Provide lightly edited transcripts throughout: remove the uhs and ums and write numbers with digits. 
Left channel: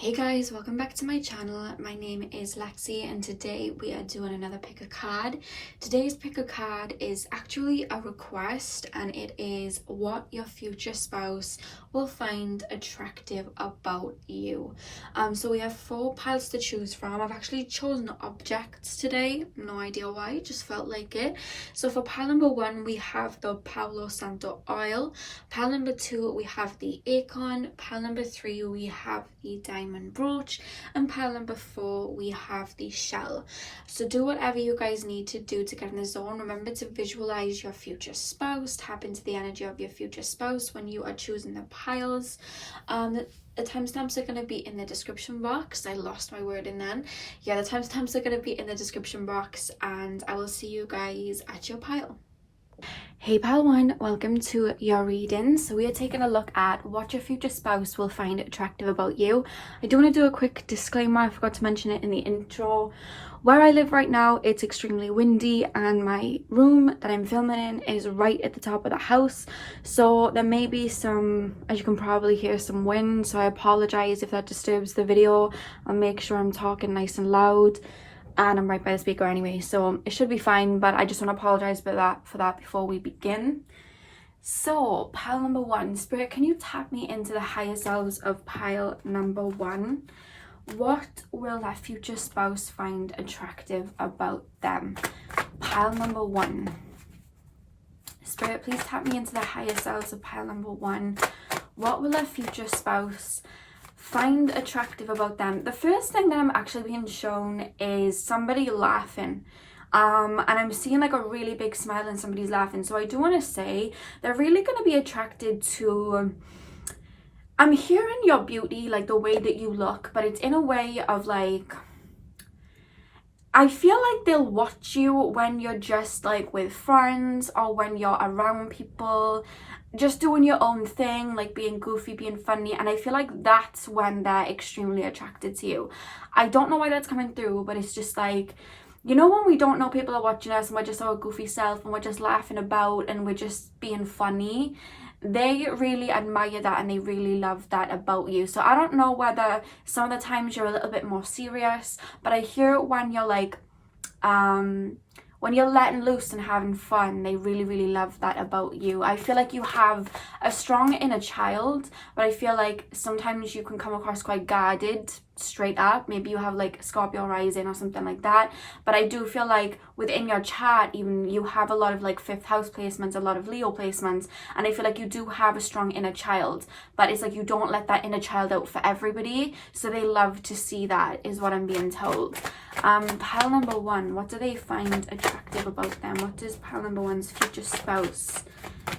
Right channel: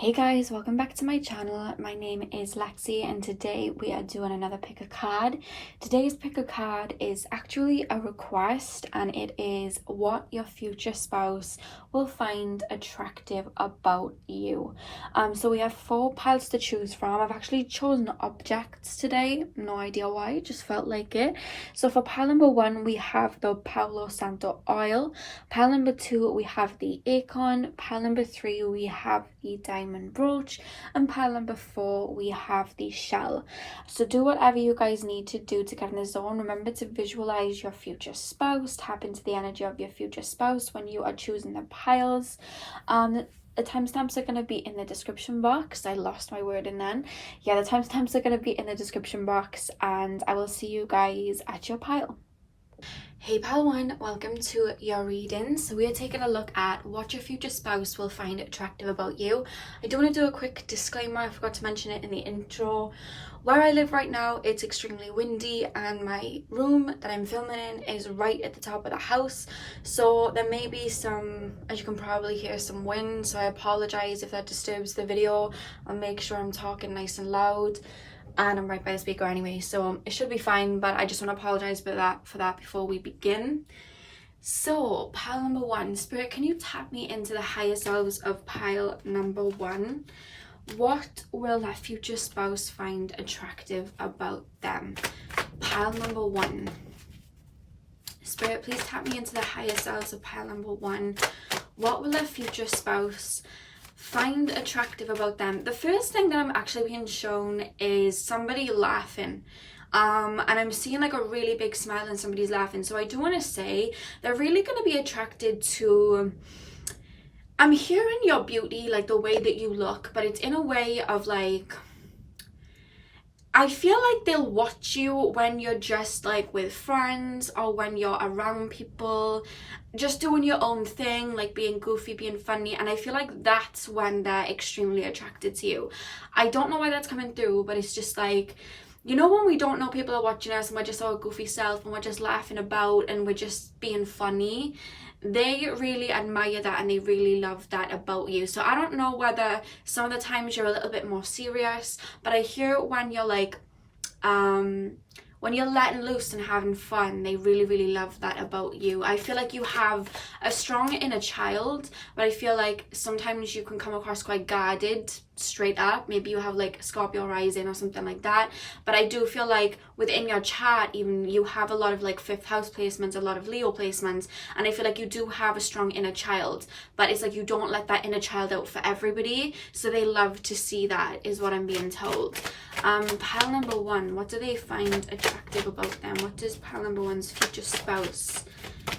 Hey guys, welcome back to my channel. My name is Lexi and today we are doing another pick a card. Today's pick a card is actually a request and it is what your future spouse will find attractive about you. So we have 4 piles to choose from. I've actually chosen objects today, no idea why, just felt like it. So for pile number 1 we have the Palo Santo oil, pile number 2 we have the acorn, pile number 3 we have the diamond brooch, and pile number 4 we have the shell. So do whatever you guys need to do to get in the zone. Remember to visualize your future spouse, tap into the energy of your future spouse when you are choosing the piles. The timestamps are going to be in the description box. I lost my word in then. Yeah, the timestamps are going to be in the description box and I will see you guys at your pile. Hey pile 1, welcome to your reading. So we are taking a look at what your future spouse will find attractive about you. I do want to do a quick disclaimer, I forgot to mention it in the intro. Where I live right now, it's extremely windy and my room that I'm filming in is right at the top of the house. So there may be some, as you can probably hear, some wind. So I apologize if that disturbs the video. I'll make sure I'm talking nice and loud. And I'm right by the speaker anyway, so it should be fine, but I just want to apologize for that before we begin. So pile number 1, Spirit, can you tap me into the higher selves of pile number 1? What will that future spouse find attractive about them? Pile number 1, Spirit, please tap me into the higher selves of pile number 1. What will that future spouse find attractive about them? The first thing that I'm actually being shown is somebody laughing, and I'm seeing like a really big smile and somebody's laughing. So I do want to say they're really going to be attracted to, I'm hearing your beauty, like the way that you look, but it's in a way of like, I feel like they'll watch you when you're just like with friends or when you're around people, just doing your own thing, like being goofy, being funny, and I feel like that's when they're extremely attracted to you. I don't know why that's coming through, but it's just like, you know, when we don't know people are watching us and we're just our goofy self and we're just laughing about and we're just being funny, they really admire that and they really love that about you. So I don't know whether some of the times you're a little bit more serious, but I hear when you're like when you're letting loose and having fun, they really love that about you. I feel like you have a strong inner child, but I feel like sometimes you can come across quite guarded, straight up. Maybe you have like Scorpio rising or something like that, but I do feel like within your chart even you have a lot of like 5th house placements, a lot of Leo placements, and I feel like you do have a strong inner child, but it's like you don't let that inner child out for everybody, so they love to see that, is what I'm being told. Pile number 1, what do they find attractive about them? What does pile number 1's future spouse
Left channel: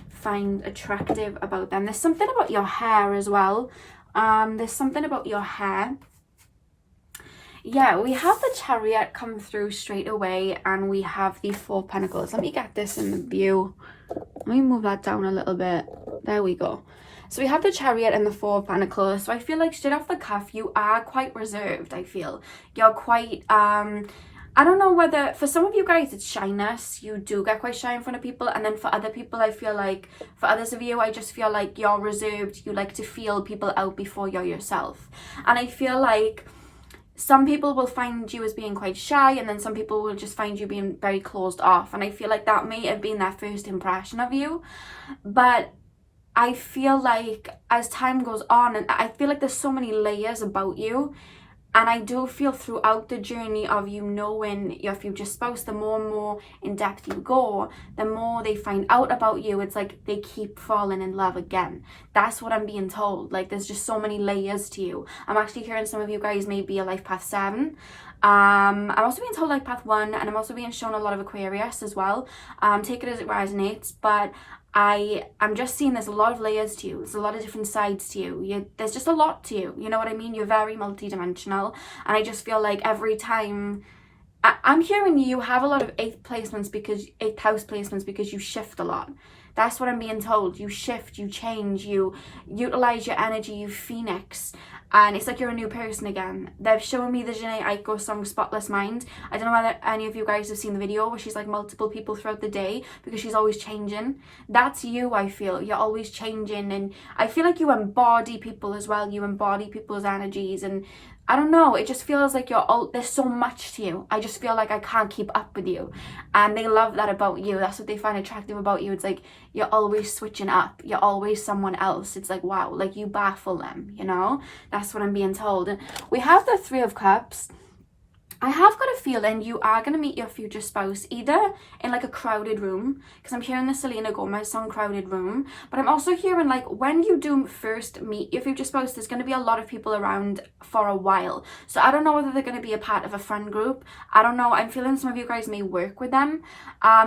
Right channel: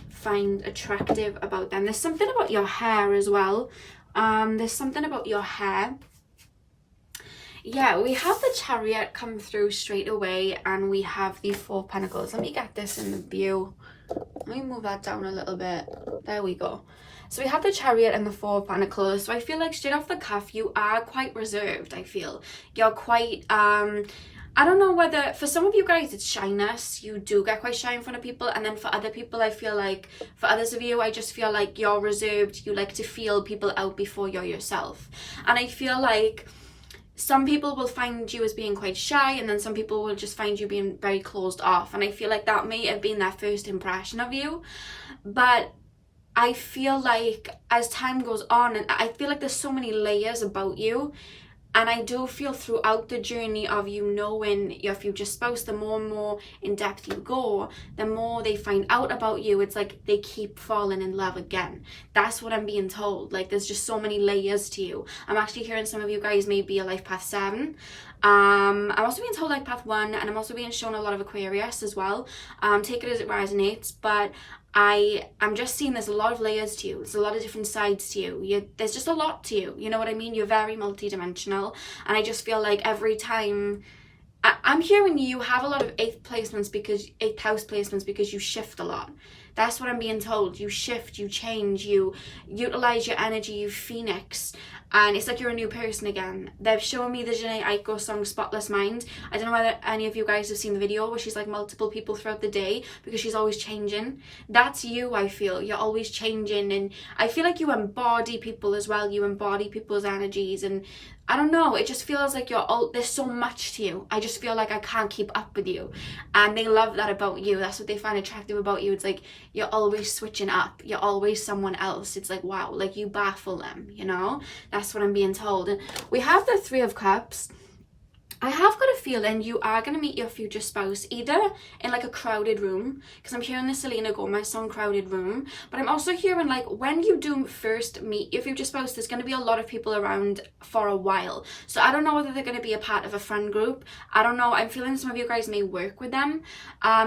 find attractive about them? There's something about your hair as well. There's something about your hair. Yeah, we have the Chariot come through straight away and we have the 4 Pentacles. Let me get this in the view. Let me move that down a little bit. There we go. So we have the Chariot and the 4 Pentacles. So I feel like straight off the cuff, you are quite reserved, I feel. You're quite, I don't know whether, for some of you guys, it's shyness. You do get quite shy in front of people. And then for other people, I feel like, for others of you, I just feel like you're reserved. You like to feel people out before you're yourself. And I feel like some people will find you as being quite shy, and then some people will just find you being very closed off. And I feel like that may have been their first impression of you. But I feel like as time goes on, and I feel like there's so many layers about you, and I do feel throughout the journey of you knowing your future spouse, the more and more in depth you go, the more they find out about you. It's like they keep falling in love again. That's what I'm being told. Like there's just so many layers to you. I'm actually hearing some of you guys may be a life path 7. I'm also being told life path 1, and I'm also being shown a lot of Aquarius as well. Take it as it resonates, but I'm just seeing there's a lot of layers to you. There's a lot of different sides to you. There's just a lot to you. You know what I mean? You're very multidimensional, and I just feel like every time I'm hearing you have a lot of 8th placements, because 8th house placements, because you shift a lot. That's what I'm being told. You shift, you change, you utilize your energy, you phoenix. and it's like you're a new person again. They've shown me the Jhené Aiko song Spotless Mind. I don't know whether any of you guys have seen the video where she's like multiple people throughout the day because she's always changing. That's you, I feel. You're always changing, and I feel like you embody people as well. You embody people's energies, and I don't know, it just feels like there's so much to you. I just feel like I can't keep up with you. And they love that about you. That's what they find attractive about you. It's like you're always switching up. You're always someone else. It's like, wow, like you baffle them, you know? That's what I'm being told. And we have the Three of Cups. I have got a feeling you are going to meet your future spouse either in like a crowded room, because I'm hearing the Selena Gomez song Crowded Room, but I'm also hearing like when you do first meet your future spouse, there's going to be a lot of people around for a while. So I don't know whether they're going to be a part of a friend group. I don't know. I'm feeling some of you guys may work with them.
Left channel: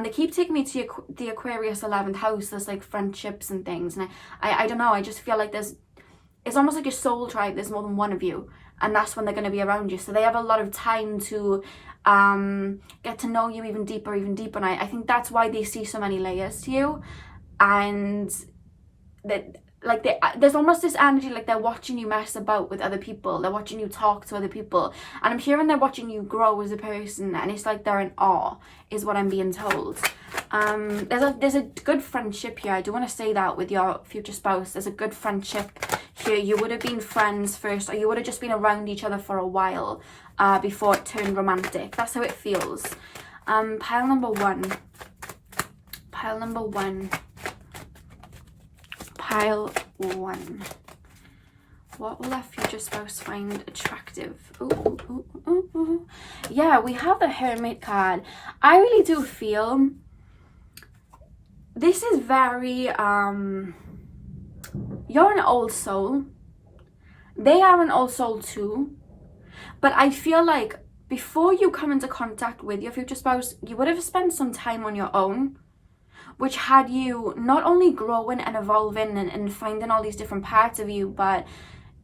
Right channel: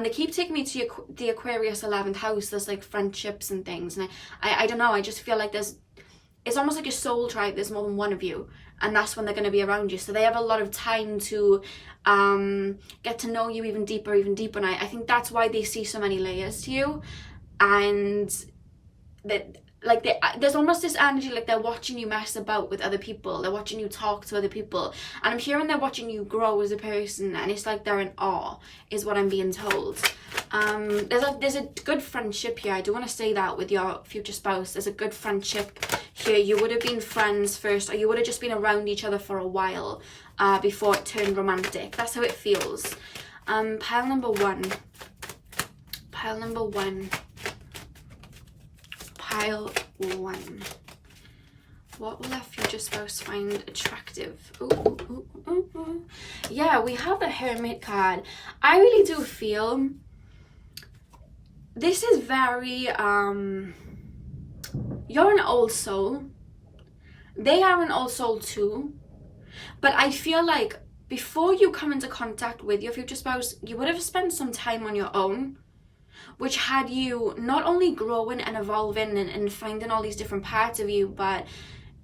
They keep taking me to the Aquarius 11th house. There's like friendships and things, and I don't know. I just feel like it's almost like a soul tribe. There's more than one of you. And that's when they're going to be around you. So they have a lot of time to get to know you even deeper. And I think that's why they see so many layers to you. And that, like, there's almost this energy like they're watching you mess about with other people. They're watching you talk to other people. And I'm hearing they're watching you grow as a person. And it's like they're in awe, is what I'm being told. There's a good friendship here. I do want to say that with your future spouse. There's a good friendship here. You would have been friends first, or you would have just been around each other for a while before it turned romantic. That's how it feels. Pile number one. What will our future spouse find attractive? Ooh. Yeah, we have the Hermit card. I really do feel this is very you're an old soul. They are an old soul too. But I feel like before you come into contact with your future spouse, you would have spent some time on your own, which had you not only growing and evolving and finding all these different parts of you, but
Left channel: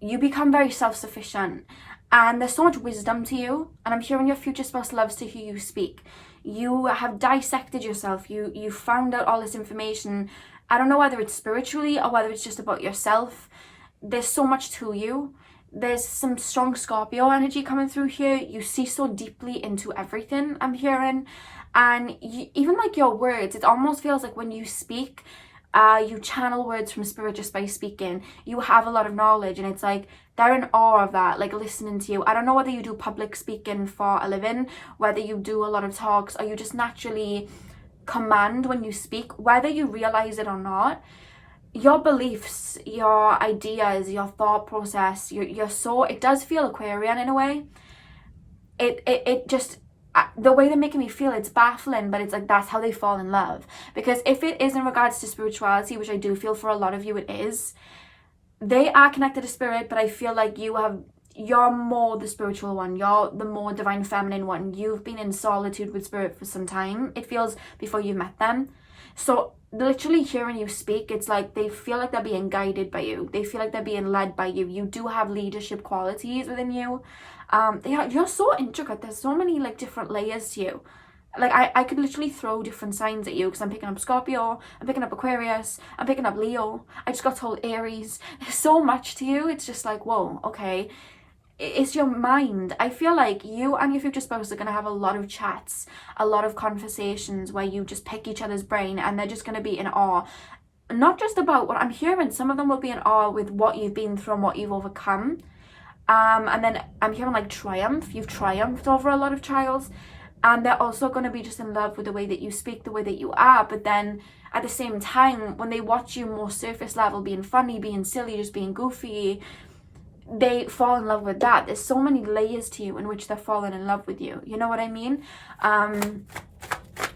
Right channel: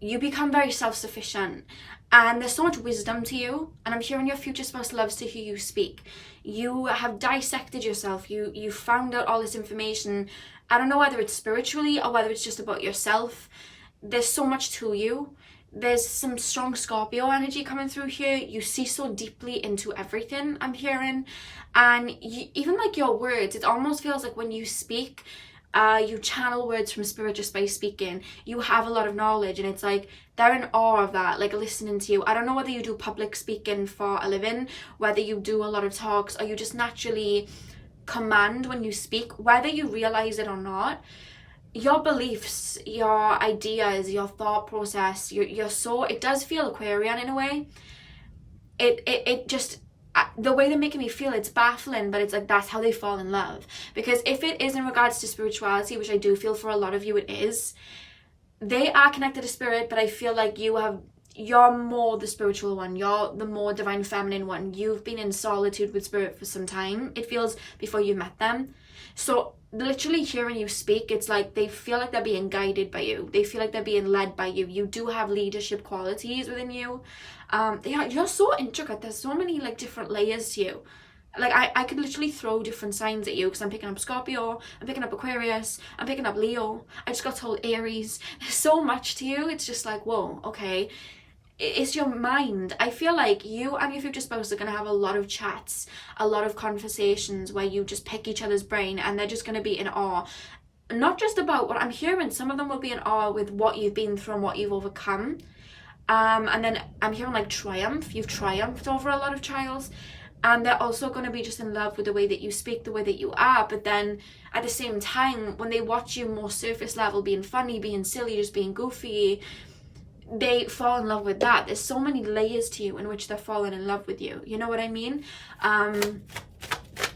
you become very self-sufficient. And there's so much wisdom to you. And I'm hearing your future spouse loves to hear you speak. You have dissected yourself. You found out all this information. I don't know whether it's spiritually or whether it's just about yourself. There's so much to you. There's some strong Scorpio energy coming through here. You see so deeply into everything, I'm hearing. And even like your words, it almost feels like when you speak, you channel words from spirit just by speaking. You have a lot of knowledge, and it's like they're in awe of that, like listening to you. I don't know whether you do public speaking for a living, whether you do a lot of talks, or you just naturally command when you speak, whether you realize it or not. Your beliefs, your ideas, your thought process, your soul, it does feel Aquarian in a way. It just, the way they're making me feel, it's baffling, but it's like that's how they fall in love. Because if it is in regards to spirituality, which I do feel for a lot of you it is, they are connected to spirit, but I feel like you're more the spiritual one. You're the more divine feminine one. You've been in solitude with spirit for some time, it feels, before you met them. So literally hearing you speak, it's like they feel like they're being guided by you. They feel like they're being led by you. You do have leadership qualities within you. You're so intricate. There's so many like different layers to you. Like I could literally throw different signs at you, because I'm picking up Scorpio, I'm picking up Aquarius, I'm picking up Leo, I just got told Aries. There's so much to you. It's just like, whoa, okay. It's your mind. I feel like you and your future spouse are going to have a lot of chats, a lot of conversations where you just pick each other's brain, and they're just going to be in awe. Not just about what I'm hearing, some of them will be in awe with what you've been through and what you've overcome. And then I'm hearing like triumph. You've triumphed over a lot of trials. And they're also going to be just in love with the way that you speak, the way that you are. But then at the same time, when they watch you more surface level, being funny, being silly, just being goofy, they fall in love with that. There's so many layers to you in which they're falling in love with you. You know what I mean?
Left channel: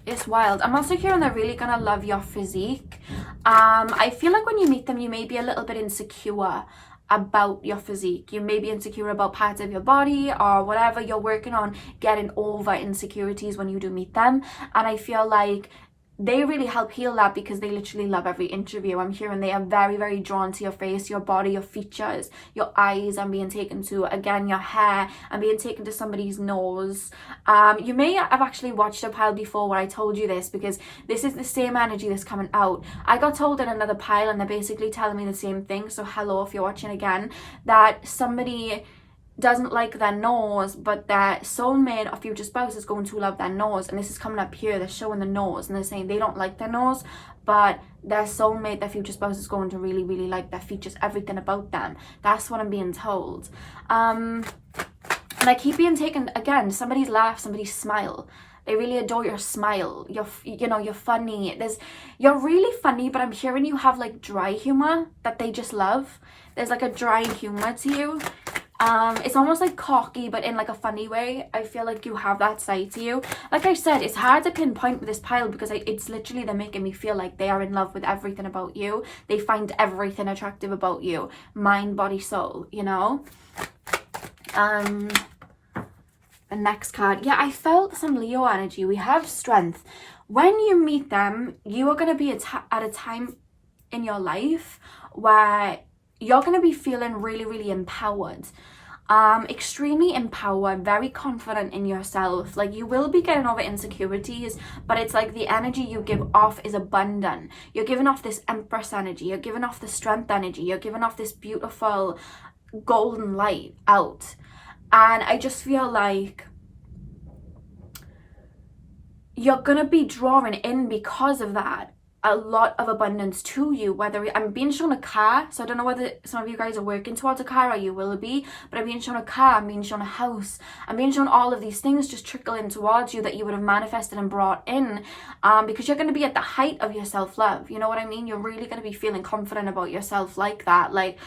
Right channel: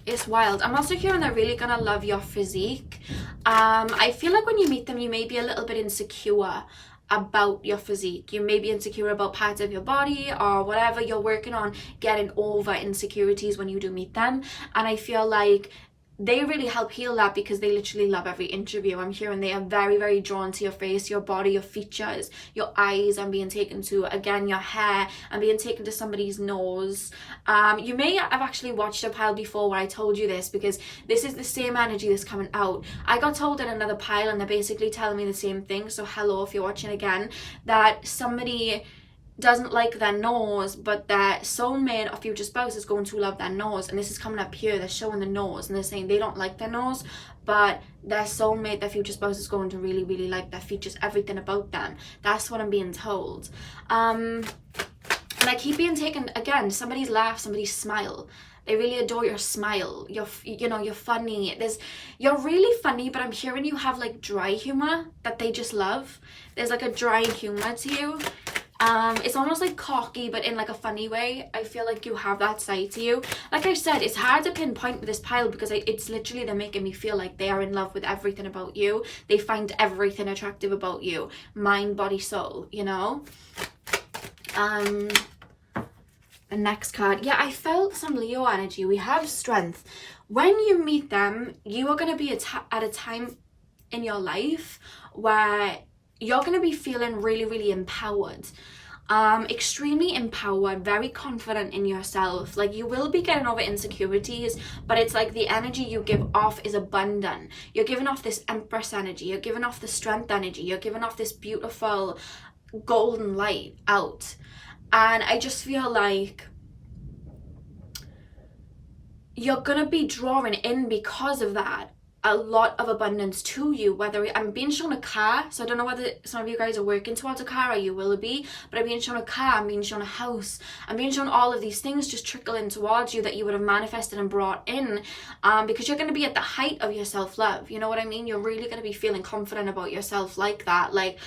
It's wild. I'm also hearing they're really gonna love your physique. I feel like when you meet them, you may be a little bit insecure about your physique. You may be insecure about parts of your body or whatever. You're working on getting over insecurities when you do meet them. And I feel like they really help heal that, because they literally love every interview. I'm hearing they are very, very drawn to your face, your body, your features, your eyes. I'm being taken to, again, your hair. I'm being taken to somebody's nose. You may have actually watched a pile before where I told you this, because this is the same energy that's coming out. I got told in another pile, and they're basically telling me the same thing. So hello, if you're watching again, that somebody doesn't like their nose, but their soulmate or future spouse is going to love their nose. And this is coming up here, they're showing the nose, and they're saying they don't like their nose, but their soulmate, their future spouse, is going to really, really like their features, everything about them. That's what I'm being told. And I keep being taken, again, somebody's laugh, somebody's smile. They really adore your smile. You're funny. You're really funny, but I'm hearing you have like dry humor that they just love. There's like a dry humor to you. It's almost like cocky, but in like a funny way. I feel like you have that side to you. Like I said, it's hard to pinpoint with this pile, because it's literally, they're making me feel like they are in love with everything about you. They find everything attractive about you. Mind, body, soul, you know? The next card. Yeah, I felt some Leo energy. We have strength. When you meet them, you are going to be at a time in your life where you're going to be feeling really, really empowered. Extremely empowered, very confident in yourself. Like, you will be getting over insecurities, but it's like the energy you give off is abundant. You're giving off this Empress energy. You're giving off the strength energy. You're giving off this beautiful golden light out. And I just feel like you're going to be drawing in, because of that, a lot of abundance to you. Whether I'm being shown a car, so I don't know whether some of you guys are working towards a car, or you will be, but I'm being shown a car, I'm being shown a house, I'm being shown all of these things just trickling towards you that you would have manifested and brought in, because you're going to be at the height of your self-love. You know what I mean? You're really going to be feeling confident about yourself, like that, like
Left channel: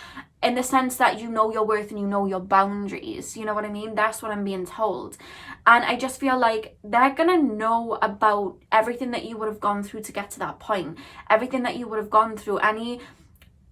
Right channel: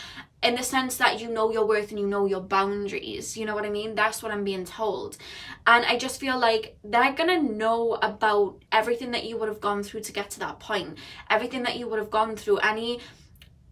in the sense that you know your worth and you know your boundaries. You know what I mean? That's what I'm being told. And I just feel like they're gonna know about everything that you would have gone through to get to that point, everything that you would have gone through, any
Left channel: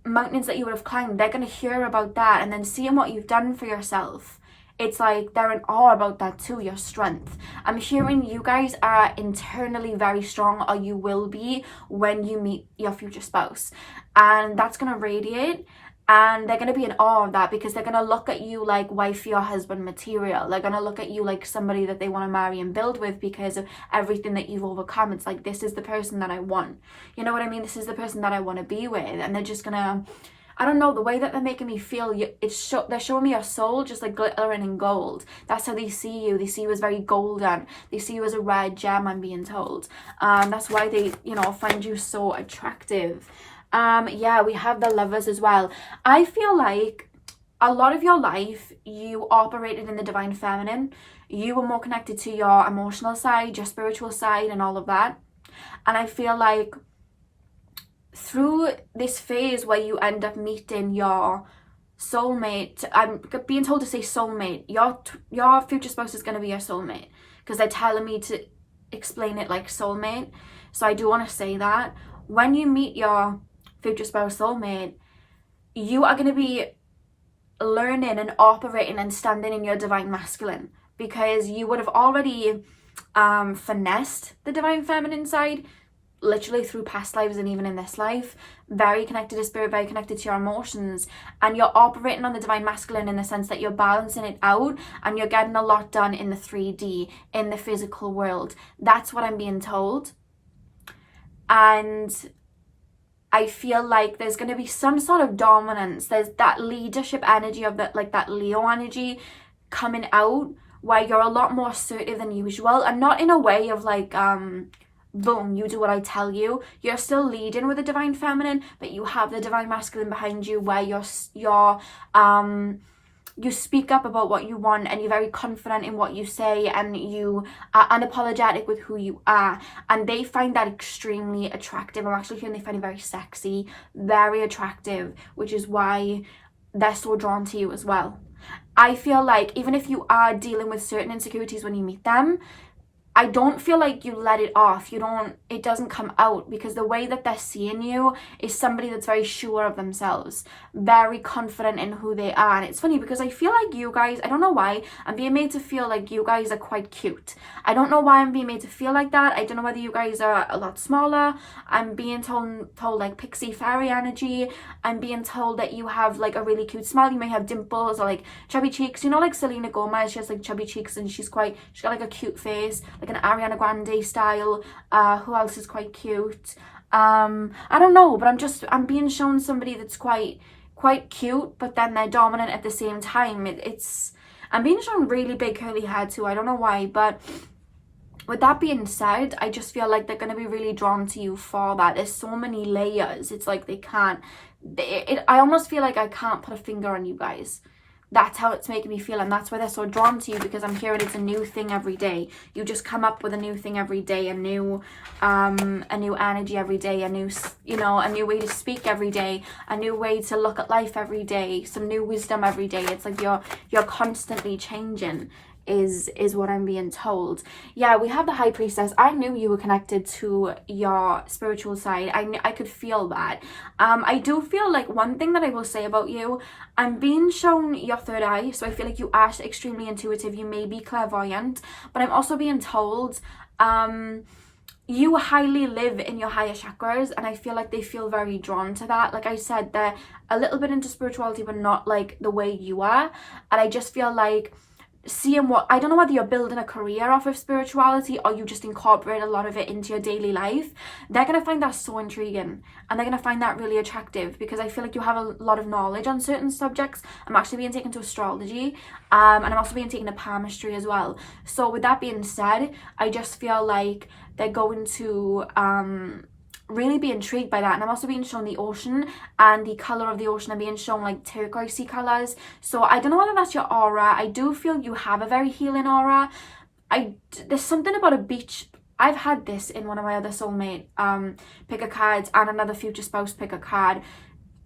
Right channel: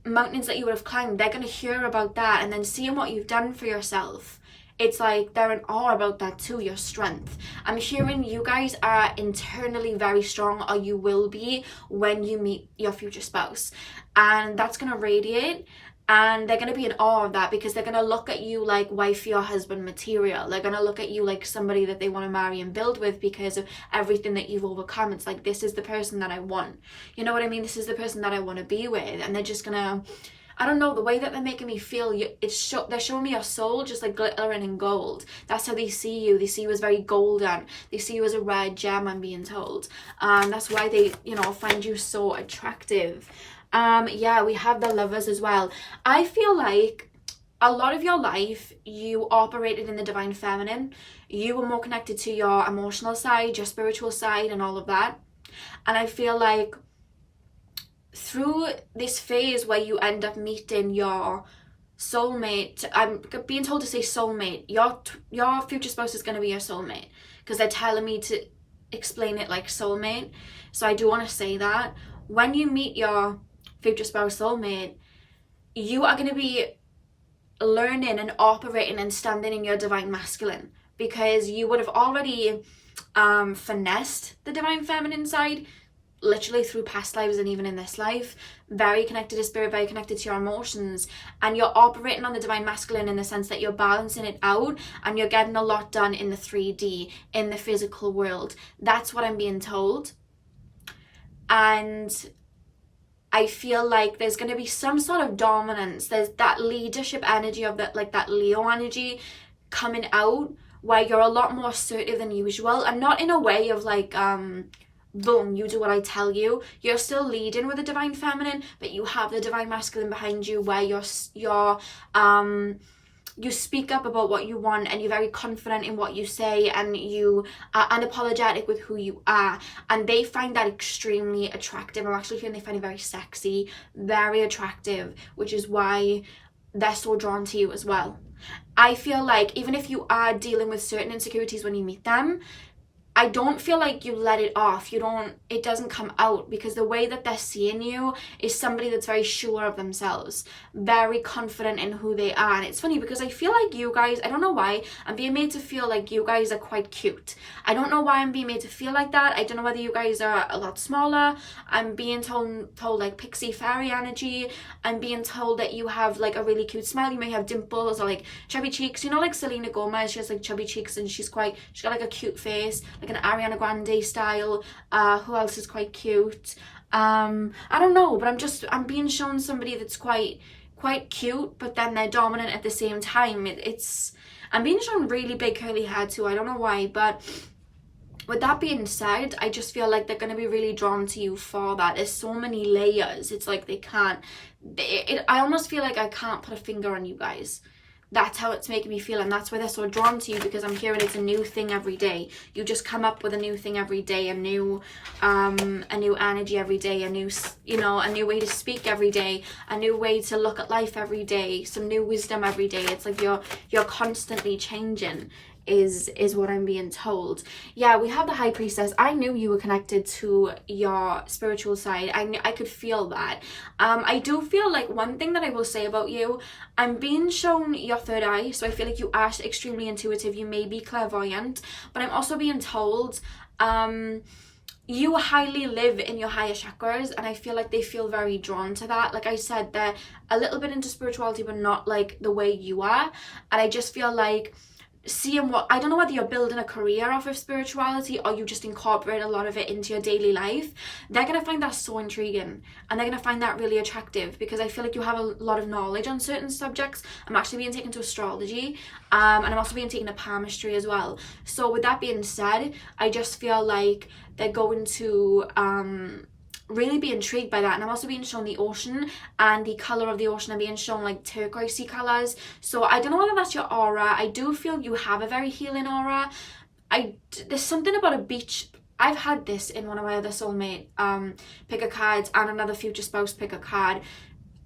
mountains that you would have climbed. They're gonna hear about that, and then seeing what you've done for yourself, it's like they're in awe about that too, your strength. I'm hearing you guys are internally very strong, or you will be when you meet your future spouse, and that's gonna radiate. And they're going to be in awe of that, because they're going to look at you like wifey or husband material. They're going to look at you like somebody that they want to marry and build with, because of everything that you've overcome. It's like, this is the person that I want. You know what I mean? This is the person that I want to be with. And they're just going to, I don't know, the way that they're making me feel, they're showing me your soul just like glittering in gold. That's how they see you. They see you as very golden. They see you as a red gem, I'm being told. That's why they, find you so attractive. Yeah, we have the Lovers as well. I feel like a lot of your life you operated in the divine feminine. You were more connected to your emotional side, your spiritual side, and all of that. And I feel like through this phase where you end up meeting your soulmate, I'm being told to say soulmate, your future spouse is going to be your soulmate, because they're telling me to explain it like soulmate. So I do want to say that when you meet your future spouse, soulmate, you are going to be learning and operating and standing in your divine masculine, because you would have already finessed the divine feminine side, literally through past lives and even in this life. Very connected to spirit, very connected to your emotions, and you're operating on the divine masculine in the sense that you're balancing it out, and you're getting a lot done in the 3D, in the physical world. That's what I'm being told. And I feel like there's going to be some sort of dominance. There's that leadership energy of that, like that Leo energy coming out, where you're a lot more assertive than usual, and not in a way of like, boom, you do what I tell you. You're still leading with the divine feminine, but you have the divine masculine behind you, where you speak up about what you want, and you're very confident in what you say, and you are unapologetic with who you are, and they find that extremely attractive. I'm actually feeling they find it very sexy, very attractive, which is why they're so drawn to you as well. I feel like even if you are dealing with certain insecurities when you meet them, I don't feel like you let it off. It doesn't come out, because the way that they're seeing you is somebody that's very sure of themselves, very confident in who they are. And it's funny because I feel like you guys, I don't know why, I'm being made to feel like you guys are quite cute. I don't know why I'm being made to feel like that. I don't know whether you guys are a lot smaller. I'm being told like pixie fairy energy. I'm being told that you have like a really cute smile. You may have dimples or like chubby cheeks. You know, like Selena Gomez, she has like chubby cheeks and she's got like a cute face, like an Ariana Grande style. Who else is quite cute? I don't know, but I'm being shown somebody that's quite cute, but then they're dominant at the same time. I'm being shown really big curly hair too. I don't know why, but with that being said, I just feel like they're going to be really drawn to you for that. There's so many layers. It's like they can't. I almost feel like I can't put a finger on you guys. That's how it's making me feel, and that's why they're so drawn to you, because I'm hearing it's a new thing every day. You just come up with a new thing every day, a new energy every day, a new way to speak every day, a new way to look at life every day, some new wisdom every day. It's like you're constantly changing, is what I'm being told. Yeah, we have the High Priestess. I knew you were connected to your spiritual side. I could feel that. I do feel like one thing that I will say about you, I'm being shown your third eye, so I feel like you are extremely intuitive. You may be clairvoyant, but I'm also being told you highly live in your higher chakras, and I feel like they feel very drawn to that. Like I said, they're a little bit into spirituality, but not like the way you are. And I just feel like seeing I don't know whether you're building a career off of spirituality or you just incorporate a lot of it into your daily life. They're going to find that so intriguing, and they're going to find that really attractive, because I feel like you have a lot of knowledge on certain subjects. I'm actually being taken to astrology, and I'm also being taken to palmistry as well. So with that being said, I just feel like they're going to really be intrigued by that. And I'm also being shown the ocean, and the color of the ocean. I'm being shown like turquoisey colors. So I don't know whether that's your aura. I do feel you have a very healing aura. There's something about a beach. I've had this in one of my other soulmate pick a cards, and another future spouse pick a card.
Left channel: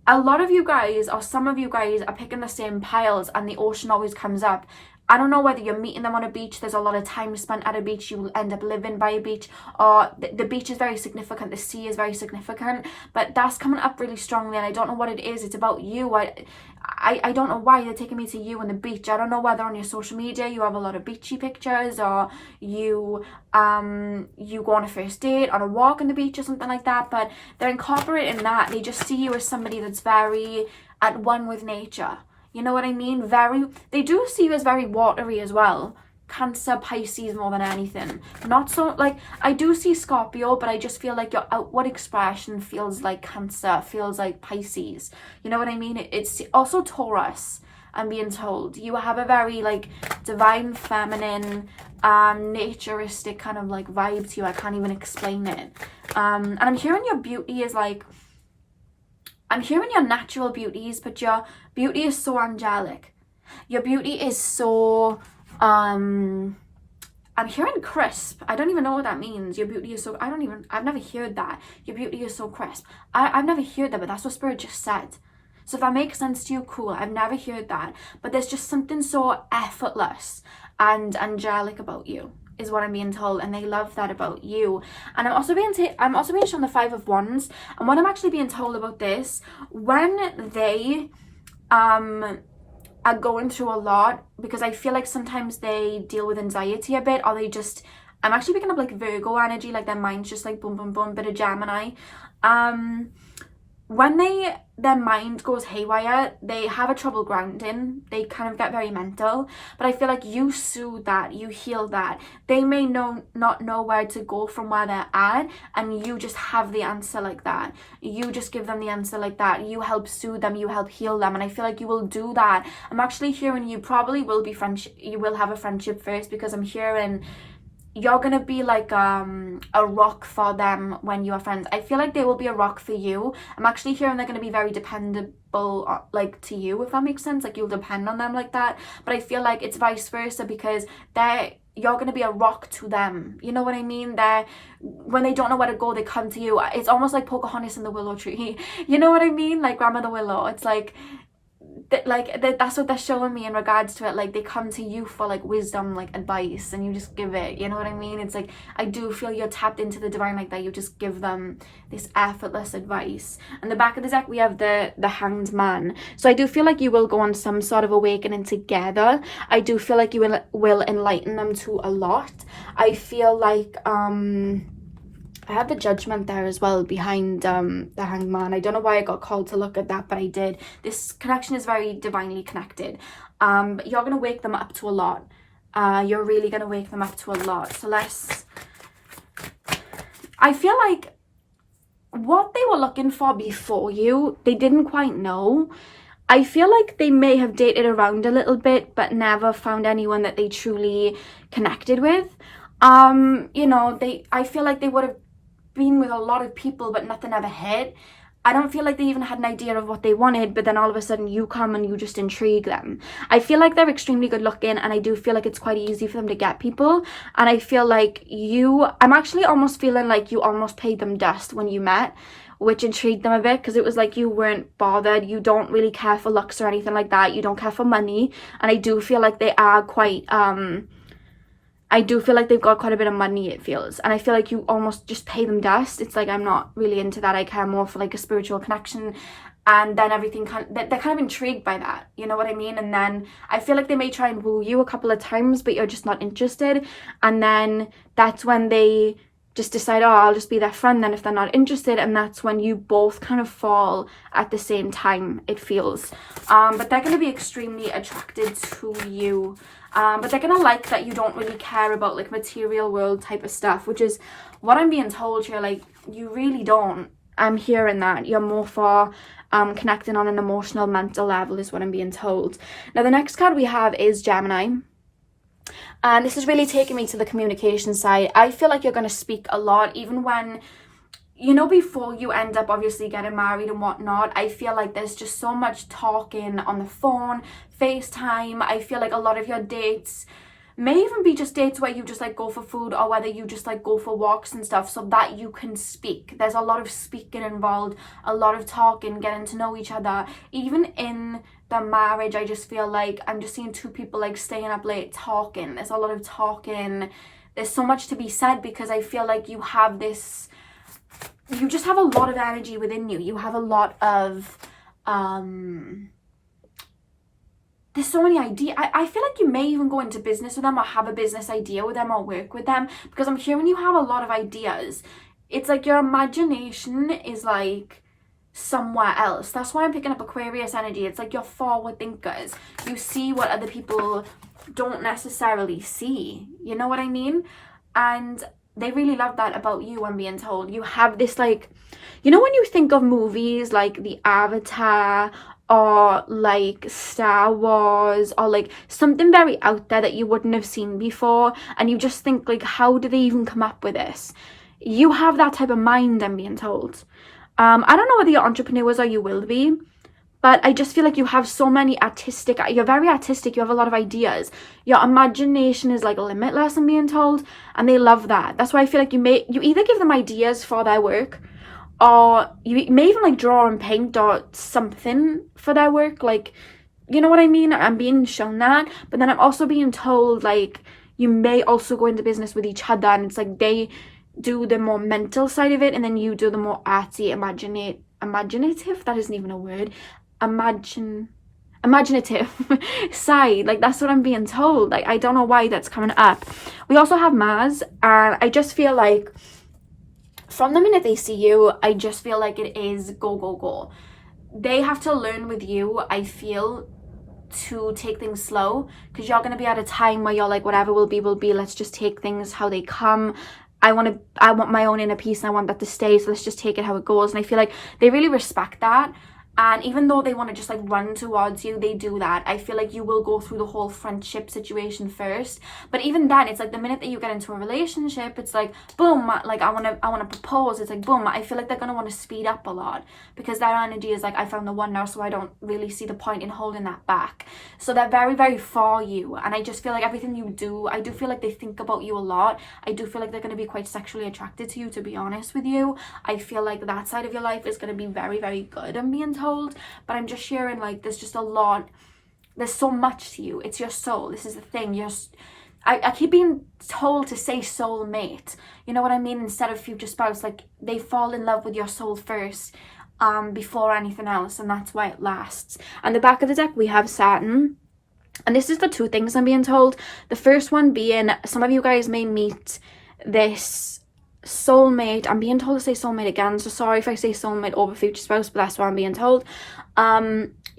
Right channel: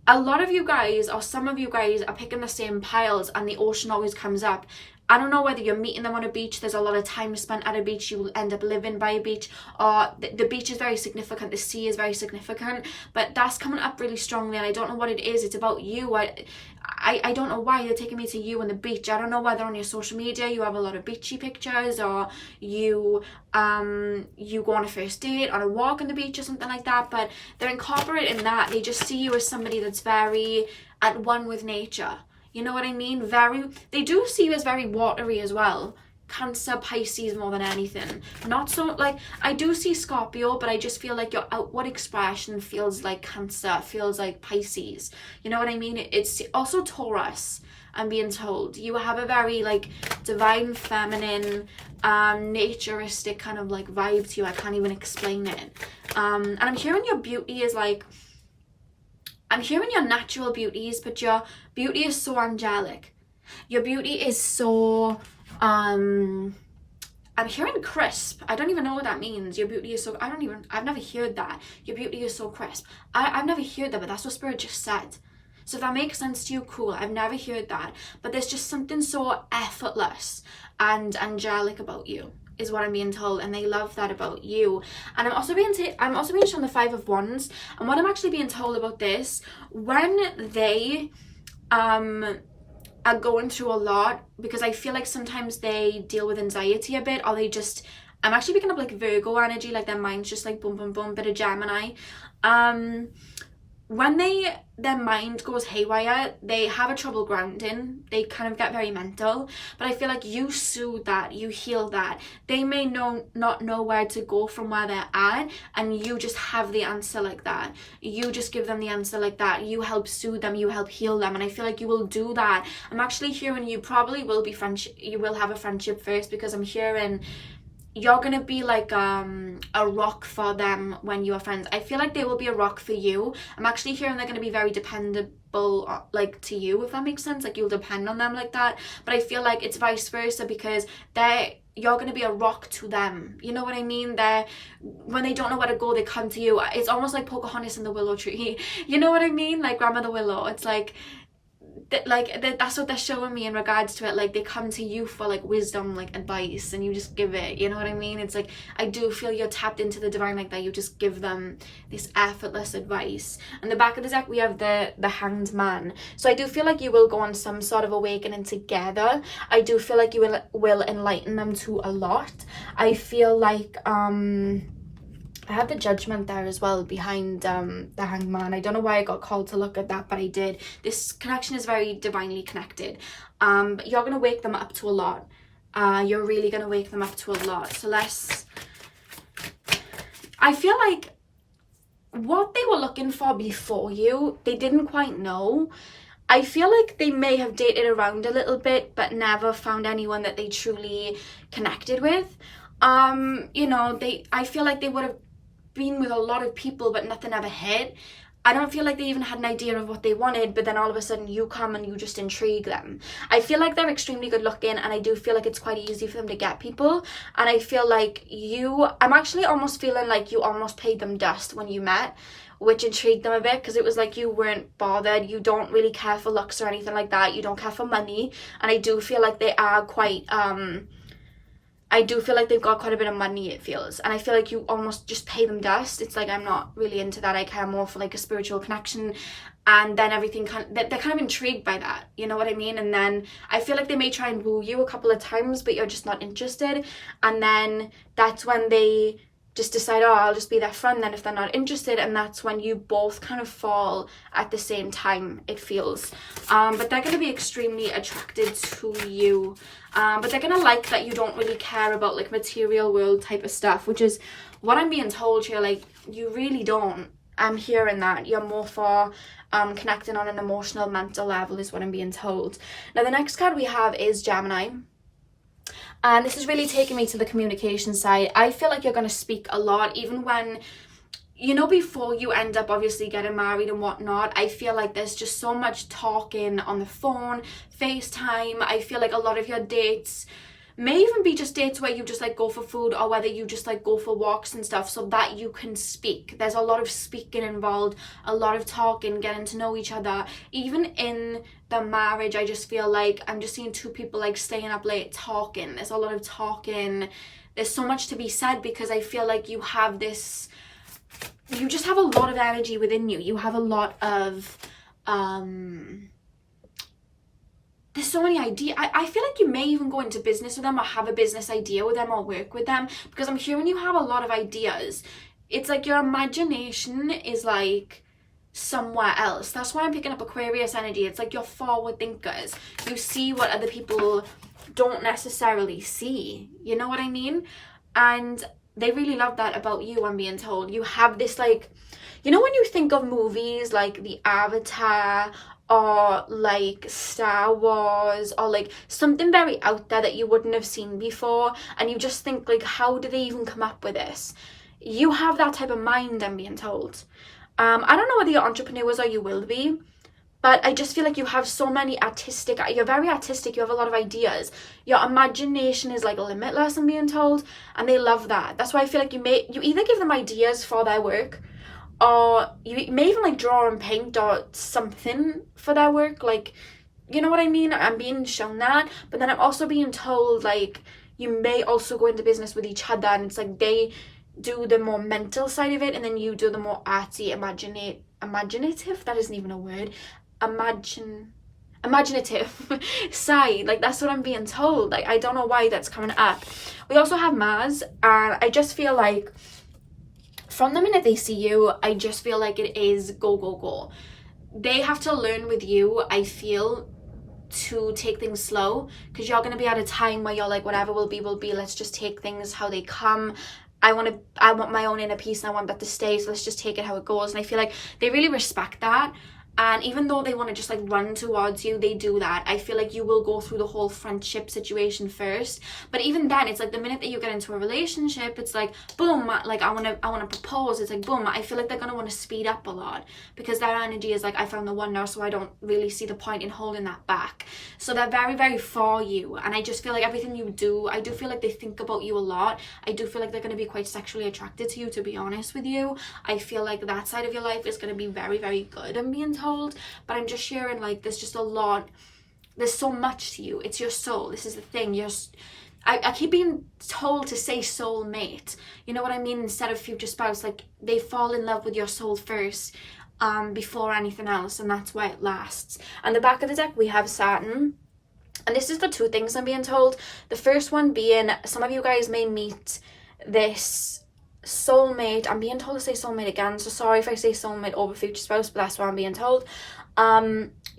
A lot of you guys, or some of you guys, are picking the same piles, and the ocean always comes up. I don't know whether you're meeting them on a beach, there's a lot of time spent at a beach, you will end up living by a beach, or the beach is very significant, the sea is very significant, but that's coming up really strongly, and I don't know what it is. It's about you. I don't know why they're taking me to you and the beach. I don't know whether on your social media you have a lot of beachy pictures, or you go on a first date, on a walk on the beach or something like that, but they're incorporating that. They just see you as somebody that's very at one with nature. You know what I mean? They do see you as very watery as well. Cancer, Pisces more than anything. Not so, like, I do see Scorpio, but I just feel like your outward expression feels like Cancer, feels like Pisces. You know what I mean? It's also Taurus, I'm being told. You have a very, like, divine, feminine, naturistic kind of, like, vibe to you. I can't even explain it. And I'm hearing your beauty is, like, I'm hearing your natural beauties, but your beauty is so angelic. Your beauty is so, I'm hearing crisp. I don't even know what that means. Your beauty is so, I've never heard that. Your beauty is so crisp. I've never heard that, but that's what Spirit just said. So if that makes sense to you, cool. I've never heard that. But there's just something so effortless and angelic about you, is what I'm being told, and they love that about you. And I'm also being shown the Five of Wands, and what I'm actually being told about this, when they are going through a lot, because I feel like sometimes they deal with anxiety a bit, or I'm actually picking up like Virgo energy, like their mind's just like boom boom boom, bit of Gemini. When their mind goes haywire, they have a trouble grounding. They kind of get very mental. But I feel like you soothe that, you heal that. They may not know where to go from where they're at, and you just have the answer like that. You just give them the answer like that. You help soothe them, you help heal them, and I feel like you will do that. I'm actually hearing you probably will be you will have a friendship first, because I'm hearing you're gonna be like a rock for them when you're friends. I feel like they will be a rock for you. I'm actually hearing they're gonna be very dependable, like, to you, if that makes sense. Like, you'll depend on them like that. But I feel like it's vice versa, because you're gonna be a rock to them. You know what I mean? When they don't know where to go, they come to you. It's almost like Pocahontas and the willow tree. You know what I mean? Like Grandmother Willow. It's like that's what they're showing me in regards to it. Like, they come to you for like wisdom, like advice, and you just give it, you know what I mean? It's like, I do feel you're tapped into the divine like that. You just give them this effortless advice. And the back of the deck we have the Hanged Man. So I do feel like you will go on some sort of awakening together. I do feel like you will enlighten them to a lot. I feel like I have the Judgment there as well behind the Hanged Man. I don't know why I got called to look at that, but I did. This connection is very divinely connected. But you're going to wake them up to a lot. You're really going to wake them up to a lot. So I feel like what they were looking for before you, they didn't quite know. I feel like they may have dated around a little bit, but never found anyone that they truly connected with. You know, I feel like they would have been with a lot of people, but nothing ever hit. I don't feel like they even had an idea of what they wanted, but then all of a sudden you come and you just intrigue them. I feel like they're extremely good looking, and I do feel like it's quite easy for them to get people. And I feel like I'm actually almost feeling like you almost paid them dust when you met, which intrigued them a bit, because it was like you weren't bothered. You don't really care for looks or anything like that. You don't care for money. And I do feel like they are quite I do feel like they've got quite a bit of money, it feels. And I feel like you almost just pay them dust. It's like, I'm not really into that. I care more for like a spiritual connection. And then everything they're kind of intrigued by that. You know what I mean? And then I feel like they may try and woo you a couple of times, but you're just not interested. And then that's when they just decide, oh, I'll just be their friend then if they're not interested. And that's when you both kind of fall at the same time, it feels. But they're going to be extremely attracted to you. But they're gonna like that you don't really care about like material world type of stuff, which is what I'm being told here. Like, you really don't. I'm hearing that you're more for connecting on an emotional, mental level is what I'm being told. Now the next card we have is Gemini, and this is really taking me to the communication side. I feel like you're going to speak a lot, even when, you know, before you end up obviously getting married and whatnot. I feel like there's just so much talking on the phone, FaceTime. I feel like a lot of your dates may even be just dates where you just like go for food, or whether you just like go for walks and stuff, so that you can speak. There's a lot of speaking involved, a lot of talking, getting to know each other. Even in the marriage, I just feel like I'm just seeing two people like staying up late talking. There's a lot of talking. There's so much to be said, because I feel like you just have a lot of energy within you. You have a lot of there's so many ideas. I feel like you may even go into business with them, or have a business idea with them, or work with them, because I'm hearing you have a lot of ideas. It's like your imagination is like somewhere else. That's why I'm picking up Aquarius energy. It's like you're forward thinkers. You see what other people don't necessarily see. You know what I mean? And they really love that about you, I'm being told. You have this like, you know when you think of movies like the Avatar, or like Star Wars, or like something very out there that you wouldn't have seen before, and you just think like, how do they even come up with this? You have that type of mind, I'm being told. I don't know whether you're entrepreneurs or you will be, but I just feel like you have so many you're very artistic, you have a lot of ideas. Your imagination is like limitless, I'm being told, and they love that. That's why I feel like you either give them ideas for their work, or you may even like draw and paint or something for their work. Like, you know what I mean? I'm being shown that, but then I'm also being told like you may also go into business with each other, and it's like they do the more mental side of it, and then you do the more artsy, imaginative, that isn't even a word, imaginative side. Like, that's what I'm being told. Like, I don't know why that's coming up. We also have Mars, and I just feel like from the minute they see you, I just feel like it is go, go, go. They have to learn with you, I feel, to take things slow, because you're going to be at a time where you're like, whatever will be, let's just take things how they come. I want my own inner peace, and I want that to stay, so let's just take it how it goes. And I feel like they really respect that. And even though they want to just like run towards you, they do that. I feel like you will go through the whole friendship situation first. But even then, it's like the minute that you get into a relationship, it's like, boom, like I want to propose. It's like, boom, I feel like they're going to want to speed up a lot, because their energy is like, I found the one now, so I don't really see the point in holding that back. So they're very, very for you. And I just feel like everything you do, I do feel like they think about you a lot. I do feel like they're going to be quite sexually attracted to you, to be honest with you. I feel like that side of your life is going to be very, very good, I'm being told. told, but I'm just sharing, like, there's just a lot, there's so much to you. It's your soul. This is the thing. I keep being told to say soulmate, you know what I mean, instead of future spouse. Like, they fall in love with your soul first, before anything else, and that's why it lasts. And the back of the deck, we have Saturn. And this is the two things I'm being told. The first one being, some of you guys may meet this soulmate. I'm being told to say soulmate again, so sorry if I say soulmate over future spouse, but that's what I'm being told.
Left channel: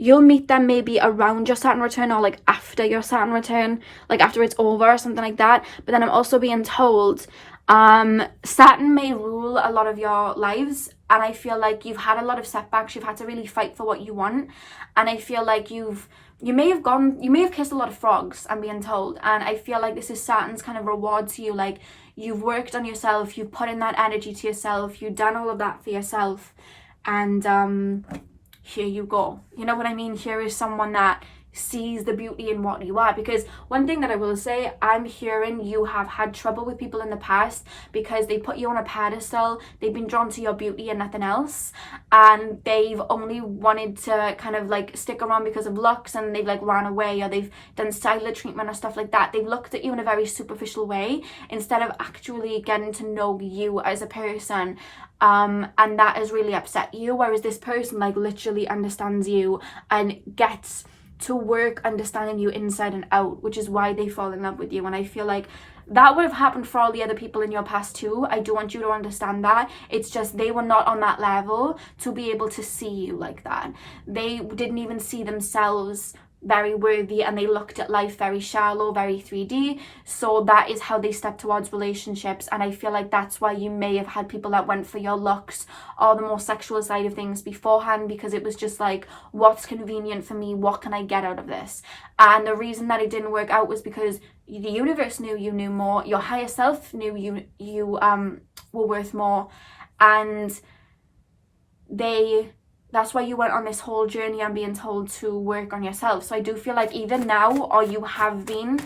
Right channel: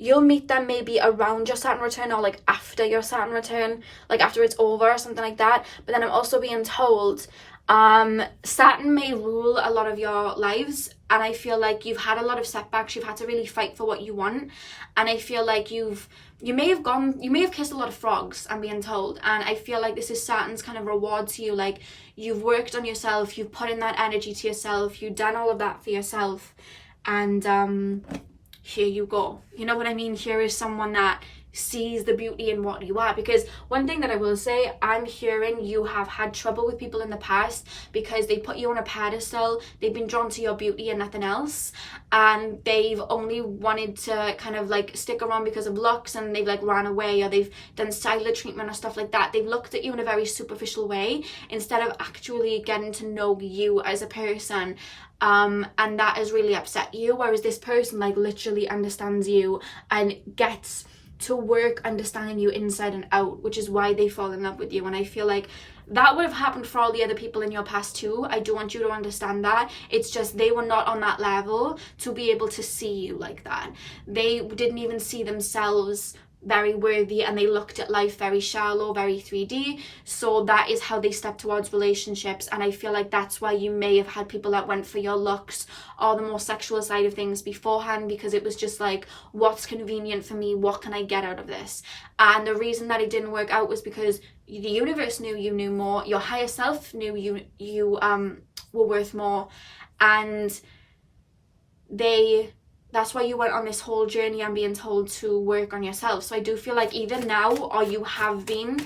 You'll meet them maybe around your Saturn return, or like after your Saturn return, like after it's over or something like that. But then I'm also being told Saturn may rule a lot of your lives, and I feel like you've had a lot of setbacks. You've had to really fight for what you want, and I feel like you may have kissed a lot of frogs, I'm being told, and I feel like this is Saturn's kind of reward to you. Like, you've worked on yourself, you've put in that energy to yourself, you've done all of that for yourself, and here you go. You know what I mean? Here is someone that sees the beauty in what you are. Because one thing that I will say, I'm hearing you have had trouble with people in the past because they put you on a pedestal, they've been drawn to your beauty and nothing else, and they've only wanted to kind of like stick around because of looks, and they've like ran away, or they've done silent treatment or stuff like that. They've looked at you in a very superficial way instead of actually getting to know you as a person, and that has really upset you. Whereas this person like literally understands you and gets to work understanding you inside and out, which is why they fall in love with you. And I feel like that would have happened for all the other people in your past too. I do want you to understand that. It's just they were not on that level to be able to see you like that. They didn't even see themselves very worthy, and they looked at life very shallow, very 3D. So that is how they step towards relationships. And I feel like that's why you may have had people that went for your looks or the more sexual side of things beforehand, because it was just like, what's convenient for me, what can I get out of this? And the reason that it didn't work out was because the universe knew you knew more, your higher self knew you were worth more, and that's why you went on this whole journey and being told to work on yourself. So I do feel like either now or you have been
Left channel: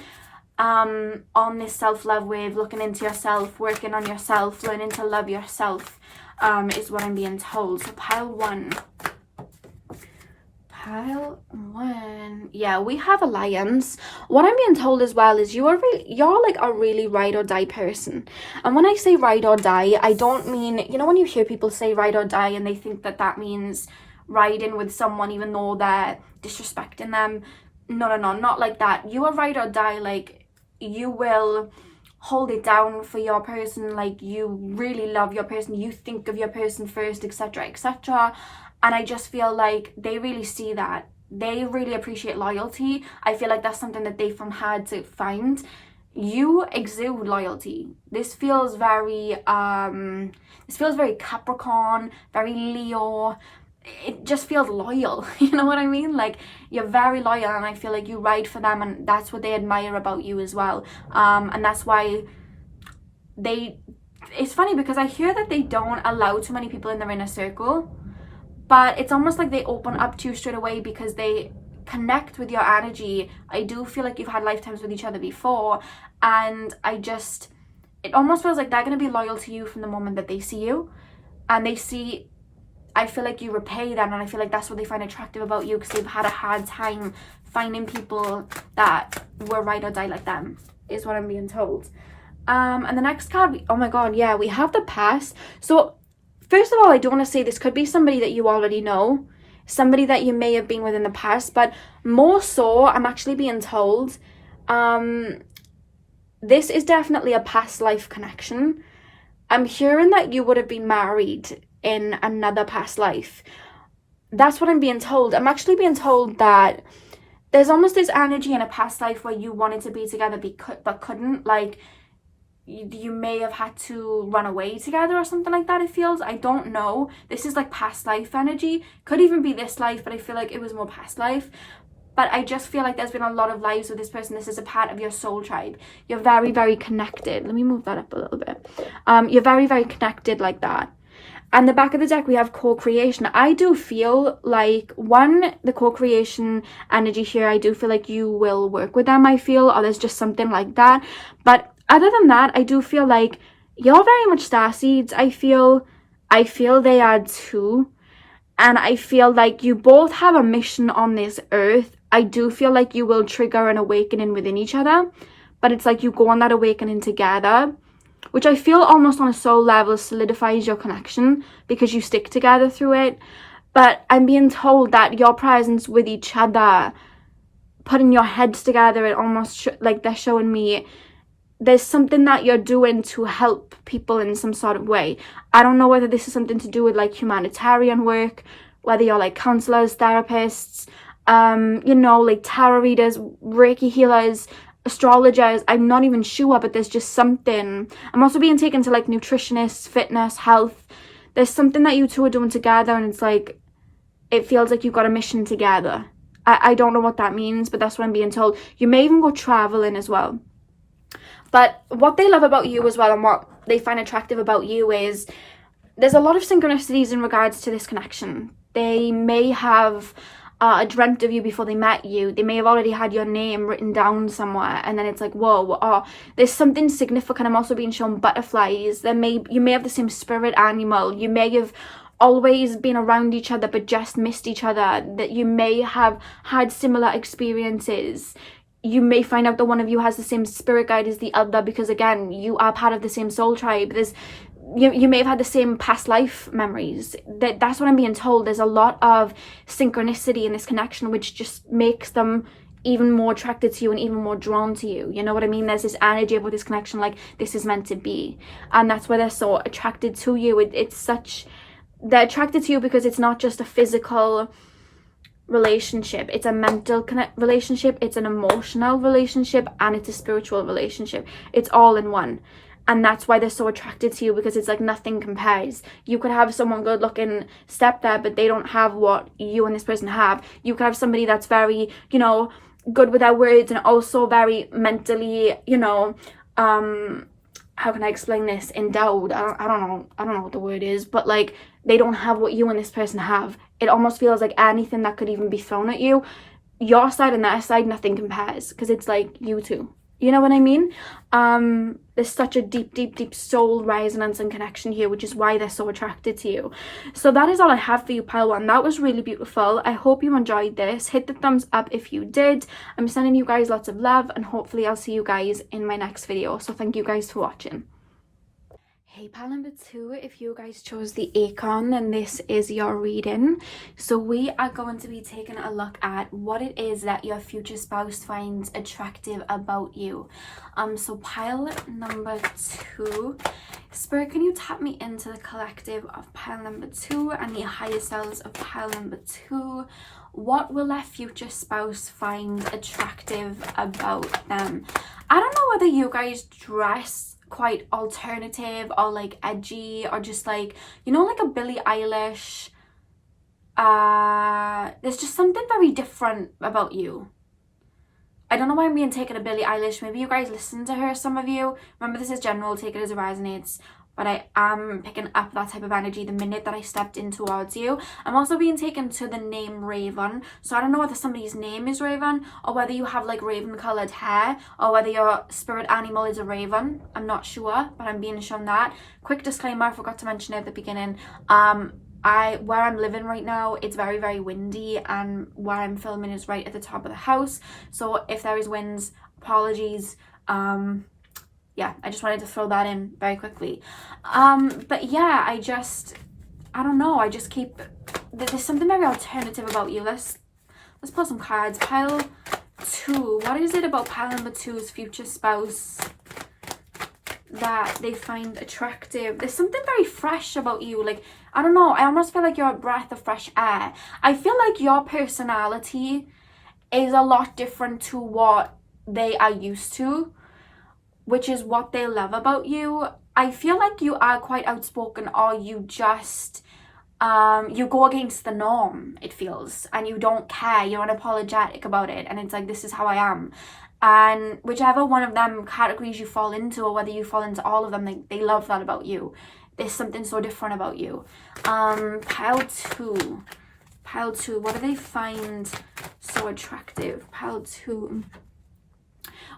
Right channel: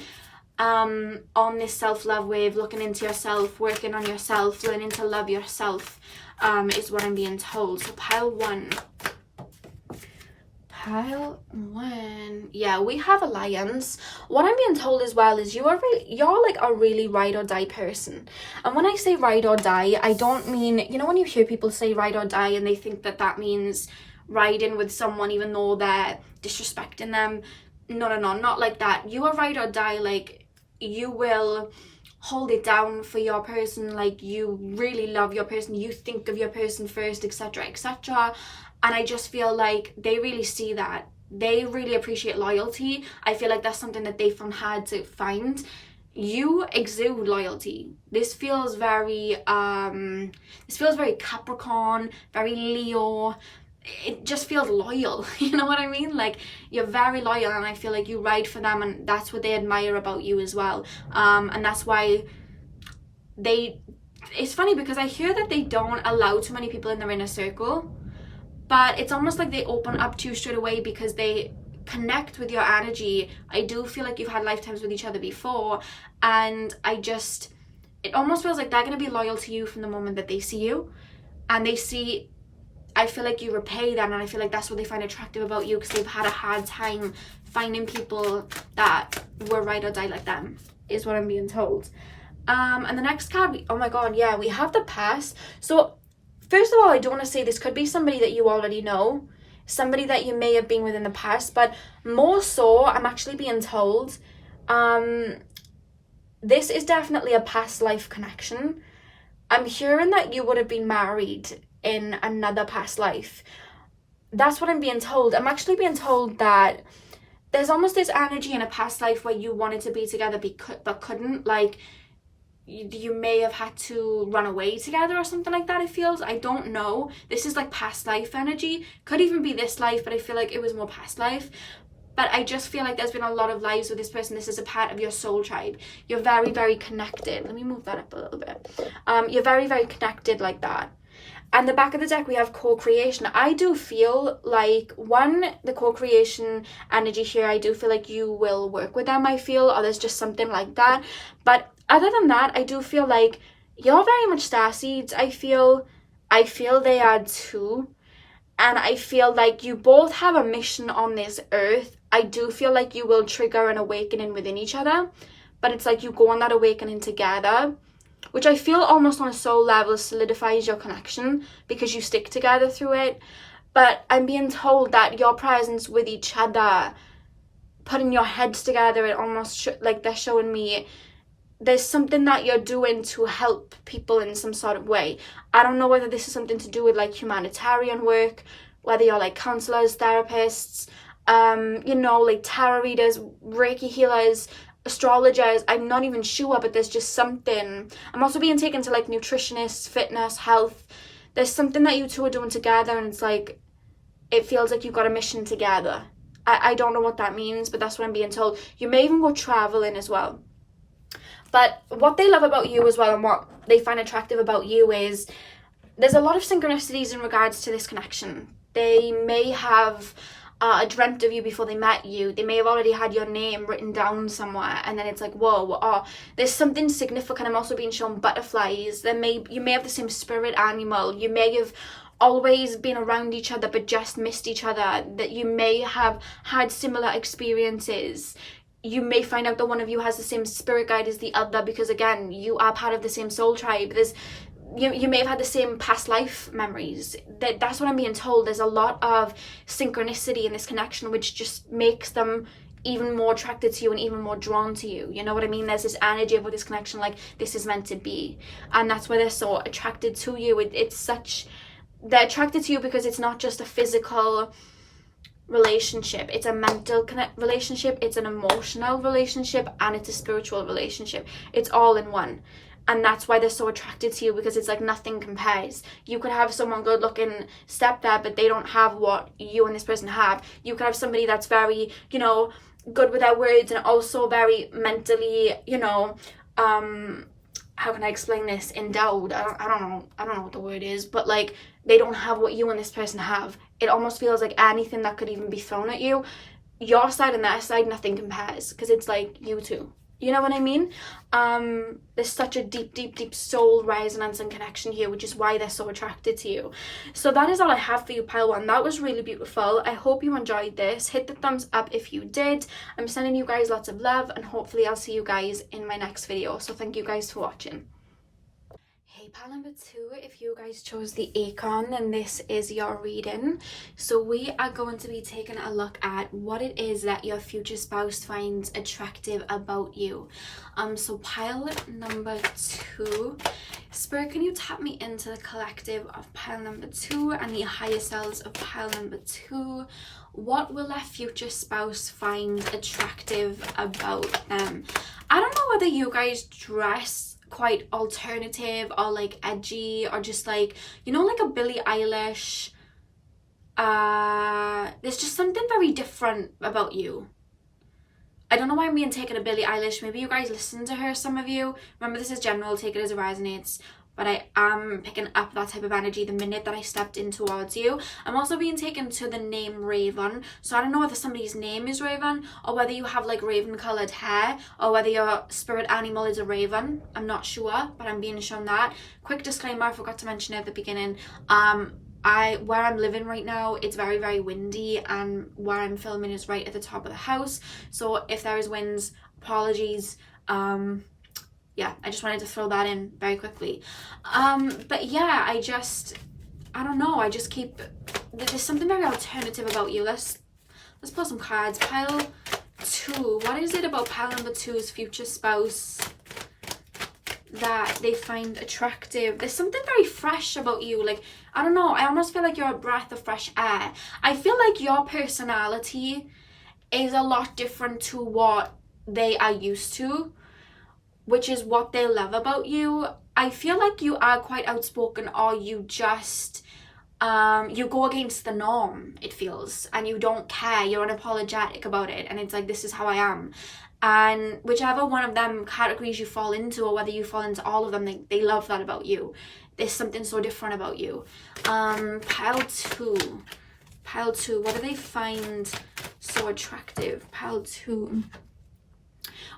on this self-love wave, looking into yourself, working on yourself, learning to love yourself, is what I'm being told. So pile one. Yeah, we have Alliance. What I'm being told as well is you're like a really ride or die person. And when I say ride or die, I don't mean, you know when you hear people say ride or die and they think that that means riding with someone even though they're disrespecting them. No, not like that. You are ride or die, like you will hold it down for your person, like you really love your person, you think of your person first, etc, etc. And I just feel like they really see that. They really appreciate loyalty. I feel like that's something that they've had to find. You exude loyalty. This feels very Capricorn, very Leo. It just feels loyal. You know what I mean? Like, you're very loyal, and I feel like you ride for them, and that's what they admire about you as well. And that's why it's funny because I hear that they don't allow too many people in their inner circle. But it's almost like they open up to you straight away because they connect with your energy. I do feel like you've had lifetimes with each other before, and it almost feels like they're going to be loyal to you from the moment that they see you. And I feel like you repay them, and I feel like that's what they find attractive about you, because they've had a hard time finding people that were ride or die like them, is what I'm being told. And the next card, oh my god, yeah, we have the past. So first of all, I do want to say this could be somebody that you already know, somebody that you may have been with in the past, but more so, I'm actually being told, this is definitely a past life connection. I'm hearing that you would have been married in another past life. That's what I'm being told. I'm actually being told that there's almost this energy in a past life where you wanted to be together but couldn't, like, you may have had to run away together or something like that, it feels. I don't know. This is like past life energy. Could even be this life, but I feel like it was more past life. But I just feel like there's been a lot of lives with this person. This is a part of your soul tribe. You're very, very connected. Let me move that up a little bit. You're very, very connected like that. And the back of the deck, we have co-creation. I do feel like, the co-creation energy here, I do feel like you will work with them, I feel, or there's just something like that. But other than that, I do feel like you're very much starseeds. I feel they are too. and I feel like you both have a mission on this earth. I do feel like you will trigger an awakening within each other, but it's like you go on that awakening together, which I feel almost on a soul level solidifies your connection because you stick together through it. But I'm being told that your presence with each other, putting your heads together, it almost like they're showing me there's something that you're doing to help people in some sort of way. I don't know whether this is something to do with like humanitarian work, whether you're like counselors, therapists, you know, like tarot readers, Reiki healers, astrologers. I'm not even sure, but there's just something. I'm also being taken to like nutritionists, fitness, health. There's something that you two are doing together, and it's like it feels like you've got a mission together. I don't know what that means, but that's what I'm being told. You may even go traveling as well. But what they love about you as well, and what they find attractive about you, is there's a lot of synchronicities in regards to this connection. They may have dreamt of you before they met you. They may have already had your name written down somewhere, and then it's like, whoa, oh, there's something significant. I'm also being shown butterflies. You may have the same spirit animal. You may have always been around each other but just missed each other. That you may have had similar experiences. You may find out that one of you has the same spirit guide as the other, because again, you are part of the same soul tribe. You may have had the same past life memories. That's what I'm being told. There's a lot of synchronicity in this connection, which just makes them even more attracted to you and even more drawn to you. You know what I mean? There's this energy about this connection, like this is meant to be. And that's why they're so attracted to you. They're attracted to you because it's not just a physical relationship, it's a mental relationship, it's an emotional relationship, and it's a spiritual relationship. It's all in one. And that's why they're so attracted to you, because it's like nothing compares. You could have someone good looking step there, but they don't have what you and this person have. You could have somebody that's very, you know, good with their words and also very mentally, you know, how can I explain this, endowed. I don't know what the word is, but like they don't have what you and this person have. It almost feels like anything that could even be thrown at you, your side and their side, nothing compares, because it's like you two. You know what I mean? There's such a deep soul resonance and connection here, which is why they're so attracted to you. So that is all I have for you, pile one. That was really beautiful. I hope you enjoyed this. Hit the thumbs up if you did. I'm sending you guys lots of love, and hopefully I'll see you guys in my next video. So thank you guys for watching. Hey pile number 2, if you guys chose the Acorn, then this is your reading. So we are going to be taking a look at what it is that your future spouse finds attractive about you. So pile number 2, Spirit, can you tap me into the collective of pile number 2 and the higher selves of pile number 2? What will that future spouse find attractive about them? I don't know whether you guys dress quite alternative or like edgy, or just like, you know, like a Billie Eilish. There's just something very different about you. I don't know why I'm being taken to Billie Eilish. Maybe you guys listen to her, some of you. Remember, this is general, take it as it resonates. But I am picking up that type of energy the minute that I stepped in towards you. I'm also being taken to the name Raven. So I don't know whether somebody's name is Raven, or whether you have like raven coloured hair, or whether your spirit animal is a raven. I'm not sure, but I'm being shown that. Quick disclaimer, I forgot to mention it at the beginning. Where I'm living right now, it's very, very windy, and where I'm filming is right at the top of the house. So if there is winds, apologies. Yeah, I just wanted to throw that in very quickly. But yeah, I don't know, I just keep, there's something very alternative about you. Let's pull some cards. Pile 2, what is it about pile number 2's future spouse that they find attractive? There's something very fresh about you. Like, I don't know, I almost feel like you're a breath of fresh air. I feel like your personality is a lot different to what they are used to, which is what they love about you. I feel like you are quite outspoken, or you just, you go against the norm, it feels, and you don't care, you're unapologetic about it, and it's like, this is how I am. And whichever one of them categories you fall into, or whether you fall into all of them, they love that about you. There's something so different about you. Pile 2, what do they find so attractive? Pile 2.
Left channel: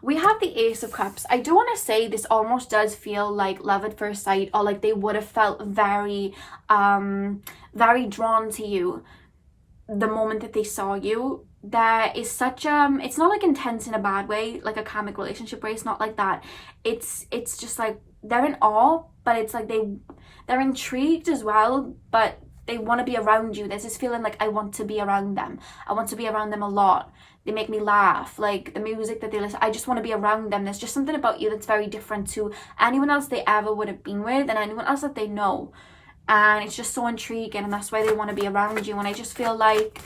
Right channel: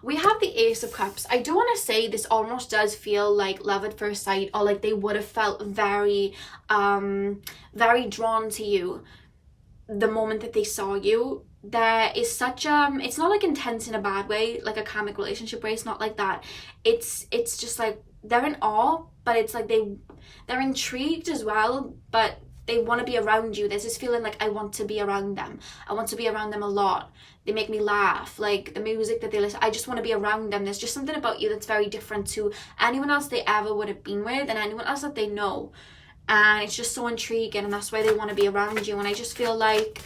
We have the Ace of Cups. I do want to say this almost does feel like love at first sight, or like they would have felt very very drawn to you the moment that they saw you. There is such it's not like intense in a bad way, like a karmic relationship way. It's not like that. It's just like they're in awe, but it's like they're intrigued as well, but they want to be around you. There's this feeling like, I want to be around them. I want to be around them a lot. They make me laugh. Like the music that they listen, I just want to be around them. There's just something about you that's very different to anyone else they ever would have been with and anyone else that they know. And it's just so intriguing, and that's why they want to be around you. And I just feel like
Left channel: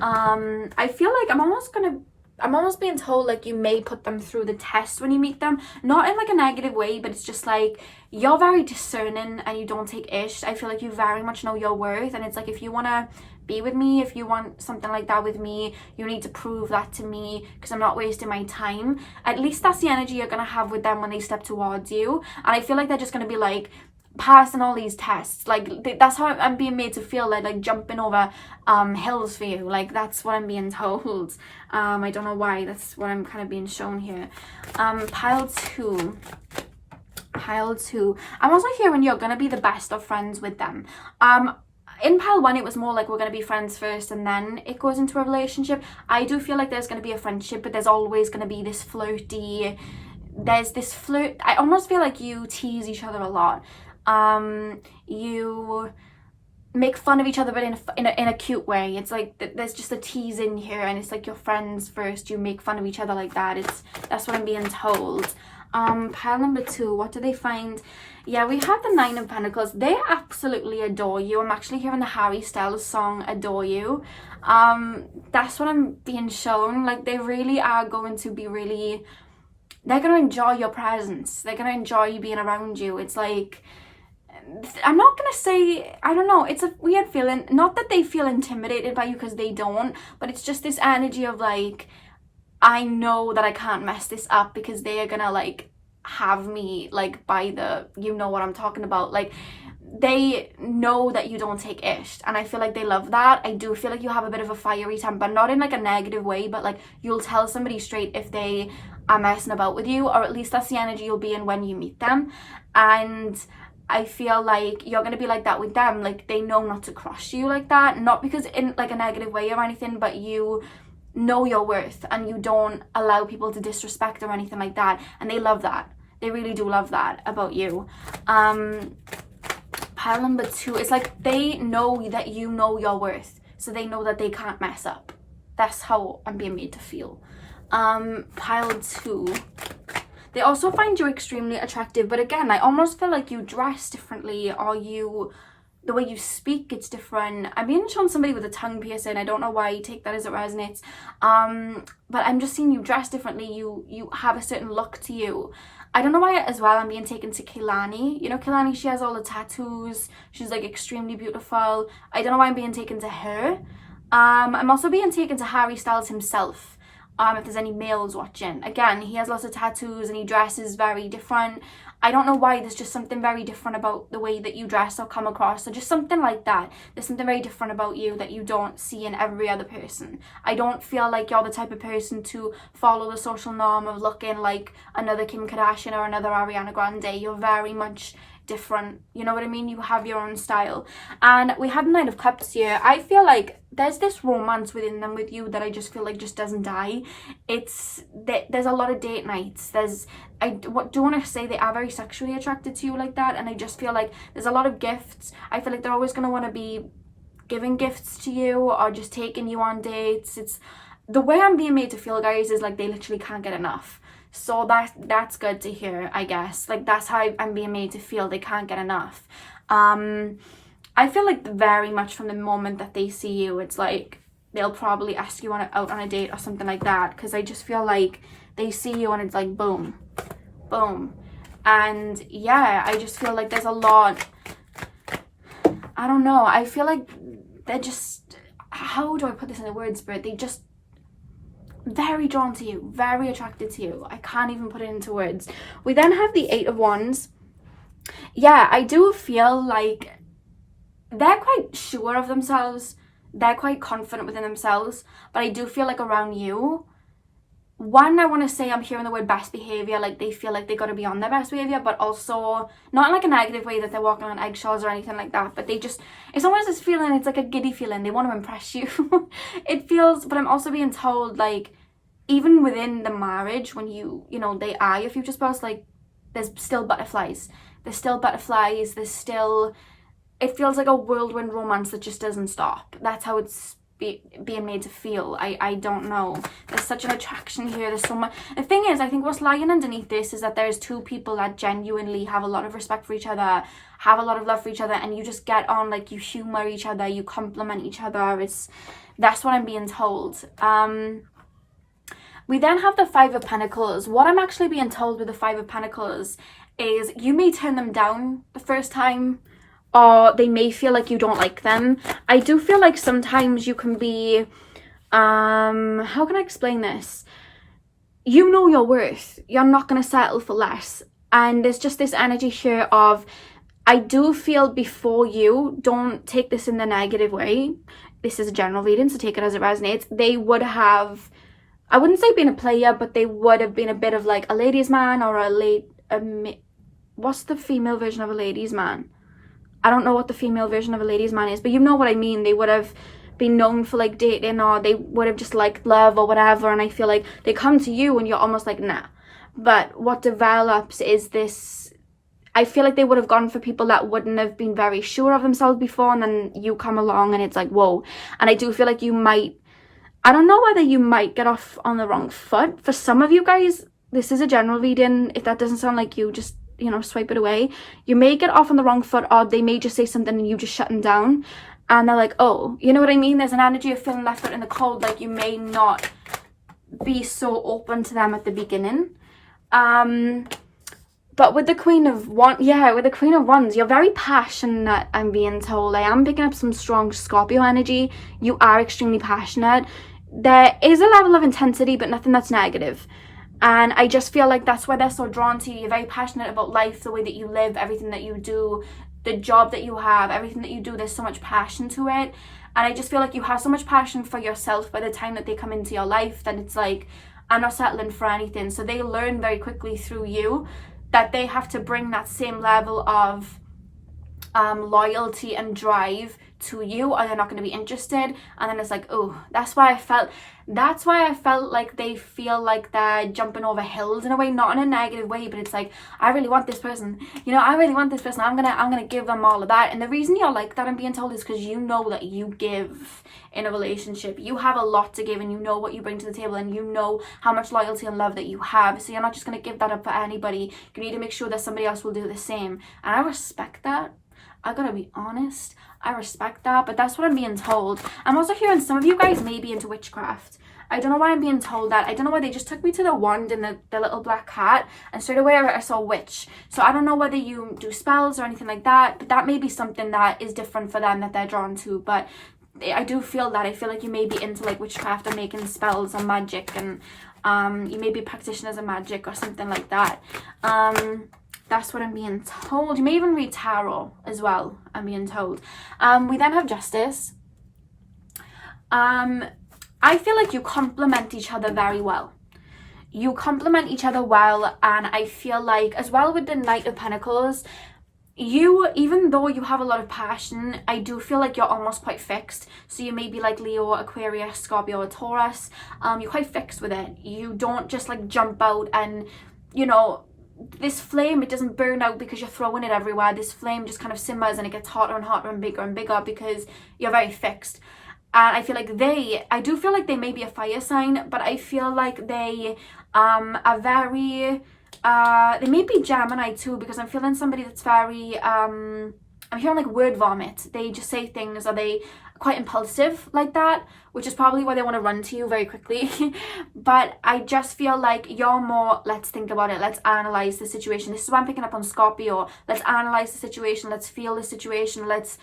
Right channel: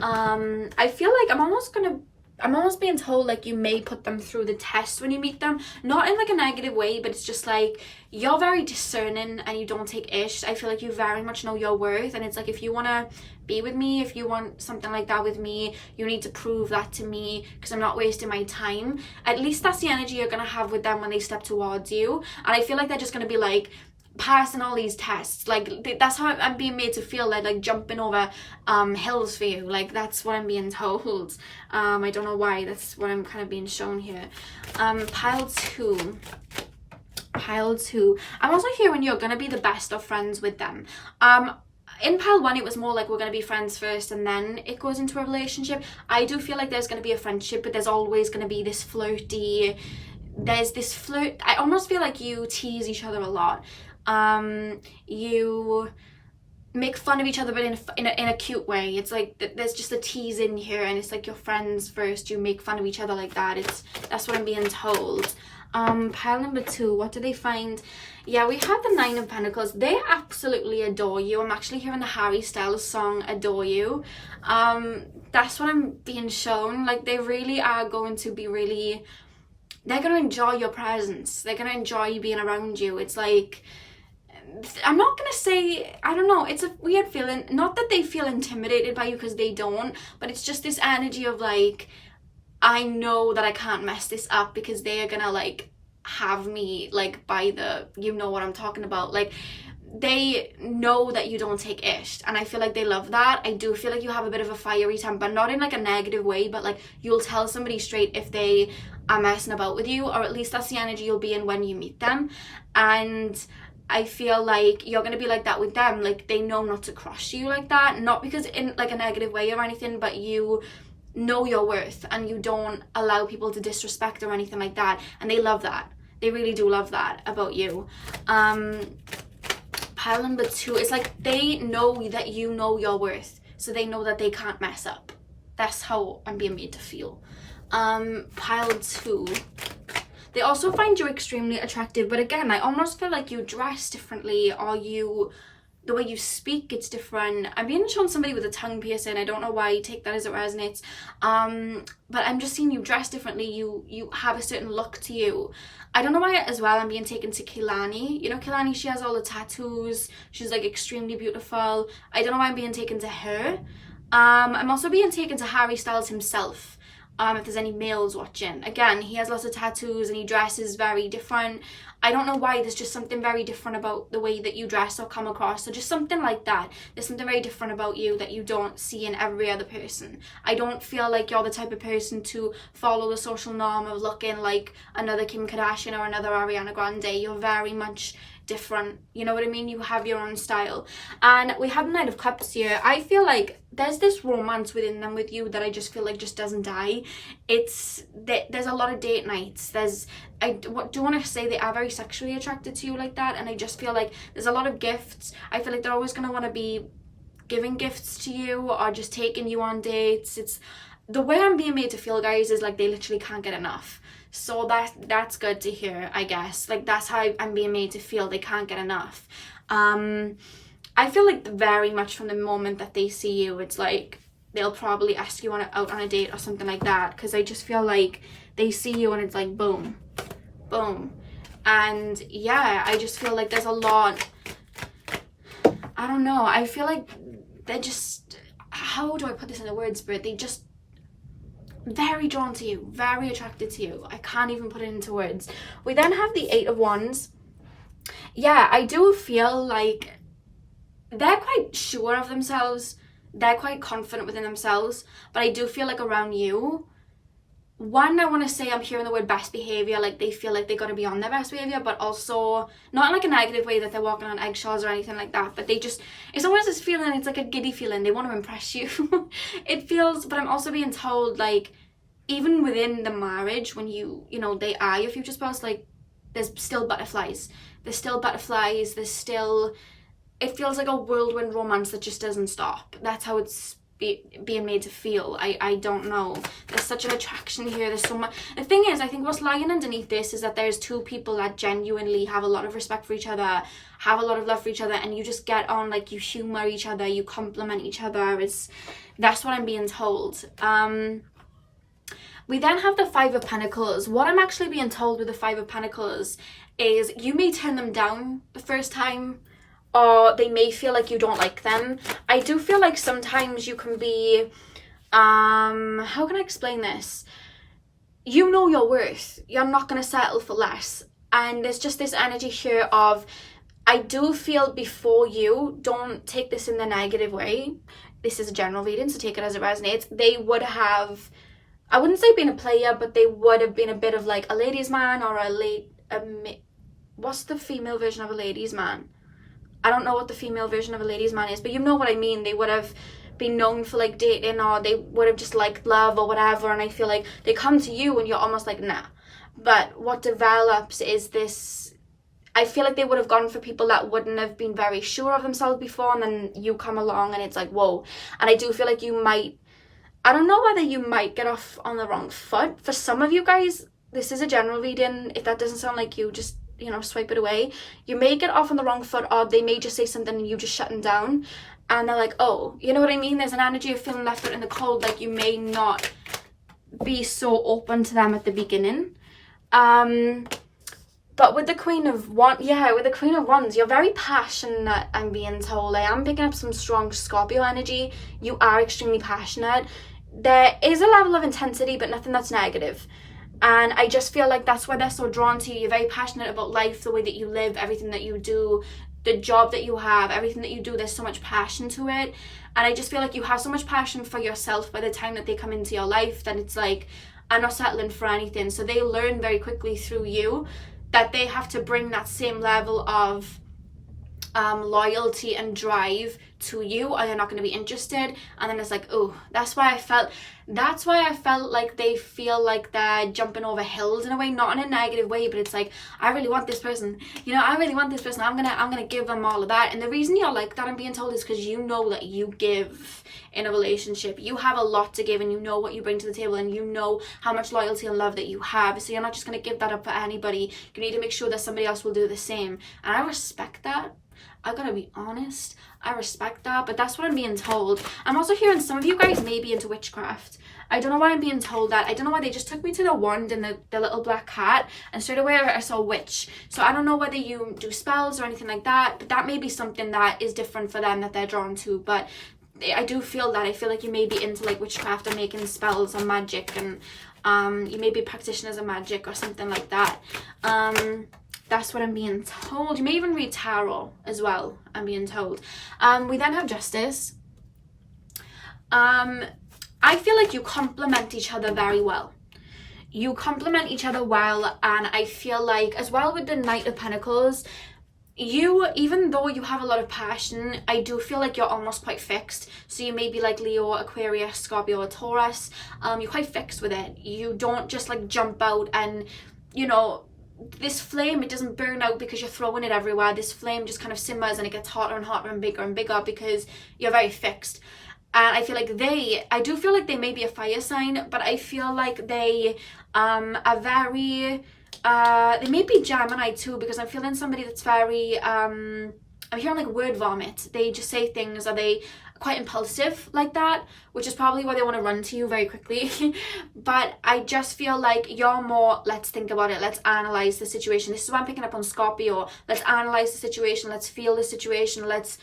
I'm almost being told like you may put them through the test when you meet them, not in like a negative way, but it's just like you're very discerning and you don't take ish. I feel like you very much know your worth, and it's like, if you want to be with me, if you want something like that with me, you need to prove that to me, because I'm not wasting my time. At least that's the energy you're gonna have with them when they step towards you. And I feel like they're just gonna be like passing all these tests, like that's how I'm being made to feel, like jumping over hills for you. Like that's what I'm being told. I don't know why, that's what I'm kind of being shown here. Pile two. I'm also hearing you're gonna be the best of friends with them. In pile one, it was more like we're going to be friends first and then it goes into a relationship. I do feel like there's going to be a friendship, but there's always going to be this flirty, there's this flirt. I almost feel like you tease each other a lot. You make fun of each other, but in a cute way. It's like there's just a tease in here, and it's like you're friends first, you make fun of each other like that. That's what I'm being told. Pile number two, what do they find? Yeah, we have the Nine of Pentacles. They absolutely adore you. I'm actually hearing the Harry Styles song Adore You. That's what I'm being shown. Like they really are going to be they're going to enjoy your presence. They're going to enjoy being around you. It's like, I'm not going to say, I don't know, it's a weird feeling. Not that they feel intimidated by you, because they don't, but it's just this energy of like, I know that I can't mess this up, because they are gonna like have me like by the, you know what I'm talking about. Like they know that you don't take ish, and I feel like they love that. I do feel like you have a bit of a fiery temper, not in like a negative way, but like you'll tell somebody straight if they are messing about with you, or at least that's the energy you'll be in when you meet them. And I feel like you're gonna be like that with them. Like they know not to cross you like that, not because in like a negative way or anything, but you know your worth and you don't allow people to disrespect or anything like that, and they love that. They really do love that about you. Pile number two, it's like they know that you know your worth, so they know that they can't mess up. That's how I'm being made to feel. Pile two, they also find you extremely attractive, but again, I almost feel like you dress differently, or the way you speak, it's different. I'm being shown somebody with a tongue piercing. I don't know why, take that as it resonates. But I'm just seeing you dress differently. You have a certain look to you. I don't know why as well I'm being taken to Kehlani. You know Kehlani, she has all the tattoos. She's like extremely beautiful. I don't know why I'm being taken to her. I'm also being taken to Harry Styles himself. If there's any males watching. Again, he has lots of tattoos and he dresses very different. I don't know why, there's just something very different about the way that you dress or come across, or just something like that. There's something very different about you that you don't see in every other person. I don't feel like you're the type of person to follow the social norm of looking like another Kim Kardashian or another Ariana Grande. You're very much different, you know what I mean? You have your own style. And we have Nine of Cups here. I feel like there's this romance within them with you that I just feel like just doesn't die. There's a lot of date nights. I do want to say they are very sexually attracted to you like that, and I just feel like there's a lot of gifts. I feel like they're always going to want to be giving gifts to you or just taking you on dates. It's the way I'm being made to feel, guys, is like they literally can't get enough. So that's good to hear, I guess. Like that's how I'm being made to feel. They can't get enough. I feel like very much from the moment that they see you, it's like they'll probably ask you out on a date or something like that, because I just feel like they see you and it's like boom, boom. And yeah, I just feel like there's a lot, I don't know, I feel like they're just, how do I put this in the words, but they just very drawn to you, very attracted to you. I can't even put it into words. We then have the Eight of Wands. Yeah, I do feel like they're quite sure of themselves. They're quite confident within themselves, but I do feel like around you, one, I want to say I'm hearing the word best behavior, like they feel like they got to be on their best behavior, but also not in like a negative way that they're walking on eggshells or anything like that, but they just, it's always this feeling, it's like a giddy feeling, they want to impress you. It feels, but I'm also being told, like, even within the marriage, when you know, they are your future spouse, like, there's still butterflies, there's still, it feels like a whirlwind romance that just doesn't stop. That's how it's being made to feel. I don't know, there's such an attraction here, there's so much. The thing is, I think what's lying underneath this is that there's two people that genuinely have a lot of respect for each other, have a lot of love for each other, and you just get on, like, you humor each other, you compliment each other. That's what I'm being told. We then have the Five of Pentacles. What I'm actually being told with the Five of Pentacles is you may turn them down the first time, or they may feel like you don't like them. I do feel like sometimes you can be, how can I explain this? You know your worth. You're not going to settle for less. And there's just this energy here of, I do feel before you, don't take this in the negative way. This is a general reading, so take it as it resonates. They would have, I wouldn't say been a player, but they would have been a bit of like a ladies' man or what's the female version of a ladies' man? I don't know what the female version of a ladies' man is, but you know what I mean. They would have been known for like dating, or they would have just liked love or whatever, and I feel like they come to you and you're almost like, nah. But what develops is this, I feel like they would have gone for people that wouldn't have been very sure of themselves before, and then you come along and it's like, whoa. And I do feel like you might, I don't know whether you might get off on the wrong foot. For some of you guys, this is a general reading. If that doesn't sound like you, just, you know, swipe it away. You may get off on the wrong foot, or they may just say something and you just shut them down, and they're like, oh, you know what I mean? There's an energy of feeling left out in the cold, like you may not be so open to them at the beginning. But with the Queen of Wands, with the Queen of Wands, you're very passionate, I'm being told. I am picking up some strong Scorpio energy. You are extremely passionate. There is a level of intensity, but nothing that's negative. And I just feel like that's why they're so drawn to you. You're very passionate about life, the way that you live, everything that you do, the job that you have, everything that you do. There's so much passion to it. And I just feel like you have so much passion for yourself by the time that they come into your life, that it's like, I'm not settling for anything. So they learn very quickly through you that they have to bring that same level of loyalty and drive to you, or they're not going to be interested. And then it's like, oh, that's why I felt like they feel like they're jumping over hills in a way, not in a negative way, but it's like, I really want this person, you know, I really want this person, I'm gonna give them all of that. And the reason you're like that, I'm being told, is because you know that you give in a relationship. You have a lot to give, and you know what you bring to the table, and you know how much loyalty and love that you have. So you're not just going to give that up for anybody. You need to make sure that somebody else will do the same. And I respect that. I gotta be honest, I respect that, but that's what I'm being told. I'm also hearing some of you guys may be into witchcraft. I don't know why I'm being told that. I don't know why they just took me to the wand and the little black cat, and straight away I saw witch. So I don't know whether you do spells or anything like that, but that may be something that is different for them, that they're drawn to. But I do feel that. I feel like you may be into like witchcraft or making spells and magic, and you may be practitioners of magic or something like that. That's what I'm being told. You may even read tarot as well, I'm being told. We then have Justice. I feel like you complement each other very well. You complement each other well, and I feel like as well with the Knight of Pentacles, you, even though you have a lot of passion, I do feel like you're almost quite fixed. So you may be like Leo, Aquarius, Scorpio, or Taurus. You're quite fixed with it. You don't just like jump out and, you know, this flame, it doesn't burn out because you're throwing it everywhere. This flame just kind of simmers, and it gets hotter and hotter and bigger because you're very fixed. And I feel like I do feel like they may be a fire sign, but I feel like they are very, they may be Gemini too, because I'm feeling somebody that's very, I'm hearing like word vomit. They just say things, or they quite impulsive like that, which is probably why they want to run to you very quickly. But I just feel like you're more, let's think about it, let's analyze the situation. This is why I'm picking up on Scorpio. Let's analyze the situation, let's feel the situation, let's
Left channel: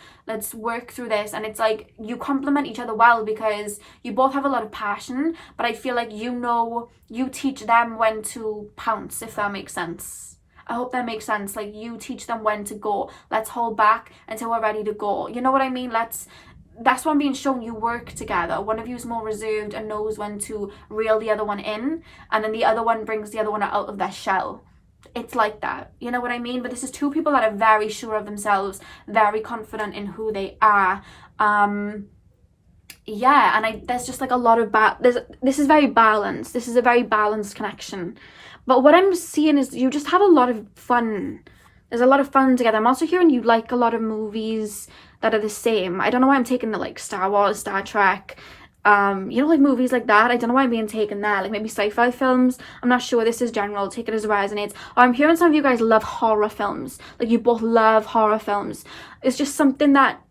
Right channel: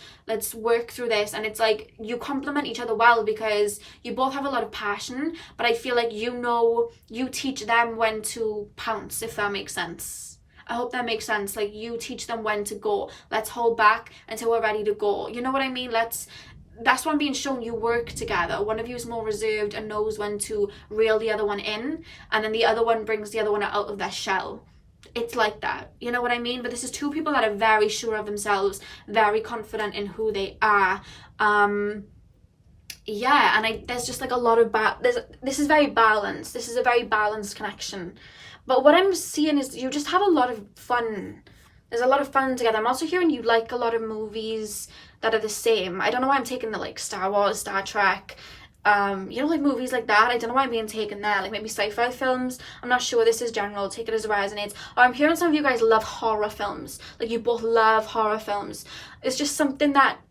work through this. And it's like you complement each other well, because you both have a lot of passion, but I feel like you teach them when to pounce, if that makes sense. I hope that makes sense. Like you teach them when to go. Let's hold back until we're ready to go. You know what I mean? that's what I'm being shown. You work together. One of you is more reserved and knows when to reel the other one in, and then the other one brings the other one out of their shell. It's like that, you know what I mean? But this is two people that are very sure of themselves, very confident in who they are. Yeah, and there's just like a lot of this is very balanced. This is a very balanced connection. But what I'm seeing is you just have a lot of fun. There's a lot of fun together. I'm also hearing you like a lot of movies that are the same. I don't know why I'm taking the like Star Wars, Star Trek, you know, like movies like that. I don't know why I'm being taken there. Like maybe sci-fi films. I'm not sure. This is general. Take it as it resonates. Or I'm hearing some of you guys love horror films. Like you both love horror films. It's just something that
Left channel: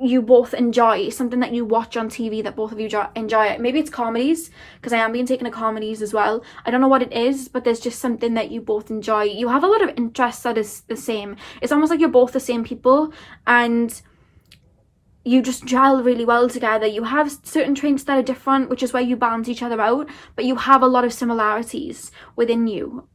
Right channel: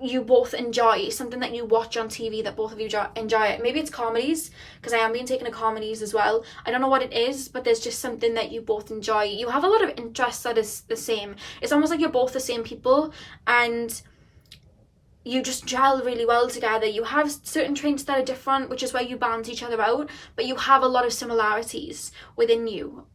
you both enjoy, something that you watch on TV that both of you enjoy. Maybe it's comedies, because I am being taken to comedies as well. I don't know what it is, but there's just something that you both enjoy. You have a lot of interests that is the same. It's almost like you're both the same people, and you just gel really well together. You have certain traits that are different, which is where you balance each other out, but you have a lot of similarities within you.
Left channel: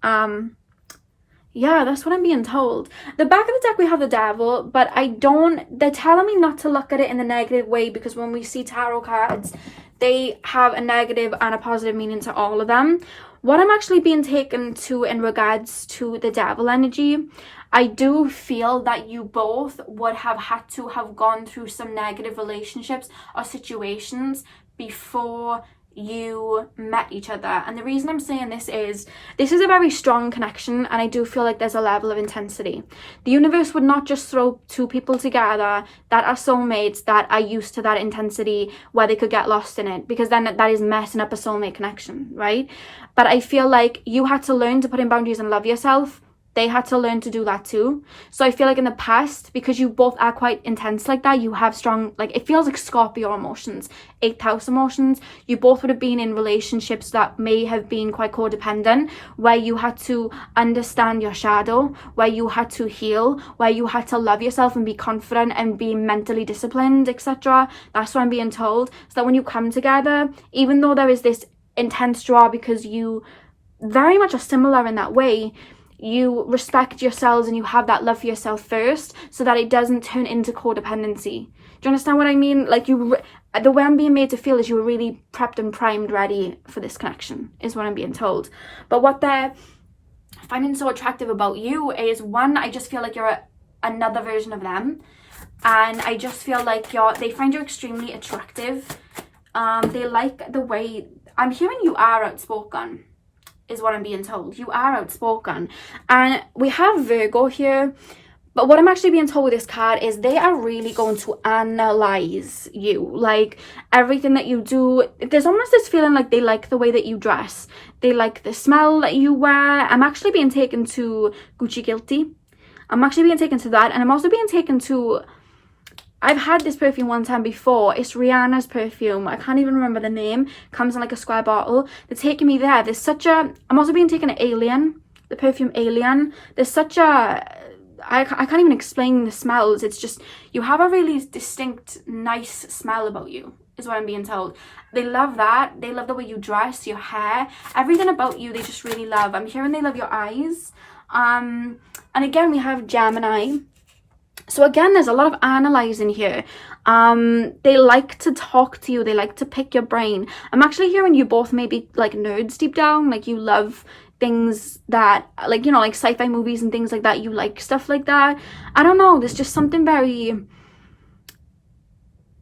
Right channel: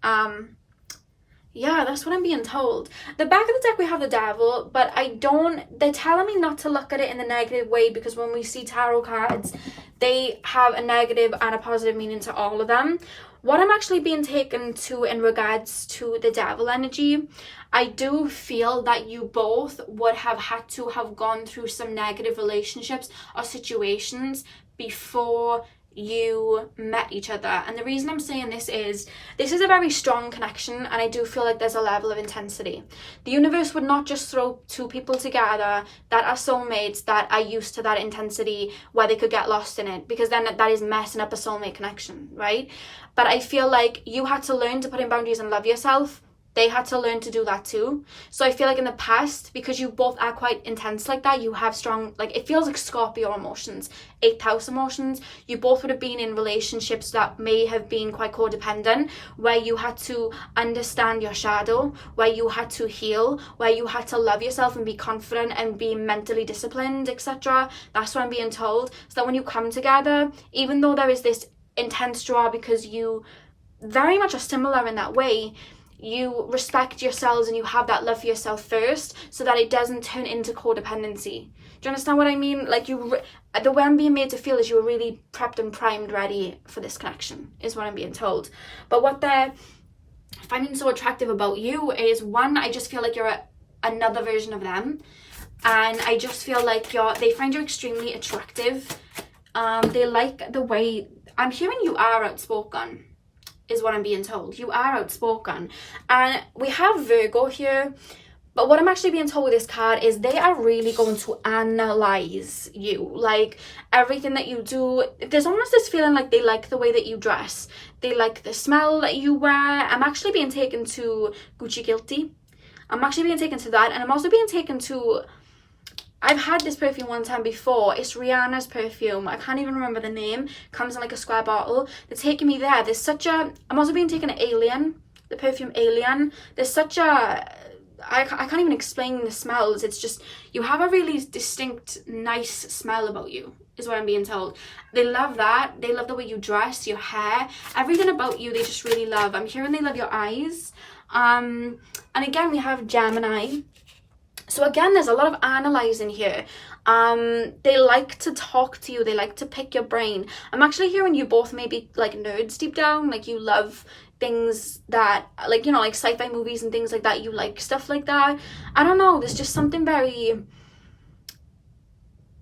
Yeah, that's what I'm being told. The back of the deck, we have the devil, but they're telling me not to look at it in the negative way, because when we see tarot cards, they have a negative and a positive meaning to all of them. What I'm actually being taken to in regards to the devil energy, I do feel that you both would have had to have gone through some negative relationships or situations before you met each other. And the reason I'm saying this is a very strong connection, and I do feel like there's a level of intensity. The universe would not just throw two people together that are soulmates that are used to that intensity where they could get lost in it, because then that is messing up a soulmate connection, right? But I feel like you had to learn to put in boundaries and love yourself. They had to learn to do that too. So I feel like in the past, because you both are quite intense like that, you have strong, like, it feels like Scorpio emotions, 8th house emotions. You both would have been in relationships that may have been quite codependent, where you had to understand your shadow, where you had to heal, where you had to love yourself and be confident and be mentally disciplined, etc. That's what I'm being told. So that when you come together, even though there is this intense draw because you very much are similar in that way, you respect yourselves and you have that love for yourself first, so that it doesn't turn into codependency. Do you understand what I mean? Like the way I'm being made to feel is you were really prepped and primed, ready for this connection, is what I'm being told. But what they're finding so attractive about you is, one, I just feel like you're another version of them, and I just feel like they find you extremely attractive. They like the way, I'm hearing you are outspoken, is what I'm being told. You are outspoken. And we have Virgo here, but what I'm actually being told with this card is they are really going to analyze you. Like, everything that you do, there's almost this feeling like they like the way that you dress. They like the smell that you wear. I'm actually being taken to Gucci Guilty. I'm actually being taken to that. And I'm also being taken to, I've had this perfume one time before. It's Rihanna's perfume. I can't even remember the name. Comes in like a square bottle. They're taking me there. There's such a, I'm also being taken to Alien, the perfume Alien. There's such a, I can't even explain the smells. It's just, you have a really distinct, nice smell about you, is what I'm being told. They love that. They love the way you dress, your hair, everything about you. They just really love. I'm hearing they love your eyes. And again, we have Gemini. So again, there's a lot of analysing here. They like to talk to you. They like to pick your brain. I'm actually hearing you both maybe like nerds deep down. Like you love things that, like, you know, like sci-fi movies and things like that. You like stuff like that. I don't know. There's just something very...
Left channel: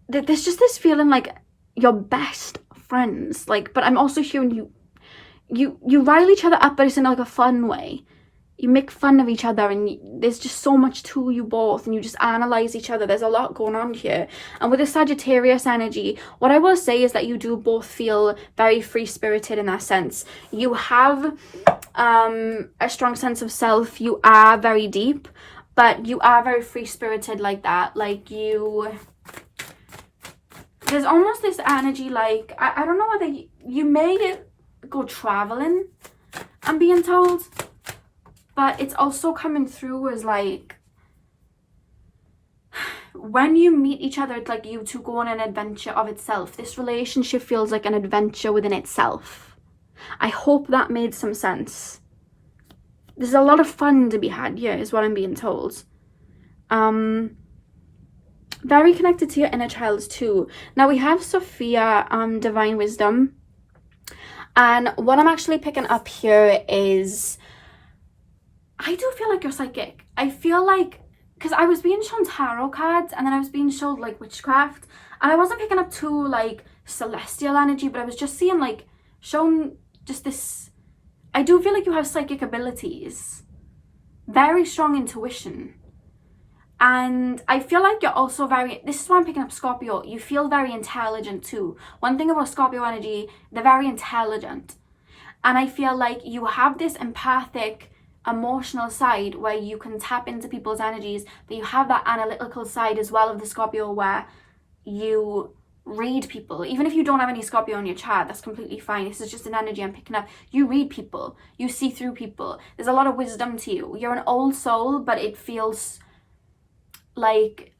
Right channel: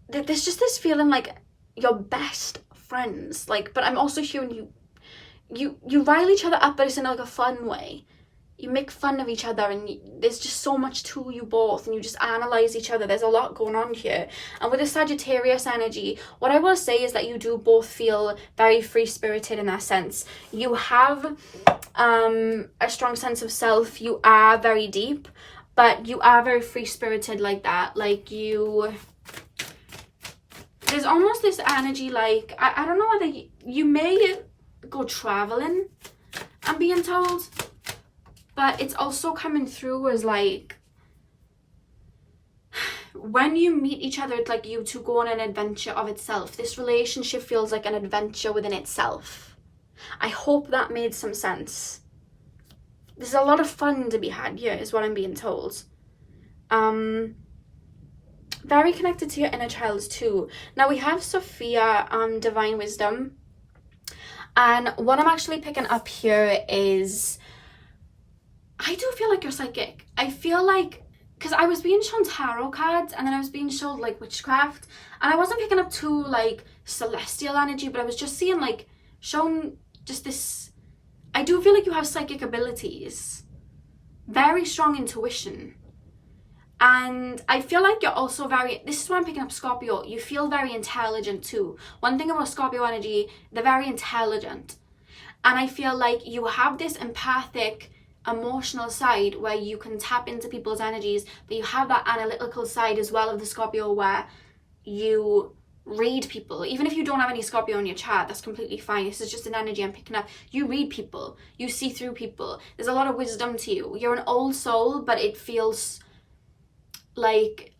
There's just this feeling like you're best friends. Like, but I'm also hearing you rile each other up, but it's in like a fun way. You make fun of each other, and there's just so much to you both, and you just analyze each other. There's a lot going on here. And with the Sagittarius energy, what I will say is that you do both feel very free-spirited in that sense. You have a strong sense of self. You are very deep, but you are very free-spirited like that. Like there's almost this energy like, I don't know whether you may go traveling, I'm being told. But it's also coming through as like, when you meet each other, it's like you two go on an adventure of itself. This relationship feels like an adventure within itself. I hope that made some sense. There's a lot of fun to be had here, is what I'm being told. very connected to your inner child too. Now we have Sophia, divine wisdom, and what I'm actually picking up here is, I do feel like you're psychic. I feel like, because I was being shown tarot cards and then I was being shown like witchcraft, and I wasn't picking up too like celestial energy, but I was just seeing like shown just this. I do feel like you have psychic abilities, very strong intuition, and I feel like you're also very, this is why I'm picking up Scorpio, you feel very intelligent too. One thing about Scorpio energy, they're very intelligent, and I feel like you have this empathic emotional side where you can tap into people's energies, but you have that analytical side as well of the Scorpio where you read people. Even if you don't have any Scorpio in your chart, that's completely fine. This is just an energy I'm picking up. You read people, you see through people. There's a lot of wisdom to you. You're an old soul, but it feels like,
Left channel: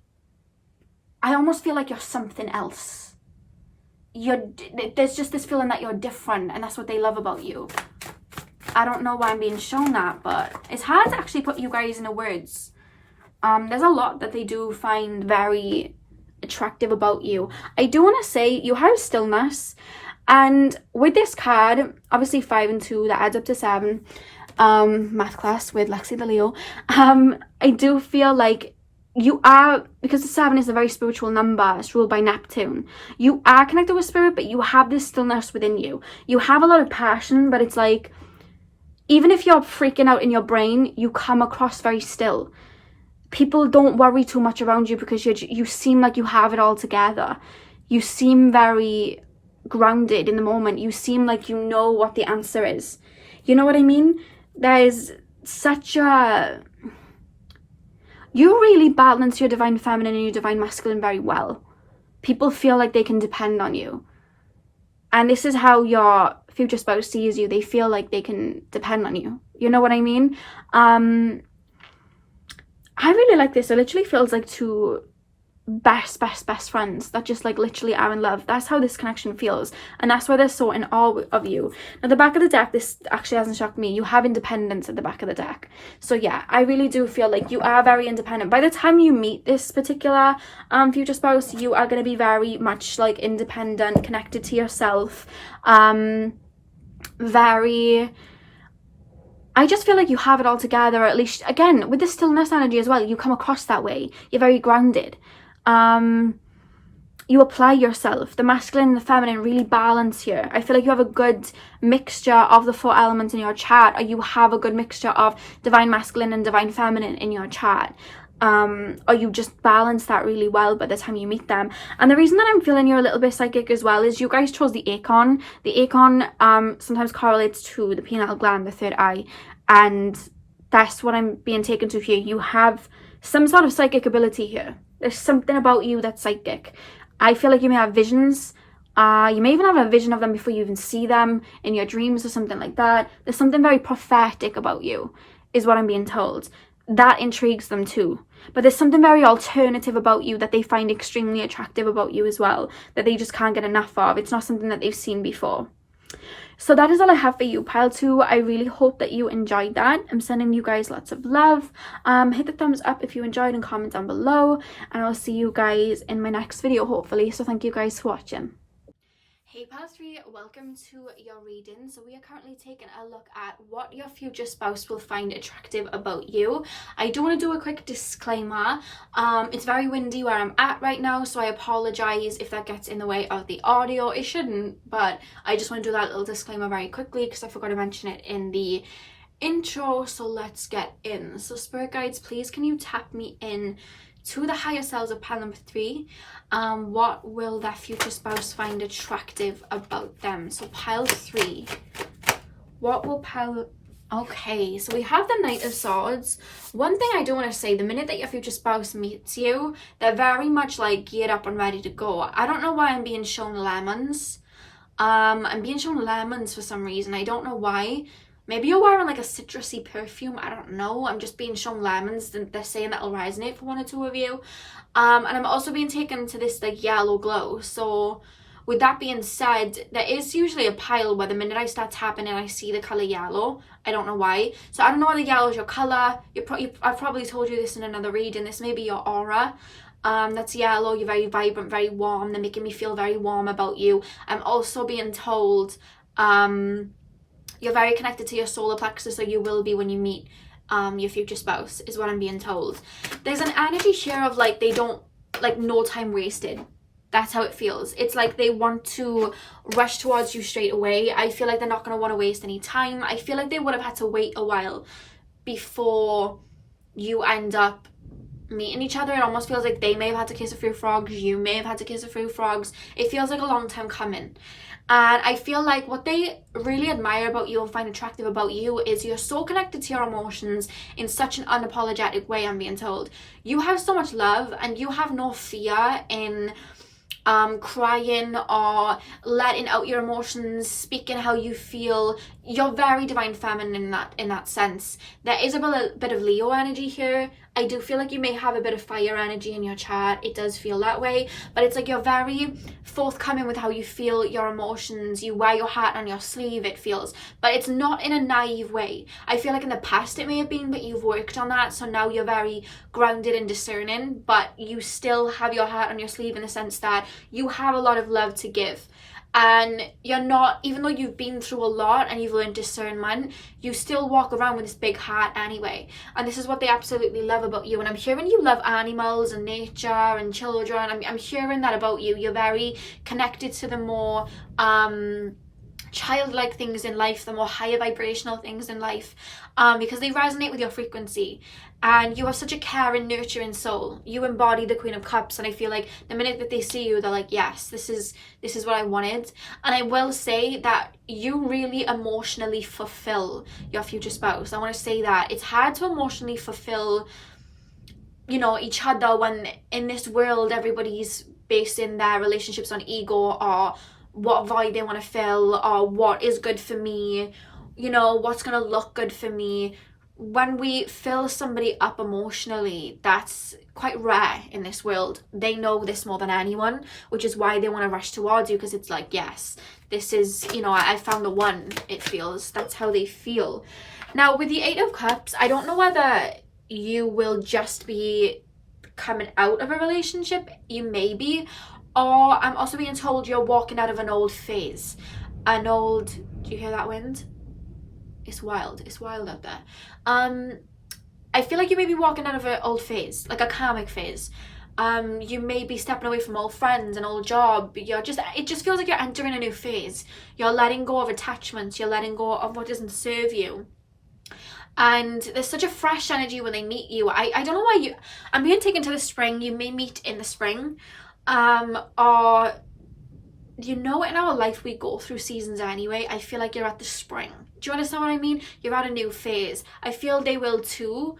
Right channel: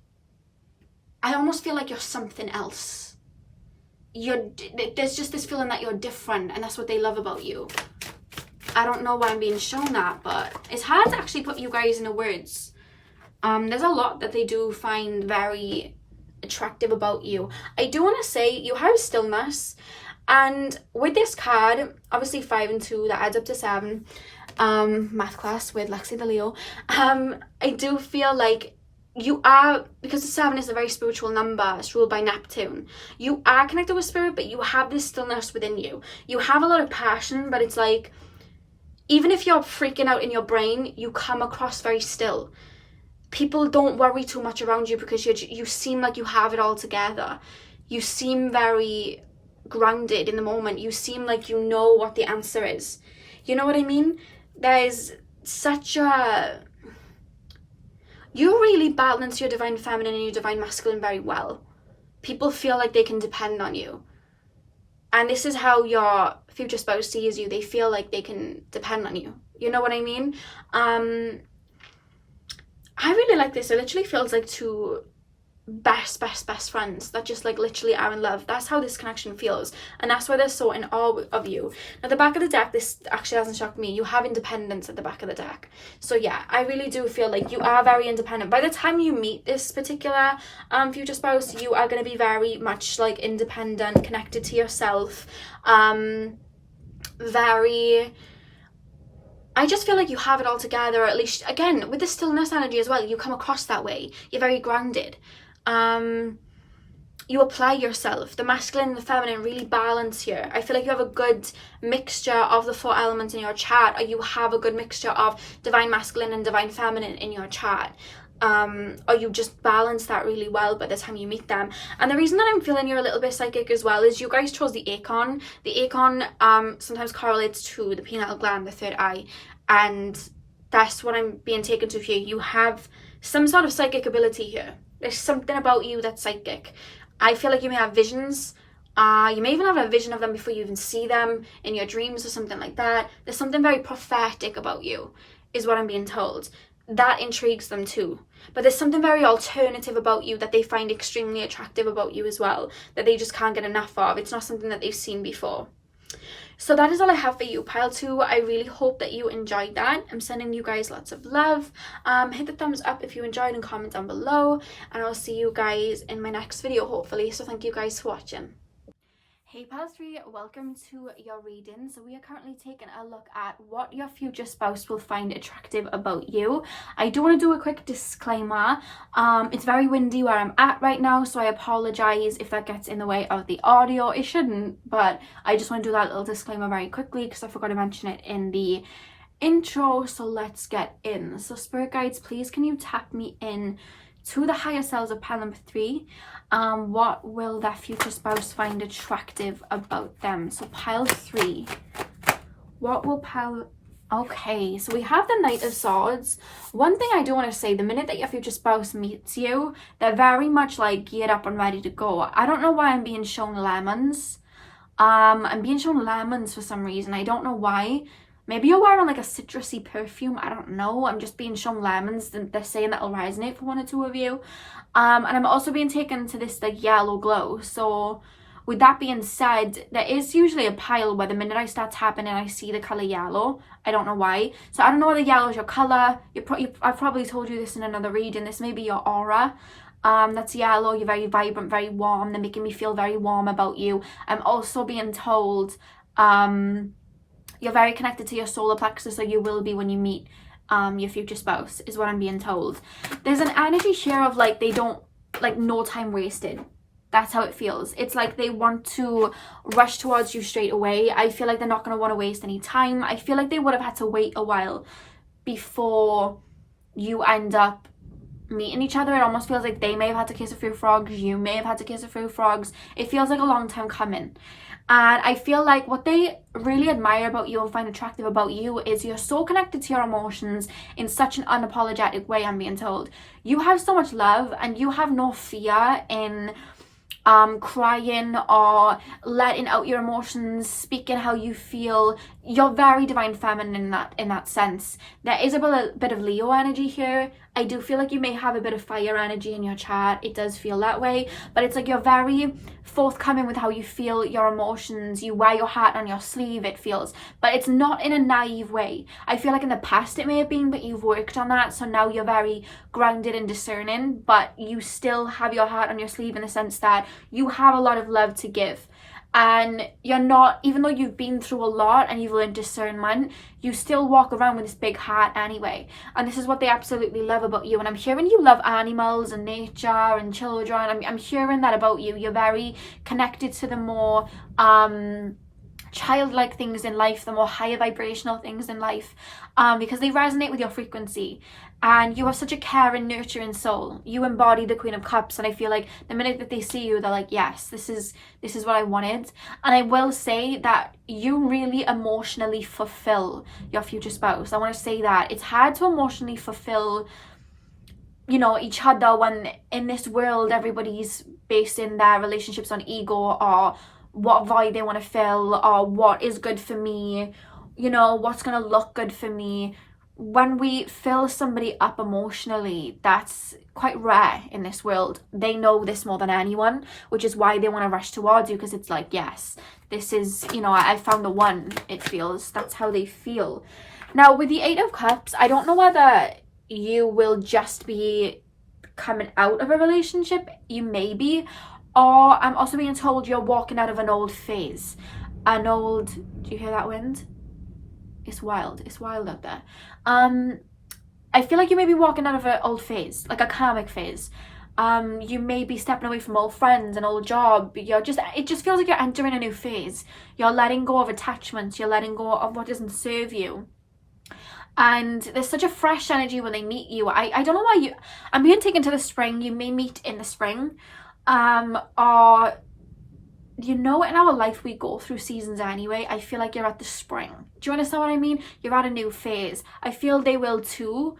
I almost feel like you're something else. There's just this feeling that you're different, and that's what they love about you. I don't know why I'm being shown that, but it's hard to actually put you guys into words. There's a lot that they do find very attractive about you. I do want to say you have stillness, and with this card, obviously 5 and 2, that adds up to 7. Math class with Lexi The Leo. I do feel like you are, because the 7 is a very spiritual number, it's ruled by Neptune. You are connected with spirit, but you have this stillness within you. You have a lot of passion, but it's like, even if you're freaking out in your brain, you come across very still. People don't worry too much around you because you seem like you have it all together. You seem very grounded in the moment. You seem like you know what the answer is. You know what I mean? There's such a... You really balance your divine feminine and your divine masculine very well. People feel like they can depend on you. And this is how your future spouse sees you. They feel like they can depend on you. You know what I mean? I really like this. It literally feels like two best friends that just like literally are in love. That's how this connection feels, and that's why they're so in awe of you. Now the back of the deck, this actually hasn't shocked me. You have independence at the back of the deck. So yeah, I really do feel like you are very independent. By the time you meet this particular future spouse, you are going to be very much like independent, connected to yourself, very... I just feel like you have it all together, or at least, again, with the stillness energy as well, you come across that way. You're very grounded. You apply yourself. The masculine and the feminine really balance here. I feel like you have a good mixture of the 4 elements in your chart, or you have a good mixture of divine masculine and divine feminine in your chart. Or you just balance that really well by the time you meet them. And the reason that I'm feeling you're a little bit psychic as well is you guys chose the Acon. The Acon sometimes correlates to the pineal gland, the third eye, and that's what I'm being taken to here. You have some sort of psychic ability here. There's something about you that's psychic. I feel like you may have visions. You may even have a vision of them before you even see them in your dreams or something like that. There's something very prophetic about you, is what I'm being told. That intrigues them too. But there's something very alternative about you that they find extremely attractive about you as well, that they just can't get enough of. It's not something that they've seen before. So that is all I have for you, pile 2. I really hope that you enjoyed that. I'm sending you guys lots of love. Hit the thumbs up if you enjoyed and comment down below, and I'll see you guys in my next video hopefully. So thank you guys for watching. Hey pile 3, welcome to your reading. So we are currently taking a look at what your future spouse will find attractive about you. I do want to do a quick disclaimer. It's very windy where I'm at right now, so I apologize if that gets in the way of the audio. It shouldn't, but I just want to do that little disclaimer very quickly because I forgot to mention it in the intro. So let's get in. So spirit guides, please can you tap me in to the higher selves of pile number 3. What will that future spouse find attractive about them? So pile 3, what will pile... Okay, so we have the Knight of Swords. One thing I do want to say, the minute that your future spouse meets you, they're very much like geared up and ready to go. I don't know why I'm being shown lemons. I'm being shown lemons for some reason. I don't know why. Maybe you're wearing like a citrusy perfume. I don't know. I'm just being shown lemons. They're saying that'll resonate for 1 or 2 of you. And I'm also being taken to this like yellow glow. So with that being said, there is usually a pile where the minute I start tapping and I see the color yellow, I don't know why. So I don't know whether yellow is your color. I've probably told you this in another reading. This may be your aura. That's yellow. You're very vibrant, very warm. They're making me feel very warm about you. I'm also being told you're very connected to your solar plexus, so you will be when you meet your future spouse, is what I'm being told. There's an energy here of like, they don't, like, no time wasted. That's how it feels. It's like they want to rush towards you straight away. I feel like they're not going to want to waste any time. I feel like they would have had to wait a while before you end up meeting each other. It almost feels like they may have had to kiss a few frogs, you may have had to kiss a few frogs. It feels like a long time coming. And I feel like what they really admire about you and find attractive about you is you're so connected to your emotions in such an unapologetic way, I'm being told. You have so much love and you have no fear in crying or letting out your emotions, speaking how you feel. You're very divine feminine in that sense. There is a bit of Leo energy here. I do feel like you may have a bit of fire energy in your chart. It does feel that way, but it's like you're very forthcoming with how you feel your emotions. You wear your heart on your sleeve, it feels, but it's not in a naive way. I feel like in the past it may have been, but you've worked on that, so now you're very grounded and discerning, but you still have your heart on your sleeve in the sense that you have a lot of love to give. And you're not, even though you've been through a lot and you've learned discernment, you still walk around with this big heart anyway. And this is what they absolutely love about you. And I'm hearing you love animals and nature and children. I'm hearing that about you. You're very connected to the more childlike things in life, the more higher vibrational things in life, because they resonate with your frequency. And you are such a caring, nurturing soul. You embody the Queen of Cups, and I feel like the minute that they see you, they're like, yes, this is what I wanted. And I will say that you really emotionally fulfill your future spouse. I want to say that it's hard to emotionally fulfill, you know, each other when in this world everybody's basing their relationships on ego, or what void they want to fill, or what is good for me, you know, what's going to look good for me. When we fill somebody up emotionally, that's quite rare in this world. They know this more than anyone, which is why they want to rush towards you, because it's like, yes, this is, you know, I found the one, it feels. That's how they feel. Now, with the Eight of Cups, I don't know whether you will just be coming out of a relationship. You may be. Or I'm also being told you're walking out of an old phase. Do you hear that wind? It's wild out there. I feel like you may be walking out of an old phase, like a karmic phase. You may be stepping away from old friends, an old job. It just feels like you're entering a new phase. You're letting go of attachments. You're letting go of what doesn't serve you. And there's such a fresh energy when they meet you. I don't know why I'm being taken to the spring. You may meet in the spring. Or, you know, in our life we go through seasons anyway. I feel like you're at the spring. Do you understand what I mean? You're at a new phase. I feel they will too.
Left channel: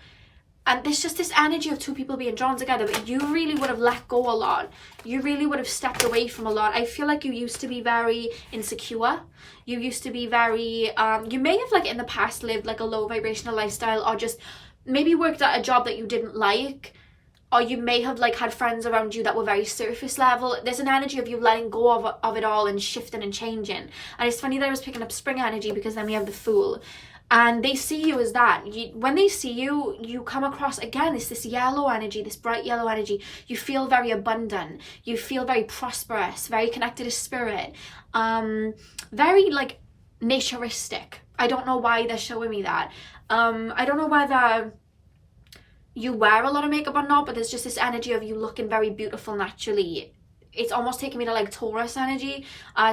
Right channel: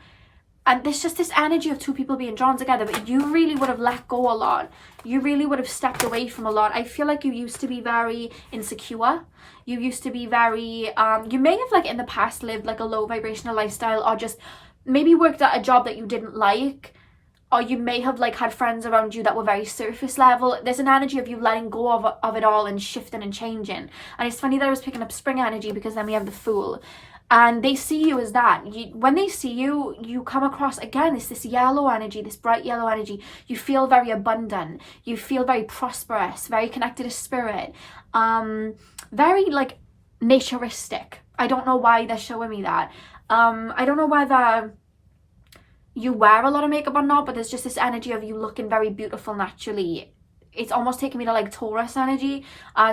And there's just this energy of two people being drawn together, but you really would have let go a lot. You really would have stepped away from a lot. I feel like you used to be very insecure. You used to be very, you may have, like, in the past lived like a low vibrational lifestyle, or just maybe worked at a job that you didn't like. Or you may have, like, had friends around you that were very surface level. There's an energy of you letting go of it all and shifting and changing. And it's funny that I was picking up spring energy, because then we have the Fool. And they see you as that. When they see you, you come across, again, it's this yellow energy, this bright yellow energy. You feel very abundant. You feel very prosperous, very connected to spirit. Very, like, naturistic. I don't know why they're showing me that. I don't know whether you wear a lot of makeup or not, but there's just this energy of you looking very beautiful naturally. It's almost taking me to, like, Taurus energy.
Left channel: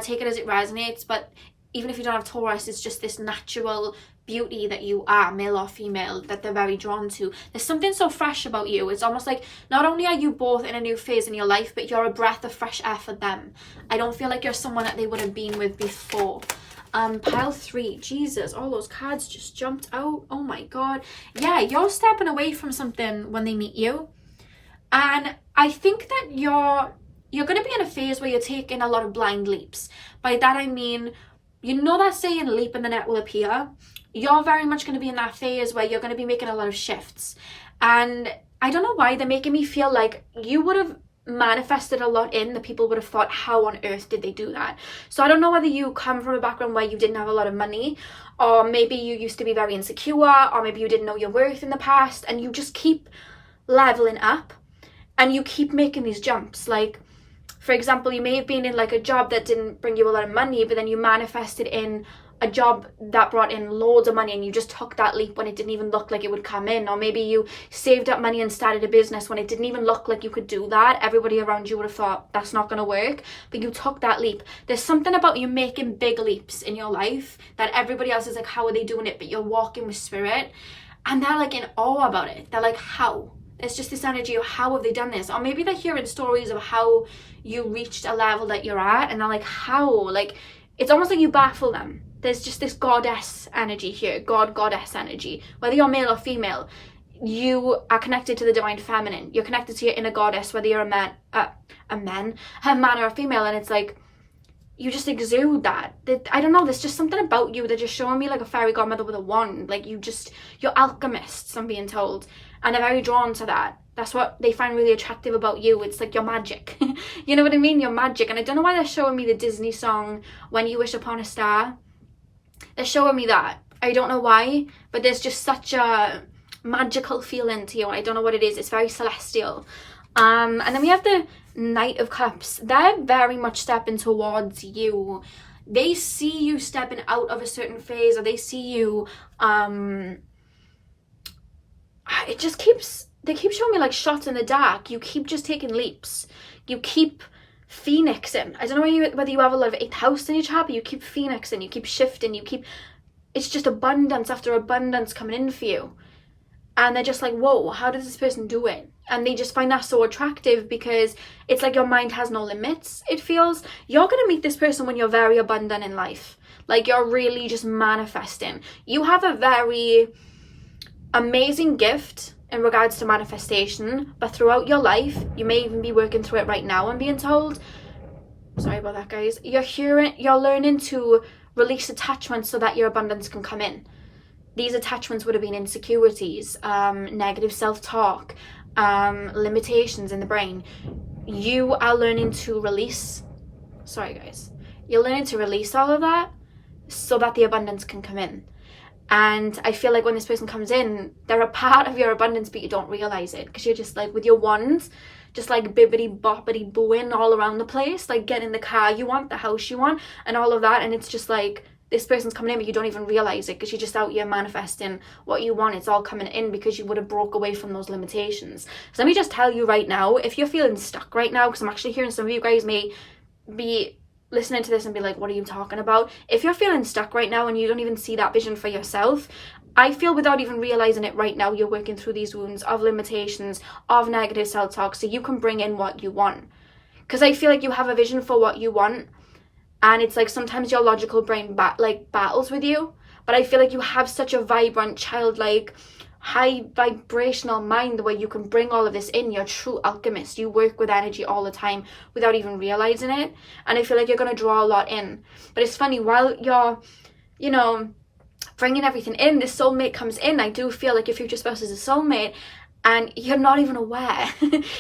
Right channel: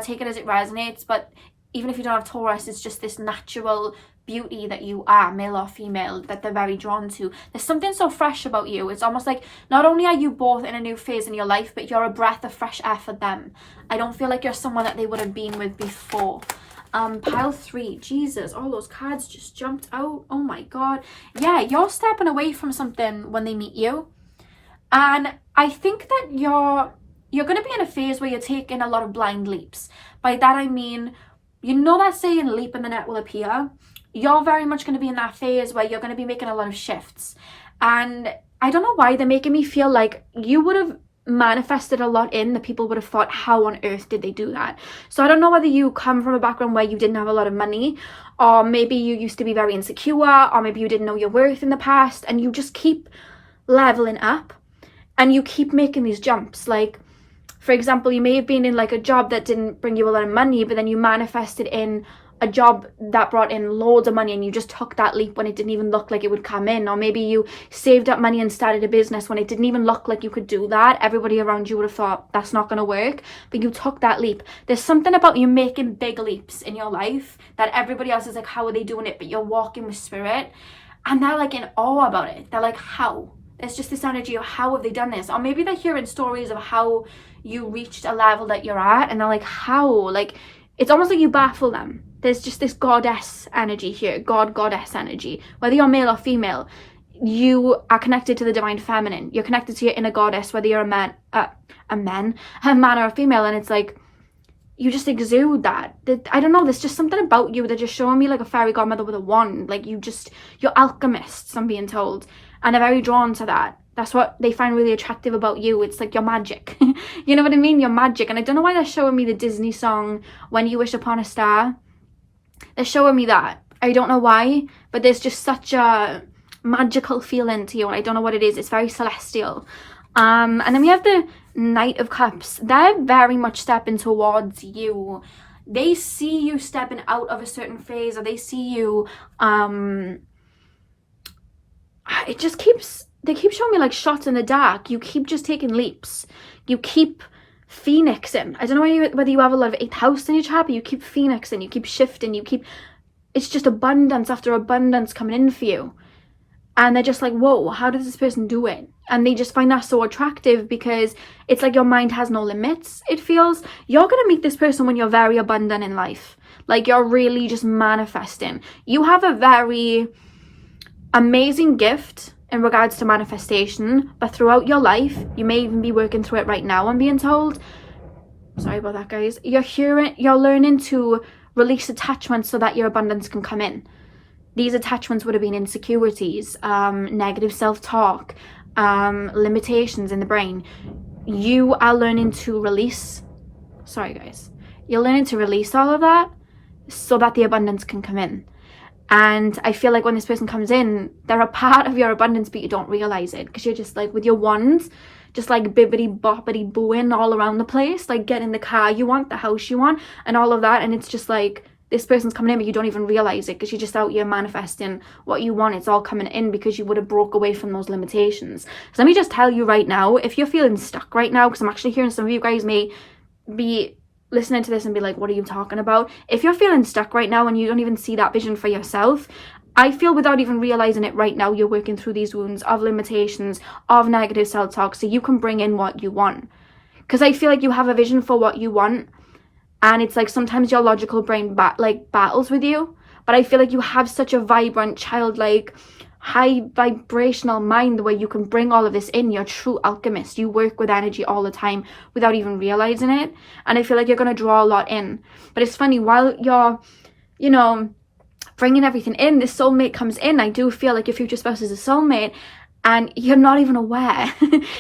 Take it as it resonates, but even if you don't have Taurus, it's just this natural beauty that you are, male or female, that they're very drawn to. There's something so fresh about you. It's almost like not only are you both in a new phase in your life, but you're a breath of fresh air for them. I don't feel like you're someone that they would have been with before. Pile 3, Jesus, all those cards just jumped out. Oh my god. Yeah, you're stepping away from something when they meet you, and I think that you're going to be in a phase where you're taking a lot of blind leaps. By that I mean, you know that saying, leap and the net will appear? You're very much going to be in that phase where you're going to be making a lot of shifts, and I don't know why they're making me feel like you would have manifested a lot in that people would have thought, how on earth did they do that? So I don't know whether you come from a background where you didn't have a lot of money, or maybe you used to be very insecure, or maybe you didn't know your worth in the past, and you just keep leveling up. and you keep making these jumps. Like, for example, you may have been in like a job that didn't bring you a lot of money, but then you manifested in a job that brought in loads of money, and you just took that leap when it didn't even look like it would come in. Or maybe you saved up money and started a business when it didn't even look like you could do that. Everybody around you would have thought that's not going to work, but you took that leap. There's something about you making big leaps in your life that everybody else is like, how are they doing it? But you're walking with spirit, and they're like in awe about it. They're like, how? It's just this energy of how have they done this? Or maybe they're hearing stories of how you reached a level that you're at, and they're like, how? Like, it's almost like you baffle them. There's just this goddess energy here, goddess energy. Whether you're male or female, you are connected to the divine feminine. You're connected to your inner goddess, whether you're a man or a female. And it's like, you just exude that. I don't know, there's just something about you. They're just showing me like a fairy godmother with a wand. Like, you're alchemists, I'm being told. And they're very drawn to that. That's what they find really attractive about you. It's like your magic. You know what I mean? Your magic. And I don't know why they're showing me the Disney song, When You Wish Upon a Star. They're showing me that. I don't know why, but there's just such a magical feeling to you. I don't know what it is. It's very celestial. And then we have the Knight of Cups. They're very much stepping towards you. They see you stepping out of a certain phase, or they see you, they keep showing me like shots in the dark. You keep just taking leaps. You keep phoenixing. I don't know whether you have a lot of 8th house in your chart, but you keep phoenixing, you keep shifting, it's just abundance after abundance coming in for you. And they're just like, whoa, how does this person do it? And they just find that so attractive, because it's like your mind has no limits. It feels you're going to meet this person when you're very abundant in life. Like, you're really just manifesting. You have a very amazing gift in regards to manifestation, but throughout your life, you may even be working through it right now, I'm being told. Sorry about that, guys. You're learning to release attachments so that your abundance can come in. These attachments would have been insecurities, negative self-talk, limitations in the brain. You are learning to release, you're learning to release all of that so that the abundance can come in. And I feel like when this person comes in, they're a part of your abundance, but you don't realize it, because you're just like with your wands, just like bibbity boppity booing all around the place, like getting the car you want, the house you want, and all of that. And it's just like this person's coming in, but you don't even realize it, because you're just out here manifesting what you want. It's all coming in because you would have broke away from those limitations. So let me just tell you right now, if you're feeling stuck right now, because I'm actually hearing some of you guys may be listening to this and be like, what are you talking about? If you're feeling stuck right now and you don't even see that vision for yourself, I feel without even realizing it right now, you're working through these wounds of limitations, of negative self-talk, so you can bring in what you want. Because I feel like you have a vision for what you want, and it's like sometimes your logical brain battles with you, but I feel like you have such a vibrant, childlike, high vibrational mind where you can bring all of this in. You're a true alchemist. You work with energy all the time without even realizing it, and I feel like you're going to draw a lot in. But it's funny, while you're bringing everything in, this soulmate comes in. I do feel like your future spouse is a soulmate, and you're not even aware.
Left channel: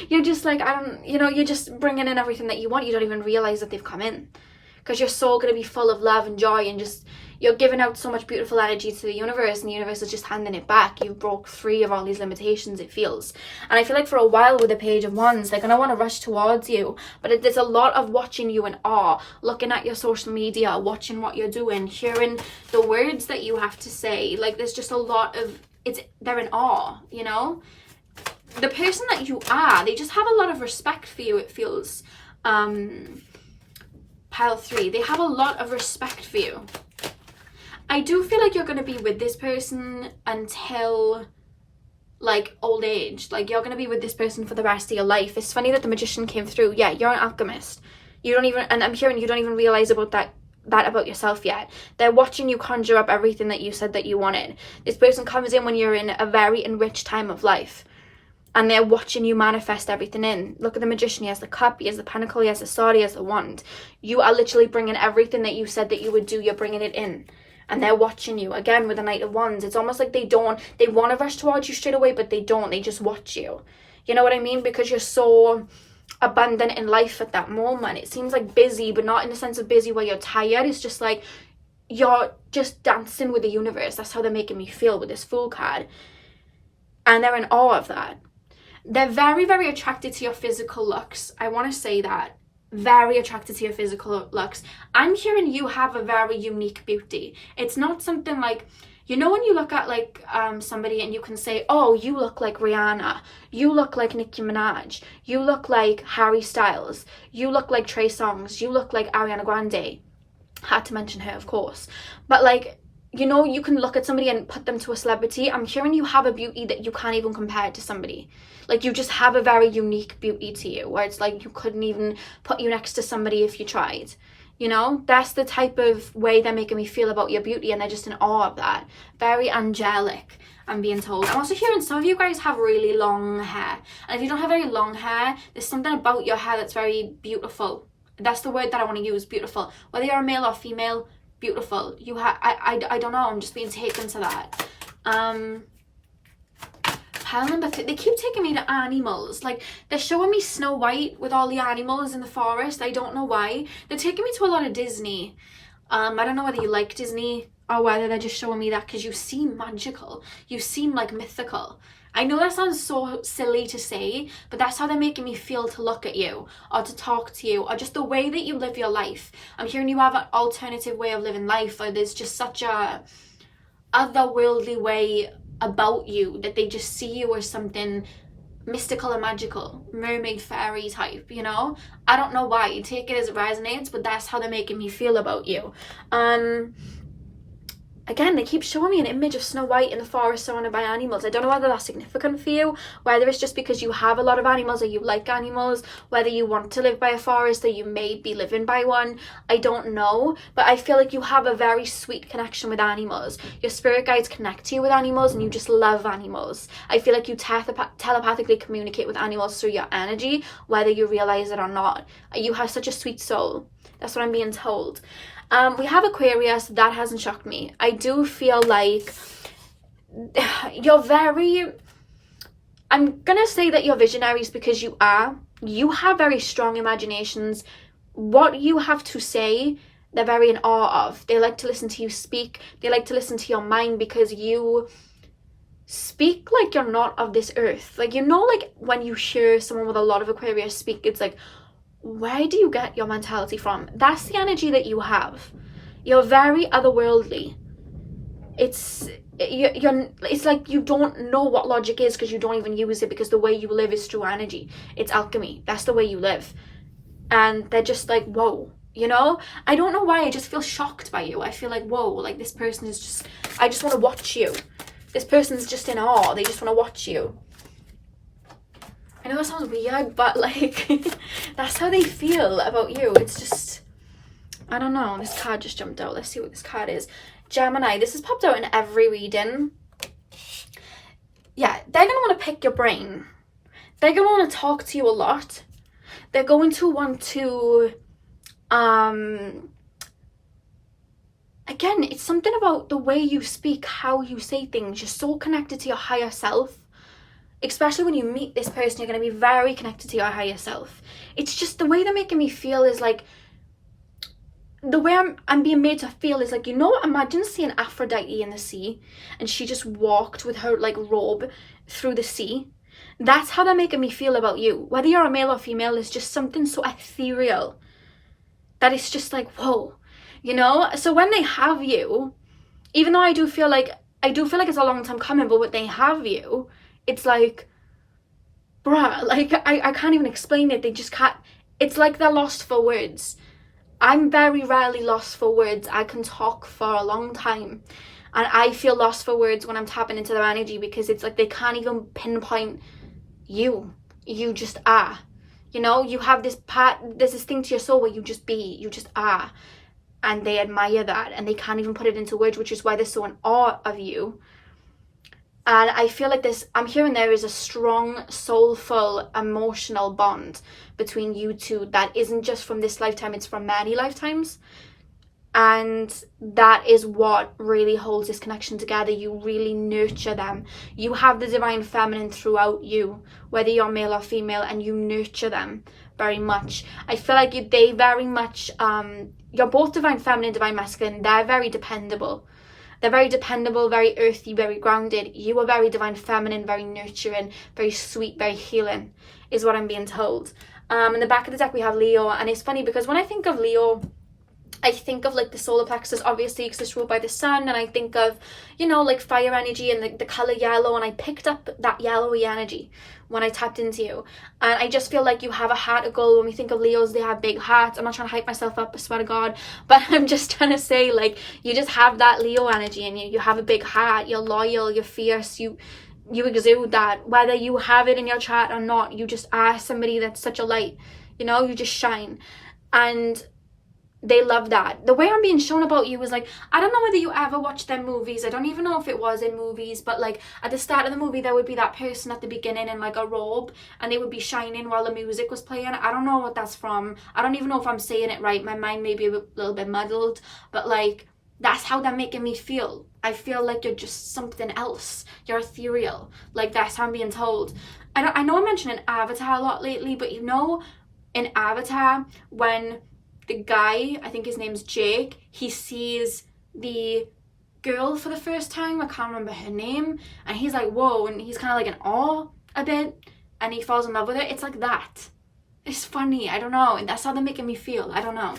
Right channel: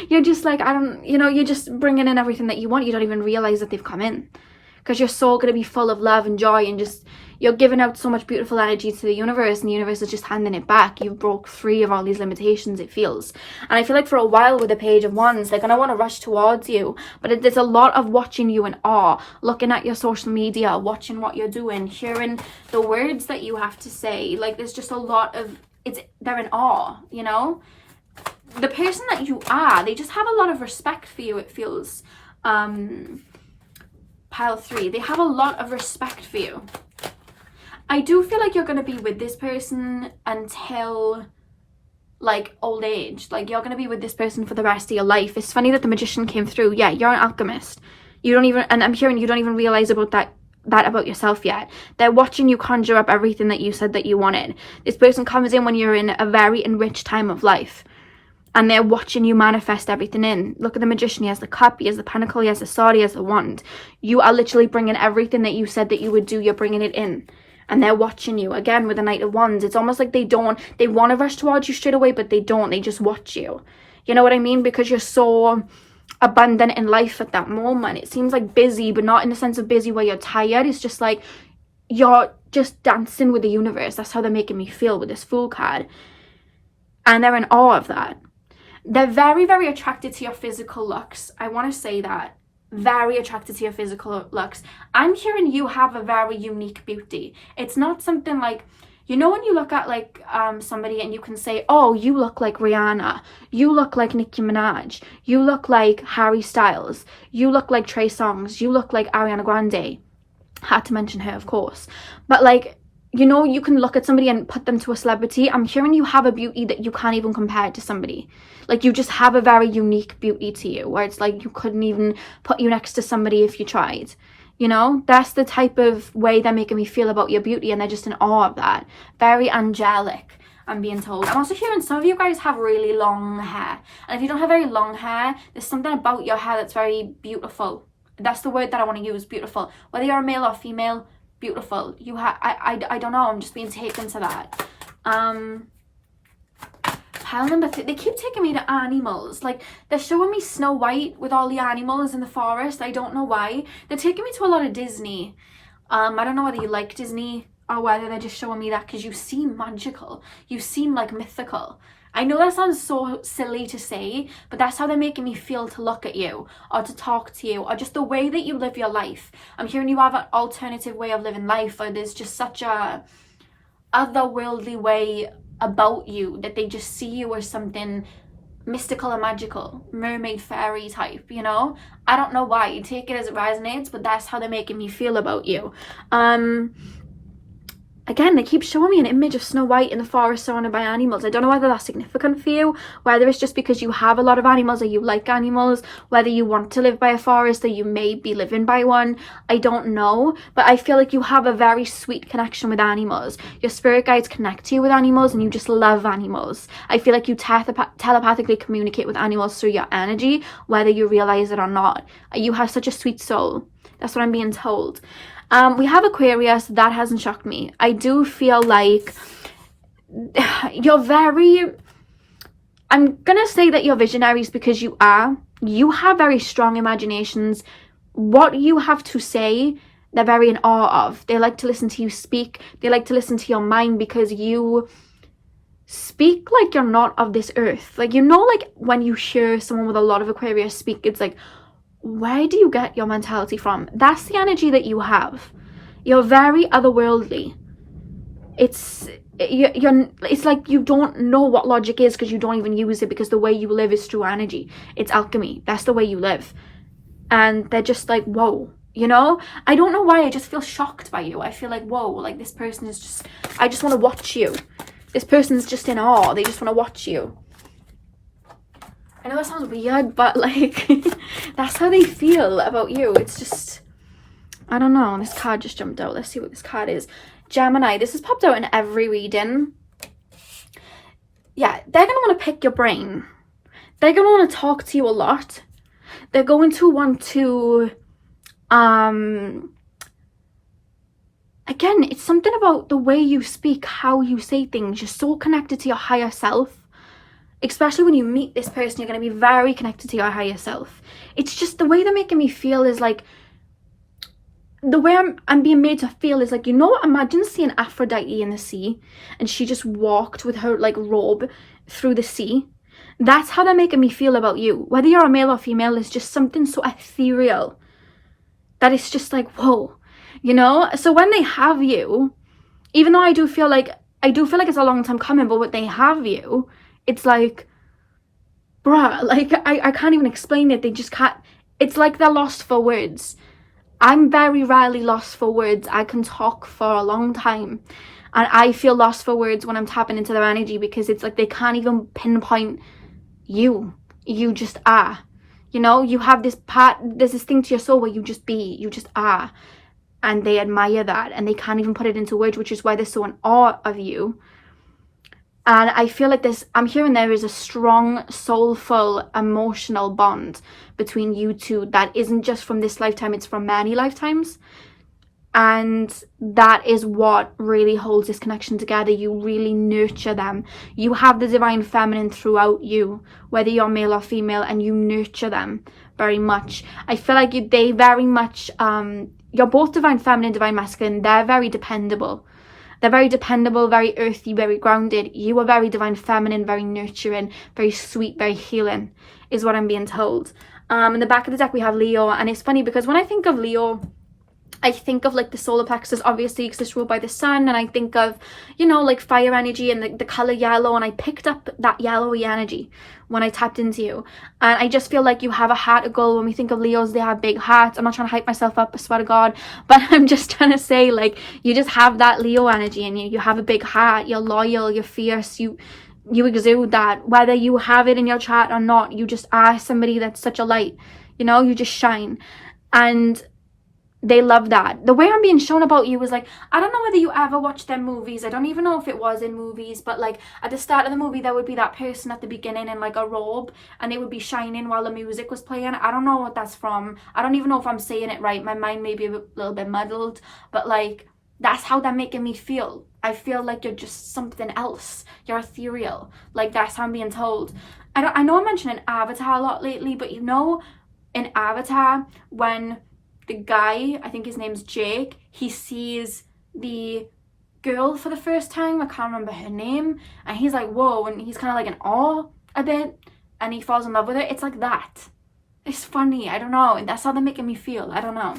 You're just like, you're just bringing in everything that you want. You don't even realize that they've come in, because you're so going to be full of love and joy, and just you're giving out so much beautiful energy to the universe, and the universe is just handing it back. You broke free of all these limitations, it feels. And I feel like for a while with the Page of Wands, they're going to want to rush towards you, but there's a lot of watching you in awe, looking at your social media, watching what you're doing, hearing the words that you have to say. Like, there's just a lot of they're in awe, the person that you are. They just have a lot of respect for you, it feels. Pile 3, they have a lot of respect for you. I do feel like you're going to be with this person until like old age. Like, you're going to be with this person for the rest of your life. It's funny that the Magician came through. Yeah, you're an alchemist. You don't even, and I'm hearing you don't even realize about that about yourself yet. They're watching you conjure up everything that you said that you wanted. This person comes in when you're in a very enriched time of life, and they're watching you manifest everything in. Look at the Magician. He has the cup, he has the pentacle, he has the sword, he has the wand. You are literally bringing everything that you said that you would do, you're bringing it in. And they're watching you. Again, with the Knight of Wands, it's almost like they want to rush towards you straight away, but they don't. They just watch you. You know what I mean? Because you're so abundant in life at that moment. It seems like busy, but not in the sense of busy where you're tired. It's just like you're just dancing with the universe. That's how they're making me feel with this Fool card. And they're in awe of that. They're very, very attracted to your physical looks. I want to say that. Very attracted to your physical looks. I'm hearing you have a very unique beauty. It's not something like, you know, when you look at like somebody and you can say, oh, you look like Rihanna, you look like Nicki Minaj, you look like Harry Styles, you look like Trey Songz, you look like Ariana Grande. Had to mention her, of course. But like, you know, you can look at somebody and put them to a celebrity. I'm hearing you have a beauty that you can't even compare to somebody. Like, you just have a very unique beauty to you, where it's like you couldn't even put you next to somebody if you tried. You know, that's the type of way they're making me feel about your beauty, and they're just in awe of that. Very angelic, I'm being told. I'm also hearing some of you guys have really long hair. And if you don't have very long hair, there's something about your hair that's very beautiful. That's the word that I want to use, beautiful. Whether you're a male or female, beautiful. You have, I don't know, I'm just being taken to that. Pile number 3, they keep taking me to animals. Like, they're showing me Snow White with all the animals in the forest. I don't know why. They're taking me to a lot of Disney. I don't know whether you like Disney or whether they're just showing me that because you seem magical. You seem like mythical. I know that sounds so silly to say, but that's how they're making me feel to look at you or to talk to you, or just the way that you live your life. I'm hearing you have an alternative way of living life, or there's just such a otherworldly way about you that they just see you as something mystical and magical, mermaid, fairy type, you know? I don't know why, you take it as it resonates, but that's how they're making me feel about you. Again, they keep showing me an image of Snow White in the forest surrounded by animals. I don't know whether that's significant for you, whether it's just because you have a lot of animals or you like animals, whether you want to live by a forest or you may be living by one. I don't know, but I feel like you have a very sweet connection with animals. Your spirit guides connect to you with animals and you just love animals. I feel like you telepathically communicate with animals through your energy, whether you realize it or not. You have such a sweet soul. That's what I'm being told. We have Aquarius. That hasn't shocked me. I do feel like you're very, I'm gonna say that you're visionaries because you are. You have very strong imaginations. What you have to say, they're very in awe of. They like to listen to you speak. They like to listen to your mind because you speak like you're not of this earth. Like, you know, like when you hear someone with a lot of Aquarius speak, it's like, where do you get your mentality from? That's the energy that you have. You're very otherworldly. It's like you don't know what logic is because you don't even use it, because the way you live is through energy. It's alchemy. That's the way you live. And they're just like, whoa, you know? I don't know why, I just feel shocked by you. I feel like, whoa, like this person is just, I just want to watch you. This person's just in awe. They just want to watch you. I know that sounds weird, but like, that's how they feel about you. It's just, I don't know. This card just jumped out. Let's see what this card is. Gemini. This has popped out in every reading. Yeah, they're going to want to pick your brain. They're going to want to talk to you a lot. They're going to want to, again, it's something about the way you speak, how you say things. You're so connected to your higher self. Especially when you meet this person, you're going to be very connected to your higher self. It's just the way they're making me feel is like, the way I'm being made to feel is like, you know, imagine seeing Aphrodite in the sea and she just walked with her like robe through the sea. That's how they're making me feel about you. Whether you're a male or female, is just something so ethereal that it's just like, whoa, you know? So when they have you, even though I do feel like it's a long time coming, but when they have you, it's like, bruh, like, I can't even explain it. They just can't. It's like they're lost for words. I'm very rarely lost for words. I can talk for a long time. And I feel lost for words when I'm tapping into their energy, because it's like they can't even pinpoint you. You just are. You know, you have this part, there's this thing to your soul where you just be, you just are. And they admire that, and they can't even put it into words, which is why they're so in awe of you. And I feel like I'm hearing there is a strong, soulful, emotional bond between you two that isn't just from this lifetime, it's from many lifetimes. And that is what really holds this connection together. You really nurture them. You have the divine feminine throughout you, whether you're male or female, and you nurture them very much. I feel like they very much, you're both divine feminine, divine masculine. They're very dependable. They're very dependable, very earthy, very grounded. You are very divine feminine, very nurturing, very sweet, very healing, is what I'm being told. In the back of the deck we have Leo, and it's funny because when I think of Leo, I think of like the solar plexus, obviously, because it's ruled by the sun, and I think of, you know, like fire energy and the color yellow, and I picked up that yellowy energy when I tapped into you. And I just feel like you have a heart of gold. When we think of Leos, they have big hearts. I'm not trying to hype myself up, I swear to God, but I'm just trying to say, like, you just have that Leo energy in you. You have a big heart, you're loyal, you're fierce, you exude that. Whether you have it in your chart or not, you just are somebody that's such a light, you know, you just shine. And they love that. The way I'm being shown about you was like, I don't know whether you ever watched their movies. I don't even know if it was in movies, but like at the start of the movie, there would be that person at the beginning in like a robe, and they would be shining while the music was playing. I don't know what that's from. I don't even know if I'm saying it right. My mind may be a little bit muddled, but like, that's how they're making me feel. I feel like you're just something else. You're ethereal. Like, that's how I'm being told. I know I'm mentioning Avatar a lot lately, but you know, in Avatar, when the guy, I think his name's Jake, he sees the girl for the first time, I can't remember her name, and he's like, whoa, and he's kind of like in awe a bit, and he falls in love with her. It's like that. It's funny, I don't know, and that's how they're making me feel, I don't know.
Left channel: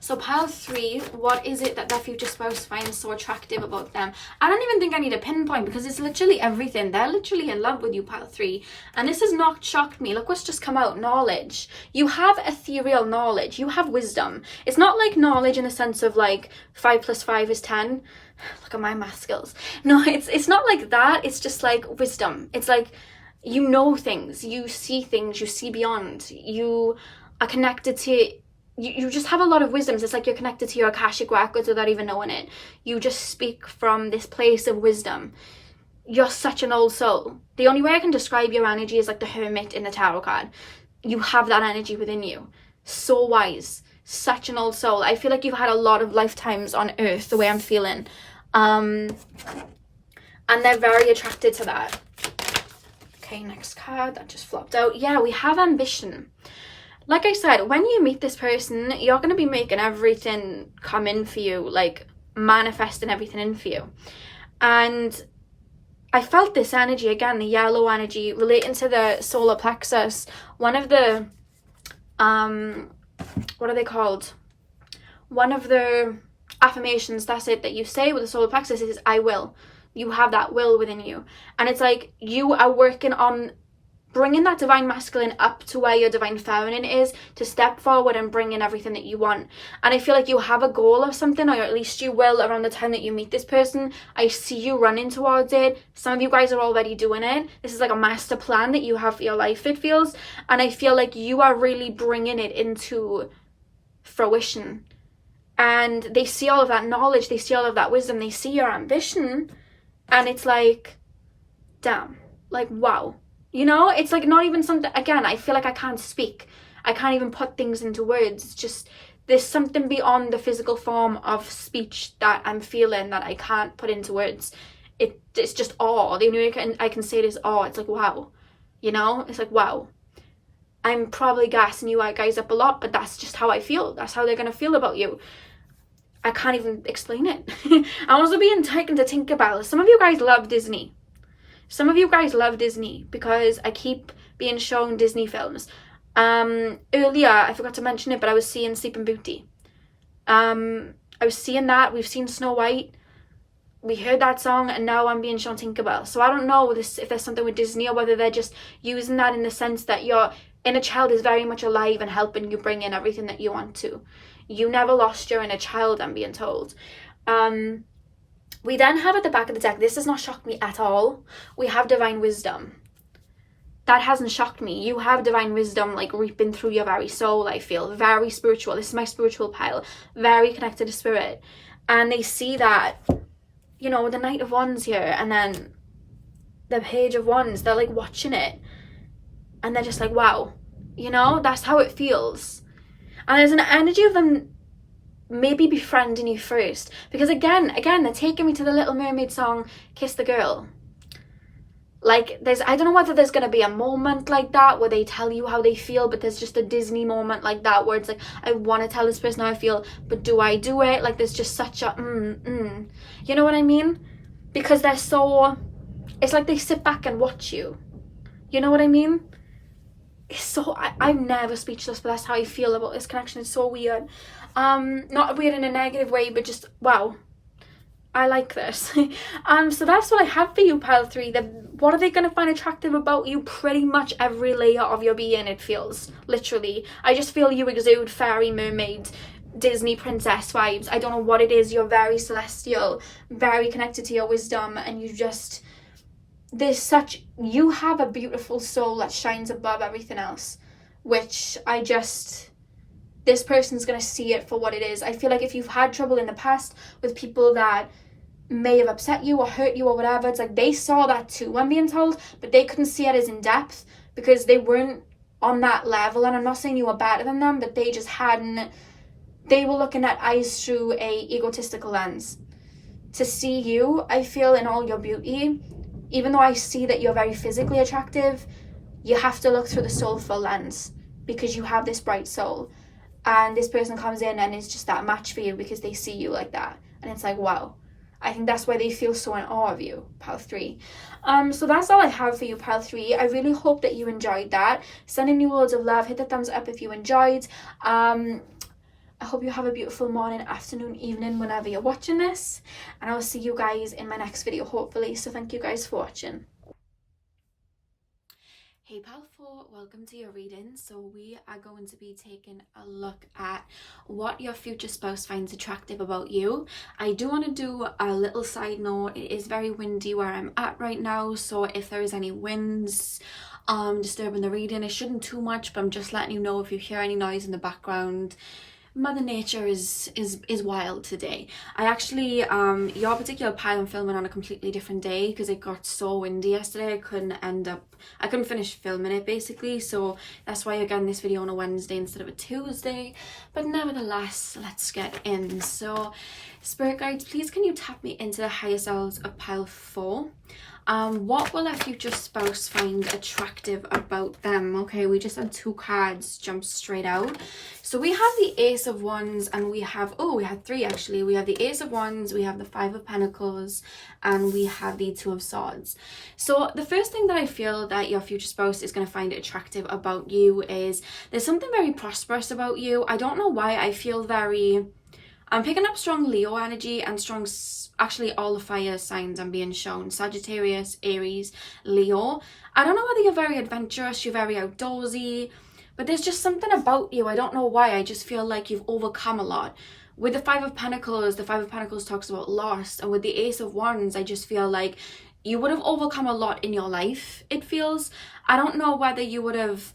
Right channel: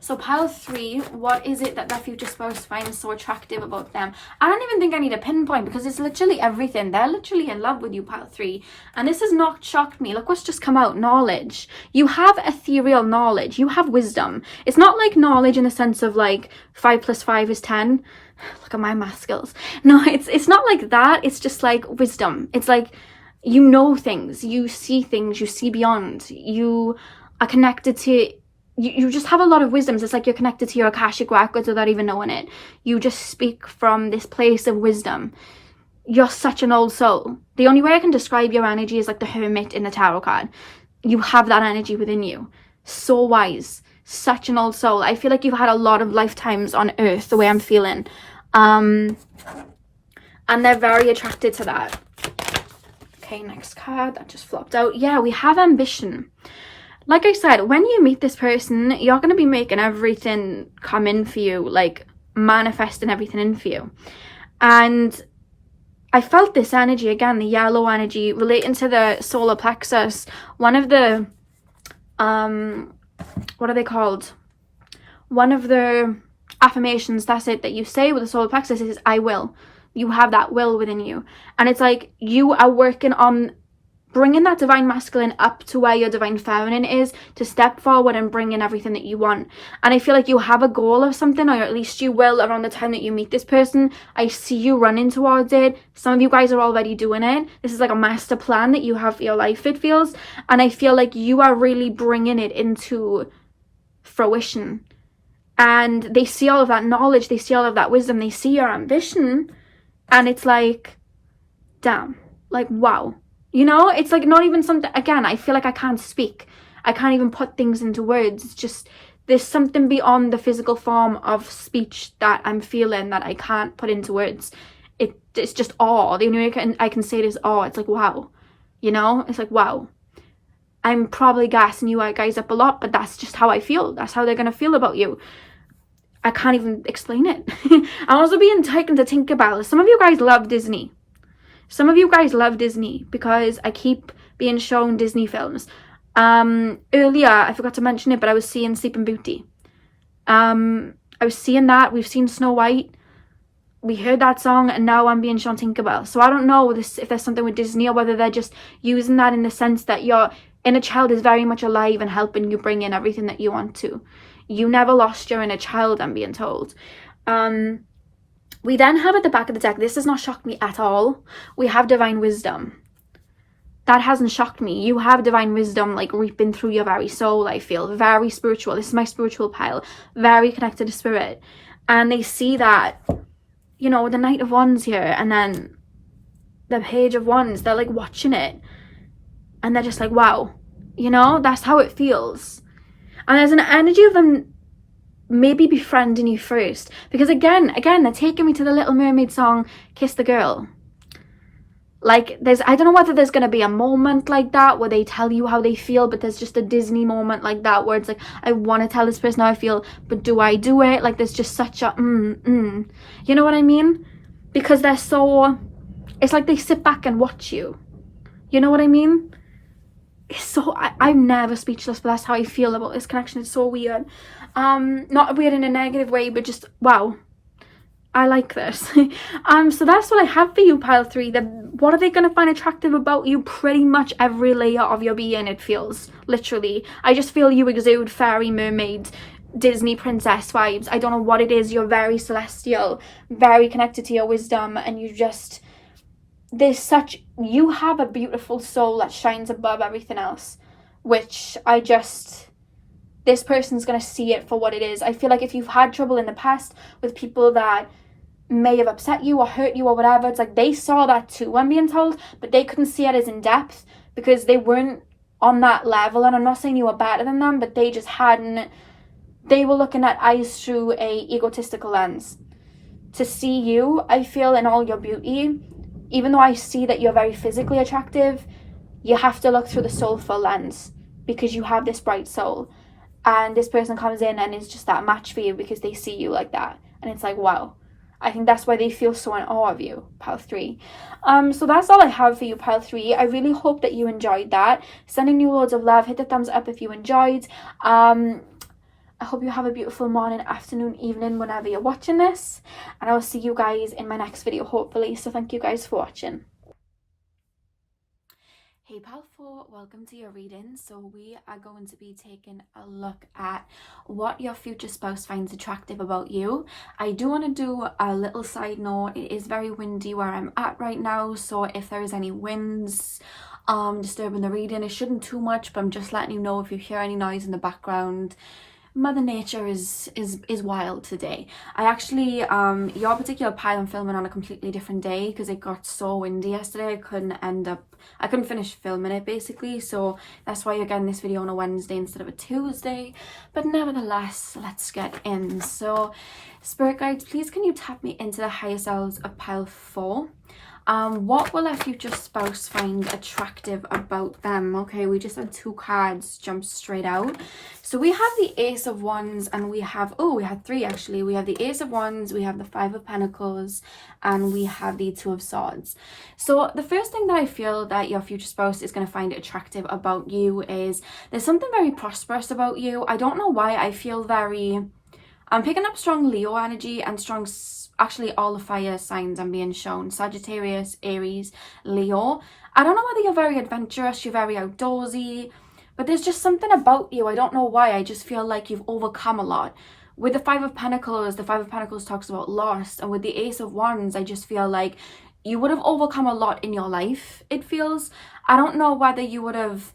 So pile 3, what is it that their future spouse finds so attractive about them? I don't even think I need a pinpoint, because it's literally everything. They're literally in love with you, pile 3. And this has not shocked me. Look what's just come out. Knowledge. You have ethereal knowledge. You have wisdom. It's not like knowledge in the sense of like 5 + 5 is 10. Look at my math skills. No, it's not like that. It's just like wisdom. It's like, you know things. You see things. You see beyond. You are connected to... You just have a lot of wisdoms. It's like you're connected to your Akashic records without even knowing it. You just speak from this place of wisdom. You're such an old soul. The only way I can describe your energy is like the Hermit in the tarot card. You have that energy within you. So wise. Such an old soul. I feel like you've had a lot of lifetimes on Earth, the way I'm feeling. And they're very attracted to that. Okay, next card. That just flopped out. Yeah, we have ambition. Like I said, when you meet this person, you're going to be making everything come in for you, like manifesting everything in for you. And I felt this energy, again, the yellow energy, relating to the solar plexus. One of the, what are they called? One of the affirmations, that's it, that you say with the solar plexus is, I will. You have that will within you. And it's like you are working on bringing that divine masculine up to where your divine feminine is, to step forward and bring in everything that you want. And I feel like you have a goal of something, or at least you will around the time that you meet this person. I see you running towards it. Some of you guys are already doing it. This is like a master plan that you have for your life, it feels. And I feel like you are really bringing it into fruition. And they see all of that knowledge, they see all of that wisdom, they see your ambition, and it's like, damn, like, wow. You know, it's like not even something, again, I feel like I can't speak. I can't even put things into words. It's just, there's something beyond the physical form of speech that I'm feeling that I can't put into words. It's just awe. The only way I can say it is awe. It's like, wow. You know, it's like, wow. I'm probably gassing you guys up a lot, but that's just how I feel. That's how they're going to feel about you. I can't even explain it. I'm also being taken to Tinkerbell. Some of you guys love Disney. Some of you guys love Disney because I keep being shown Disney films. Earlier, I forgot to mention it, but I was seeing Sleeping Beauty. I was seeing that. We've seen Snow White. We heard that song, and now I'm being shown Tinkerbell. So I don't know if there's something with Disney, or whether they're just using that in the sense that your inner child is very much alive and helping you bring in everything that you want to. You never lost your inner child, I'm being told. We then have at the back of the deck, this does not shock me at all, we have divine wisdom. That hasn't shocked me. You have divine wisdom like reaping through your very soul, I feel. Very spiritual. This is my spiritual pile. Very connected to spirit. And they see that, you know, the Knight of Wands here, and then the Page of Wands, they're like watching it. And they're just like, wow. You know, that's how it feels. And there's an energy of them maybe befriending you first, because again they're taking me to the Little Mermaid song Kiss the Girl. Like, I don't know whether there's going to be a moment like that where they tell you how they feel, but there's just a Disney moment like that where it's like, I want to tell this person how I feel, but do I do it? Like, there's just such a you know what I mean? Because they're so, it's like they sit back and watch you. You know what I mean? It's so, I'm never speechless, but that's how I feel about this connection. It's so weird. Not weird in a negative way, but just, wow, I like this. So that's what I have for you, pile 3. What are they going to find attractive about you? Pretty much every layer of your being, it feels. Literally. I just feel you exude fairy, mermaid, Disney princess vibes. I don't know what it is. You're very celestial, very connected to your wisdom, and you just, you have a beautiful soul that shines above everything else, which this person's going to see it for what it is. I feel like if you've had trouble in the past with people that may have upset you or hurt you or whatever, it's like they saw that too, I'm being told, but they couldn't see it as in depth because they weren't on that level. And I'm not saying you were better than them, but they just hadn't, they were looking at eyes through a egotistical lens. To see you, I feel, in all your beauty, even though I see that you're very physically attractive, you have to look through the soulful lens because you have this bright soul. And this person comes in and is just that match for you because they see you like that. And it's like, wow. I think that's why they feel so in awe of you, pile 3. So that's all I have for you, pile 3. I really hope that you enjoyed that. Sending you loads of love. Hit the thumbs up if you enjoyed. I hope you have a beautiful morning, afternoon, evening, whenever you're watching this. And I'll see you guys in my next video, hopefully. So thank you guys for watching. Hey pal 4, welcome to your reading. So we are going to be taking a look at what your future spouse finds attractive about you. I do want to do a little side note. It is very windy where I'm at right now, so if there is any winds disturbing the reading, it shouldn't too much, but I'm just letting you know if you hear any noise in the background. Mother Nature is wild today. I actually, your particular pile I'm filming on a completely different day because it got so windy yesterday. I couldn't finish filming it basically, so that's why you're getting this video on a Wednesday instead of a Tuesday. But nevertheless, let's get in. So, Spirit Guides, please can you tap me into the higher selves of pile 4? What will a future spouse find attractive about them? Okay, we just had 2 cards jump straight out. So we have the Ace of Wands and we have 3 actually. We have the Ace of Wands, we have the 5 of Pentacles, and we have the 2 of Swords. So the first thing that I feel that your future spouse is going to find attractive about you is there's something very prosperous about you. I don't know why I feel I'm picking up strong Leo energy and strong, actually all the fire signs I'm being shown. Sagittarius, Aries, Leo. I don't know whether you're very adventurous, you're very outdoorsy, but there's just something about you. I don't know why. I just feel like you've overcome a lot. With the 5 of Pentacles, the 5 of Pentacles talks about loss. And with the Ace of Wands, I just feel like you would have overcome a lot in your life, it feels. I don't know whether you would have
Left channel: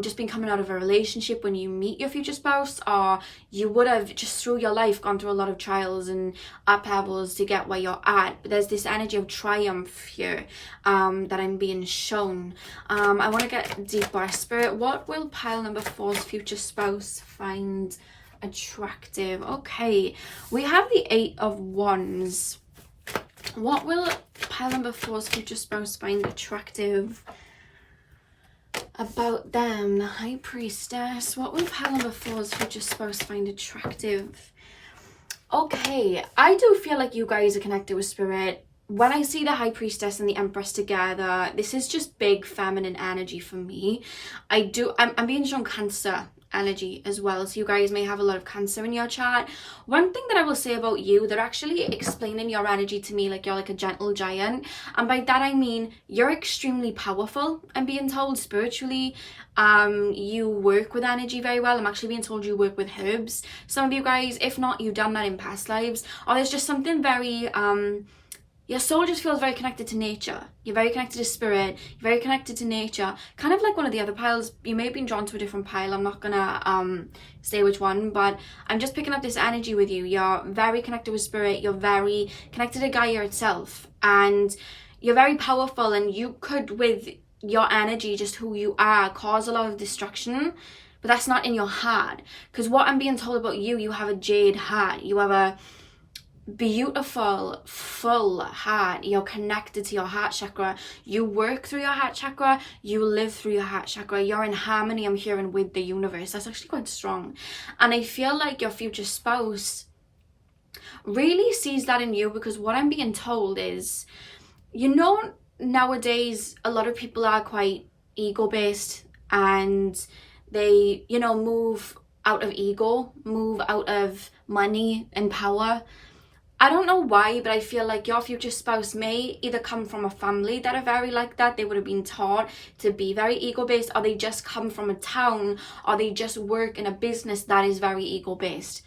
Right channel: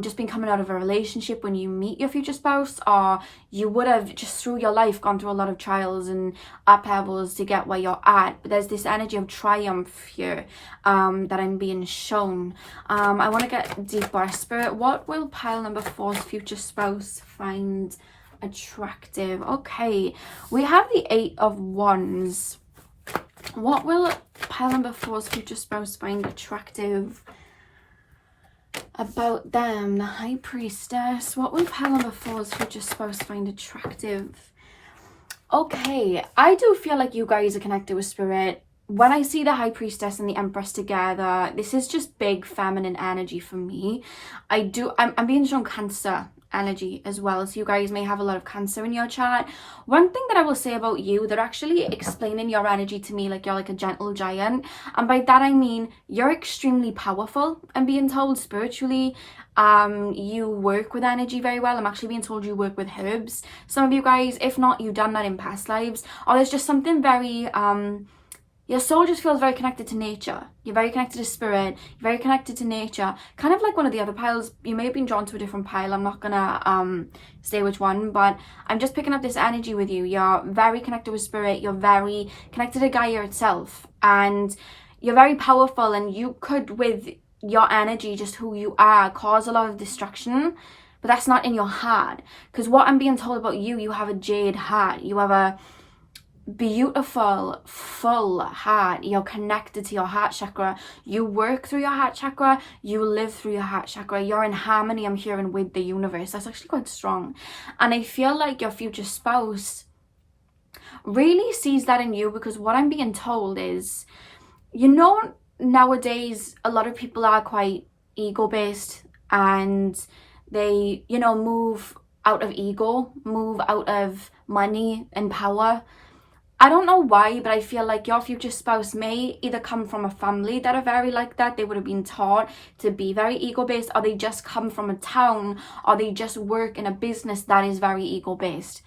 just been coming out of a relationship when you meet your future spouse, or you would have just through your life gone through a lot of trials and upheavals to get where you're at. But there's this energy of triumph here that I'm being shown. I want to get deeper. Spirit, what will pile number 4's future spouse find attractive? Okay, we have the 8 of Wands. What will pile number 4's future spouse find attractive about them? The High Priestess. What will pile number 4's future spouse find attractive? Okay, I do feel like you guys are connected with Spirit. When I see the High Priestess and the Empress together, this is just big feminine energy for me. I'm being shown Cancer energy as well, so you guys may have a lot of Cancer in your chart. One thing that I will say about you, they're actually explaining your energy to me like you're like a gentle giant, and by that I mean you're extremely powerful. I'm being told spiritually you work with energy very well. I'm actually being told you work with herbs, some of you guys. If not, you've done that in past lives, or there's just something very your soul just feels very connected to nature. You're very connected to spirit. You're very connected to nature. Kind of like one of the other piles. You may have been drawn to a different pile. I'm not gonna say which one, but I'm just picking up this energy with you. You're very connected with spirit. You're very connected to Gaia itself. And you're very powerful, and you could, with your energy, just who you are, cause a lot of destruction. But that's not in your heart. Because what I'm being told about you, you have a jade heart. You have beautiful, full heart. You're connected to your heart chakra. You work through your heart chakra. You live through your heart chakra. You're in harmony, I'm hearing, with the universe. That's actually quite strong. And I feel like your future spouse really sees that in you, because what I'm being told is, you know, nowadays a lot of people are quite ego-based, and they, you know, move out of ego, move out of money and power. I don't know why, but I feel like your future spouse may either come from a family that are very like that, they would have been taught to be very ego-based, or they just come from a town, or they just work in a business that is very ego-based.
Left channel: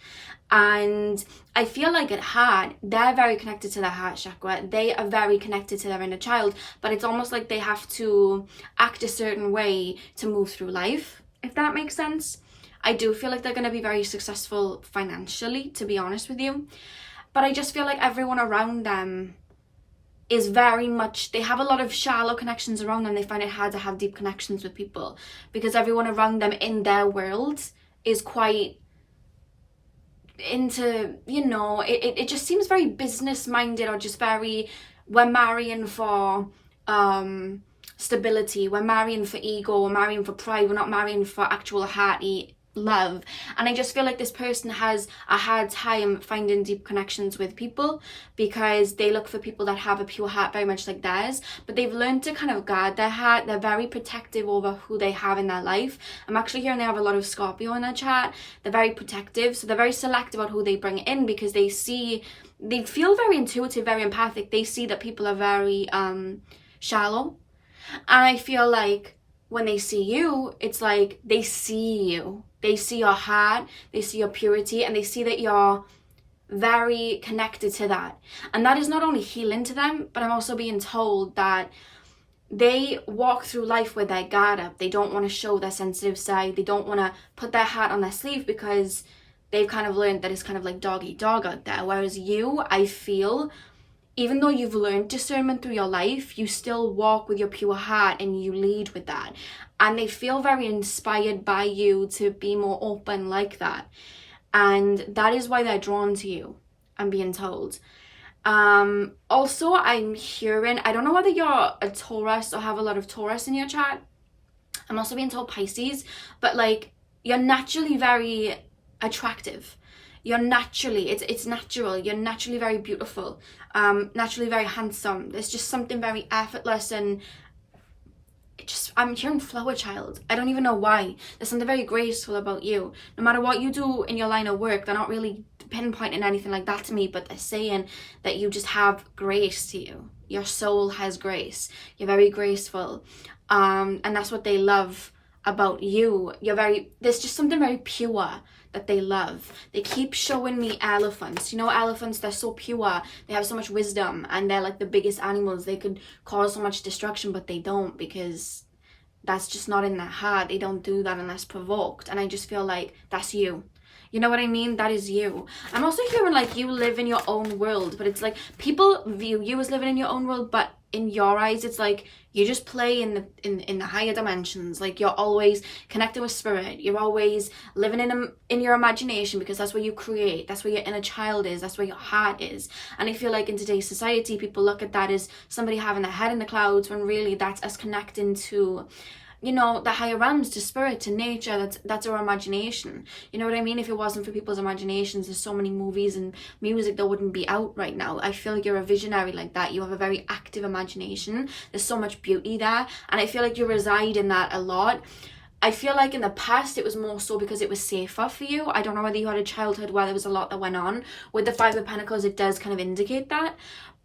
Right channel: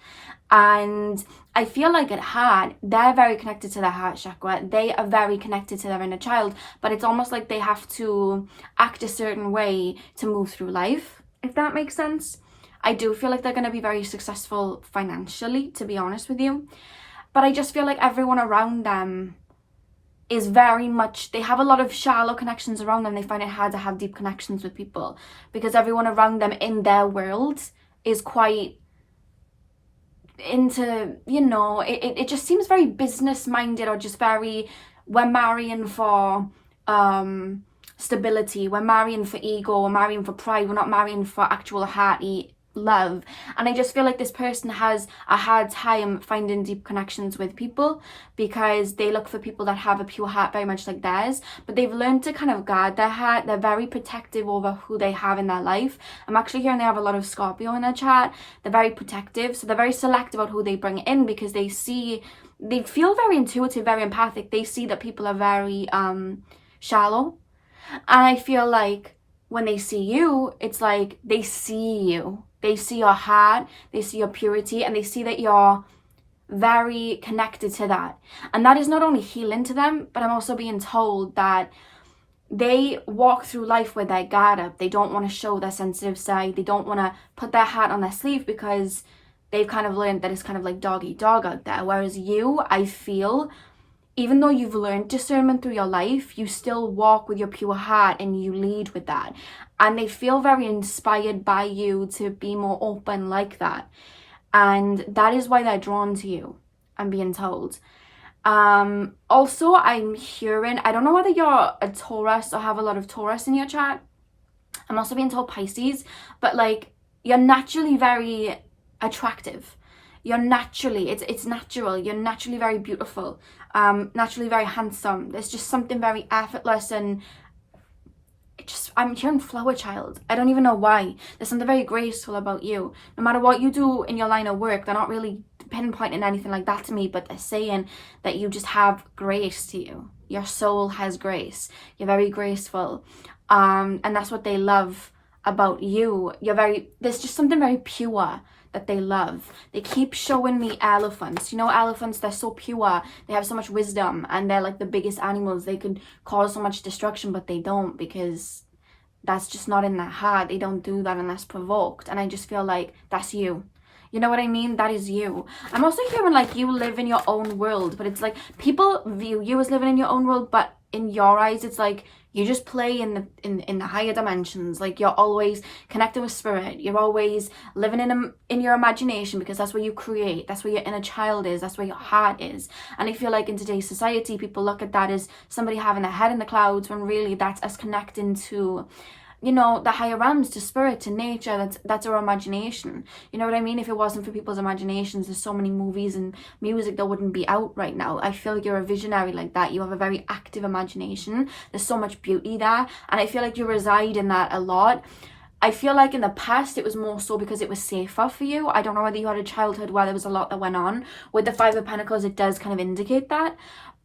And I feel like at heart, they're very connected to their heart chakra. They are very connected to their inner child, but it's almost like they have to act a certain way to move through life, if that makes sense. I do feel like they're going to be very successful financially, to be honest with you. But I just feel like everyone around them is very much, they have a lot of shallow connections around them. They find it hard to have deep connections with people, because everyone around them in their world is quite into, you know, it just seems very business minded, or just very, we're marrying for stability, we're marrying for ego, we're marrying for pride, we're not marrying for actual hearty love. And I just feel like this person has a hard time finding deep connections with people, because they look for people that have a pure heart very much like theirs, but they've learned to kind of guard their heart. They're very protective over who they have in their life. I'm actually hearing they have a lot of Scorpio in their chart. They're very protective, so they're very selective about who they bring in, because they feel very intuitive, very empathic. They see that people are very shallow, and I feel like when they see you, it's like they see you. They see your heart, they see your purity, and they see that you're very connected to that. And that is not only healing to them, but I'm also being told that they walk through life with their guard up. They don't want to show their sensitive side. They don't want to put their heart on their sleeve, because they've kind of learned that it's kind of like dog eat dog out there. Whereas you, I feel, even though you've learned discernment through your life, you still walk with your pure heart and you lead with that. And they feel very inspired by you to be more open like that. And that is why they're drawn to you, I'm being told. Also, I'm hearing, I don't know whether you're a Taurus or have a lot of Taurus in your chart. I'm also being told Pisces, but like, you're naturally very attractive. You're naturally, it's natural. You're naturally very beautiful, naturally very handsome. There's just something very effortless, and I'm hearing flower child. I don't even know why. There's something very graceful about you. No matter what you do in your line of work, they're not really pinpointing anything like that to me, but they're saying that you just have grace to you. Your soul has grace. You're very graceful. And that's what they love about you. There's just something very pure that they love. They keep showing me elephants. You know, elephants, they're so pure. They have so much wisdom, and they're like the biggest animals. They could cause so much destruction, but they don't, because that's just not in their heart. They don't do that unless provoked. And I just feel like that's you. You know what I mean? That is you. I'm also hearing like you live in your own world, but it's like people view you as living in your own world, but in your eyes, it's like you just play in the higher dimensions. Like you're always connected with spirit. You're always living in your imagination, because that's where you create. That's where your inner child is. That's where your heart is. And I feel like in today's society, people look at that as somebody having their head in the clouds, when really that's us connecting to, you know, the higher realms, to spirit, to nature. That's our imagination. You know what I mean? If it wasn't for people's imaginations, there's so many movies and music that wouldn't be out right now. I feel like you're a visionary like that. You have a very active imagination. There's so much beauty there, and I feel like you reside in that a lot. I feel like in the past it was more so because it was safer for you. I don't know whether you had a childhood where there was a lot that went on. With the Five of Pentacles, it does kind of indicate that,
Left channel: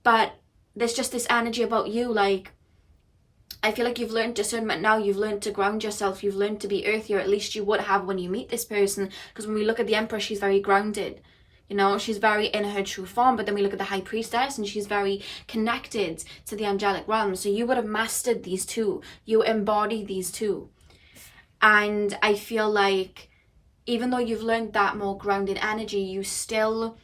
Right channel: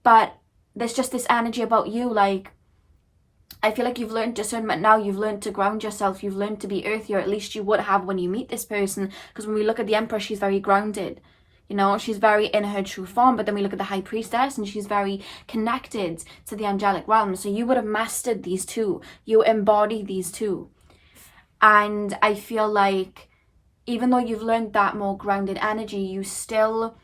but there's just this energy about you, like, I feel like you've learned discernment now. You've learned to ground yourself. You've learned to be earthy, or at least you would have when you meet this person. Because when we look at the Empress, she's very grounded. You know, she's very in her true form. But then we look at the High Priestess, and she's very connected to the angelic realm. So you would have mastered these two. You embody these two. And I feel like even though you've learned that more grounded energy, you still...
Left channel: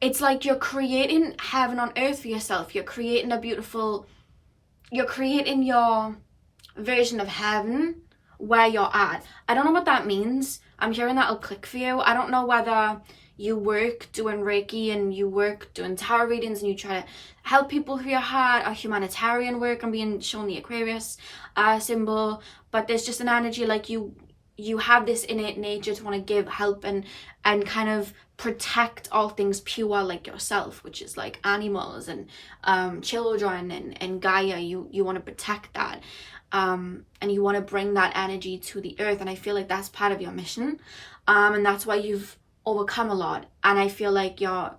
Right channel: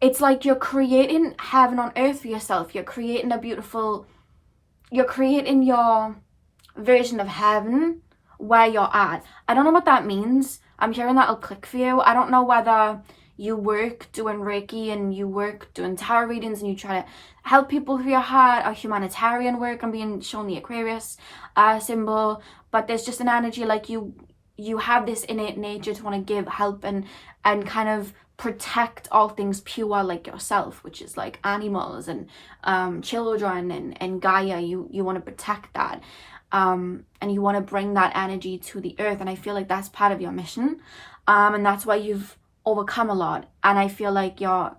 It's like you're creating heaven on earth for yourself. You're creating a beautiful... You're creating your version of heaven where you're at. I don't know what that means. I'm hearing that'll click for you. I don't know whether you work doing Reiki and you work doing tarot readings and you try to help people through your heart, or humanitarian work. I'm being shown the Aquarius symbol, but there's just an energy like you have this innate nature to want to give help and kind of protect all things pure, like yourself, which is like animals and children and Gaia. You want to protect that, and you want to bring that energy to the earth, and I feel like that's part of your mission, and that's why you've overcome a lot. And I feel like your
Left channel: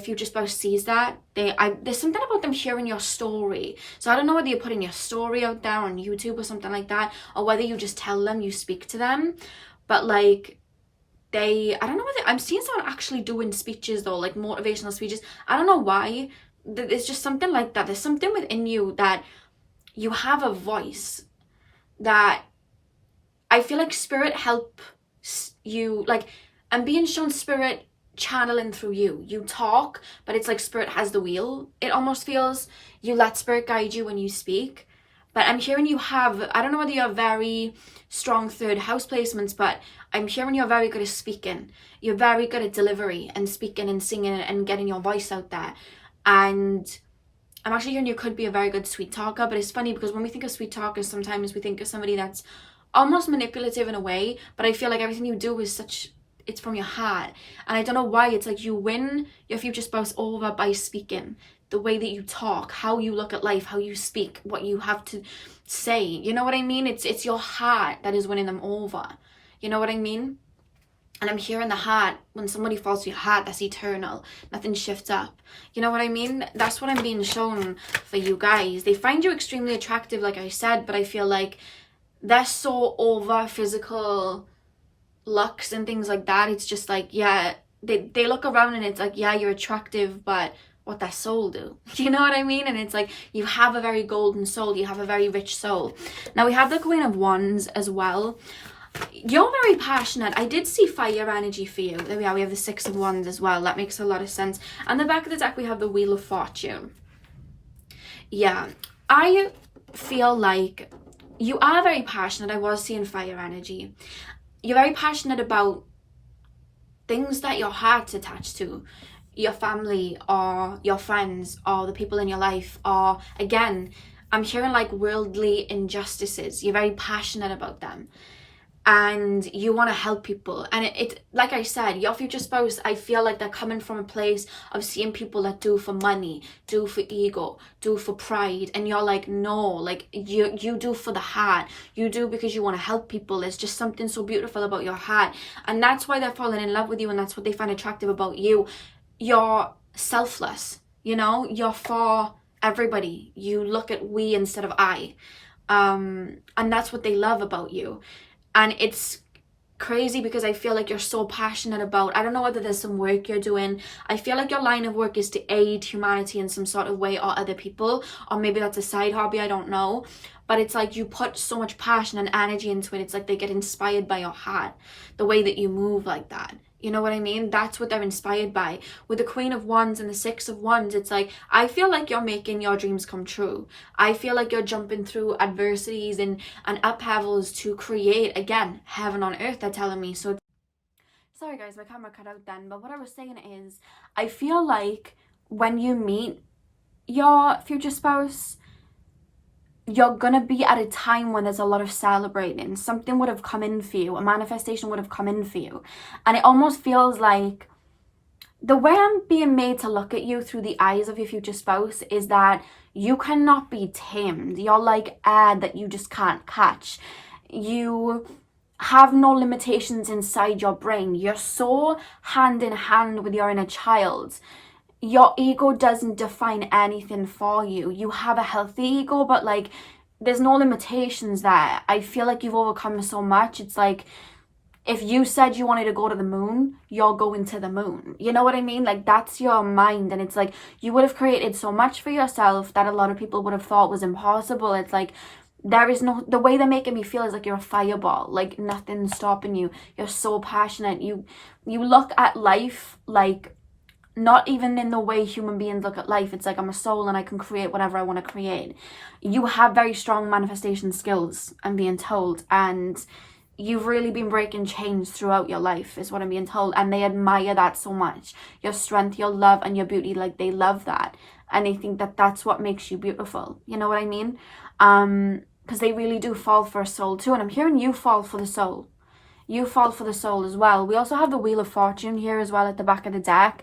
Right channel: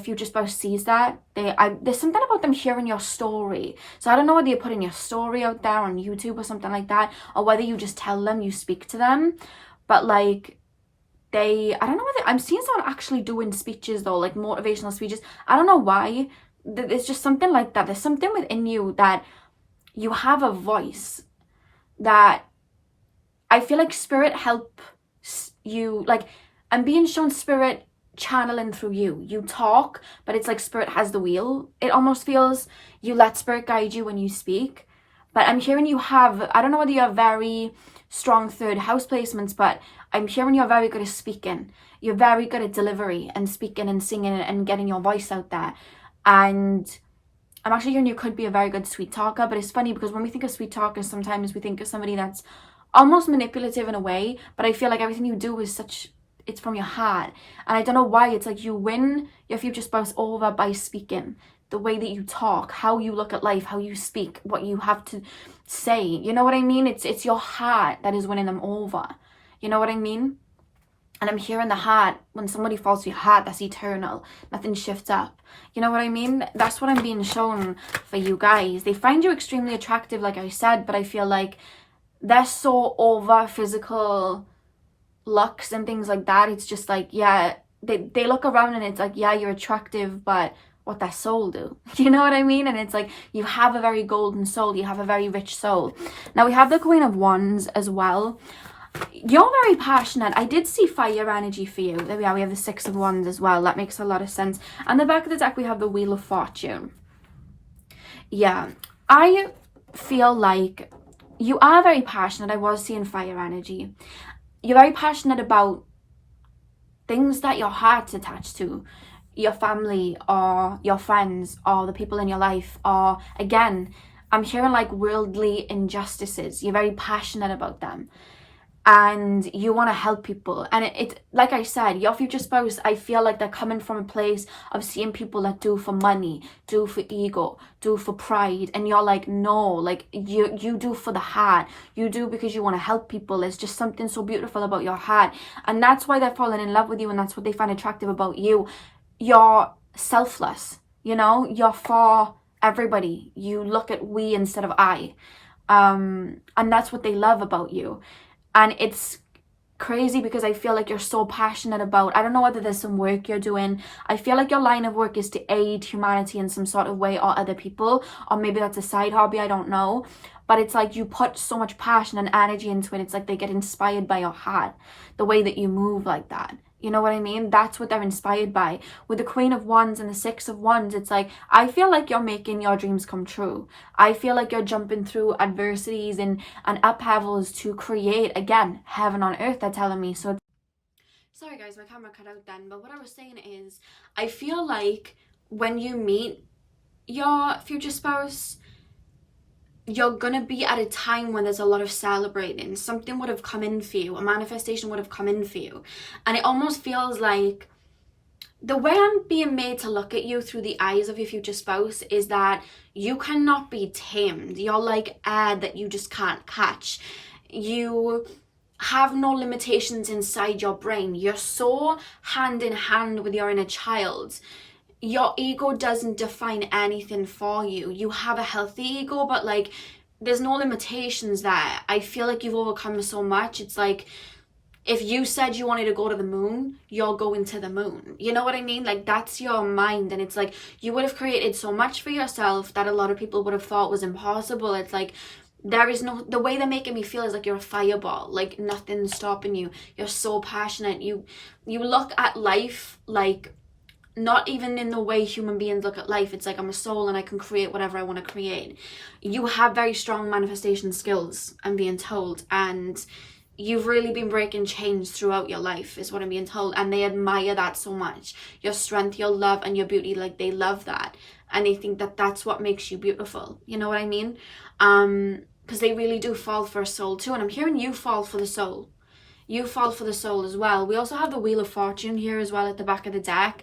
future spouse sees that. There's something about them hearing your story. So I don't know whether you're putting your story out there on YouTube or something like that, or whether you just tell them, you speak to them, but like I don't know whether I'm seeing someone actually doing speeches though, like motivational speeches. I don't know why. There's just something like that. There's something within you that you have a voice that I feel like spirit helps you. Like, I'm being shown spirit channeling through you talk, but it's like spirit has the wheel. It almost feels you let spirit guide you when you speak. But I'm hearing you have, I don't know whether you have very strong third house placements, but I'm hearing you're very good at speaking. You're very good at delivery and speaking and singing and getting your voice out there. And I'm actually hearing you could be a very good sweet talker. But it's funny because when we think of sweet talkers, sometimes we think of somebody that's almost manipulative in a way, but I feel like everything you do is it's from your heart. And I don't know why, it's like you win your future spouse over by speaking, the way that you talk, how you look at life, how you speak, what you have to say. You know what I mean? It's your heart that is winning them over. You know what I mean? And I'm hearing the heart. When somebody falls to your heart, that's eternal. Nothing shifts up. You know what I mean? That's what I'm being shown for you guys. They find you extremely attractive, like I said, but I feel like they're so over physical looks and things like that. It's just like, yeah, they look around and it's like, yeah, you're attractive, but what that soul do? You know what I mean? And it's like, you have a very golden soul. You have a very rich soul. Now we have the Queen of Wands as well. You're very passionate. I did see fire energy for you. There we are. We have the Six of Wands as well. That makes a lot of sense. And the back of the deck, we have the Wheel of Fortune. Yeah, I feel like you are very passionate. I was seeing fire energy. You're very passionate about things that your heart's attached to. Your family or your friends or the people in your life, or again, I'm hearing like worldly injustices. You're very passionate about them. And you want to help people. And it like I said, your future spouse, I feel like they're coming from a place of seeing people that do for money, do for ego, do for pride. And you're like, no, like you do for the heart. You do because you want to help people. There's just something so beautiful about your heart. And that's why they're falling in love with you. And that's what they find attractive about you. You're selfless, you know, you're for everybody. You look at we instead of I. And that's what they love about you. And it's crazy because I feel like you're so passionate about, I don't know whether there's some work you're doing. I feel like your line of work is to aid humanity in some sort of way, or other people, or maybe that's a side hobby, I don't know. But it's like you put so much passion and energy into it. It's like they get inspired by your heart, the way that you move like that. You know what I mean? That's what they're inspired by. With the Queen of Wands and the Six of Wands, it's like, I feel like you're making your dreams come true. I feel like you're jumping through adversities and upheavals to create, again, heaven on earth, they're telling me. So, sorry guys, my camera cut out then. But what I was saying is, I feel like when you meet your future spouse, you're gonna be at a time when there's a lot of celebrating. Something would have come in for you, a manifestation would have come in for you, and it almost feels like the way I'm being made to look at you through the eyes of your future spouse is that you cannot be tamed. You're like air that you just can't catch. You have no limitations inside your brain. You're so hand in hand with your inner child. Your ego doesn't define anything for you. You have a healthy ego, but like there's no limitations there. I feel like you've overcome so much. It's like if you said you wanted to go to the moon, you're going to the moon. You know what I mean? Like that's your mind. And it's like you would have created so much for yourself that a lot of people would have thought was impossible. It's like there is no, the way they're making me feel is like you're a fireball, like nothing's stopping you. You're so passionate. You look at life like not even in the way human beings look at life. It's like I'm a soul and I can create whatever I want to create. You have very strong manifestation skills, I'm being told, and you've really been breaking chains throughout your life, is what I'm being told, and they admire that so much. Your strength, your love, and your beauty, like, they love that, and they think that that's what makes you beautiful. You know what I mean? Because they really do fall for a soul too, and I'm hearing you fall for the soul. You fall for the soul as well. We also have the Wheel of Fortune here as well at the back of the deck,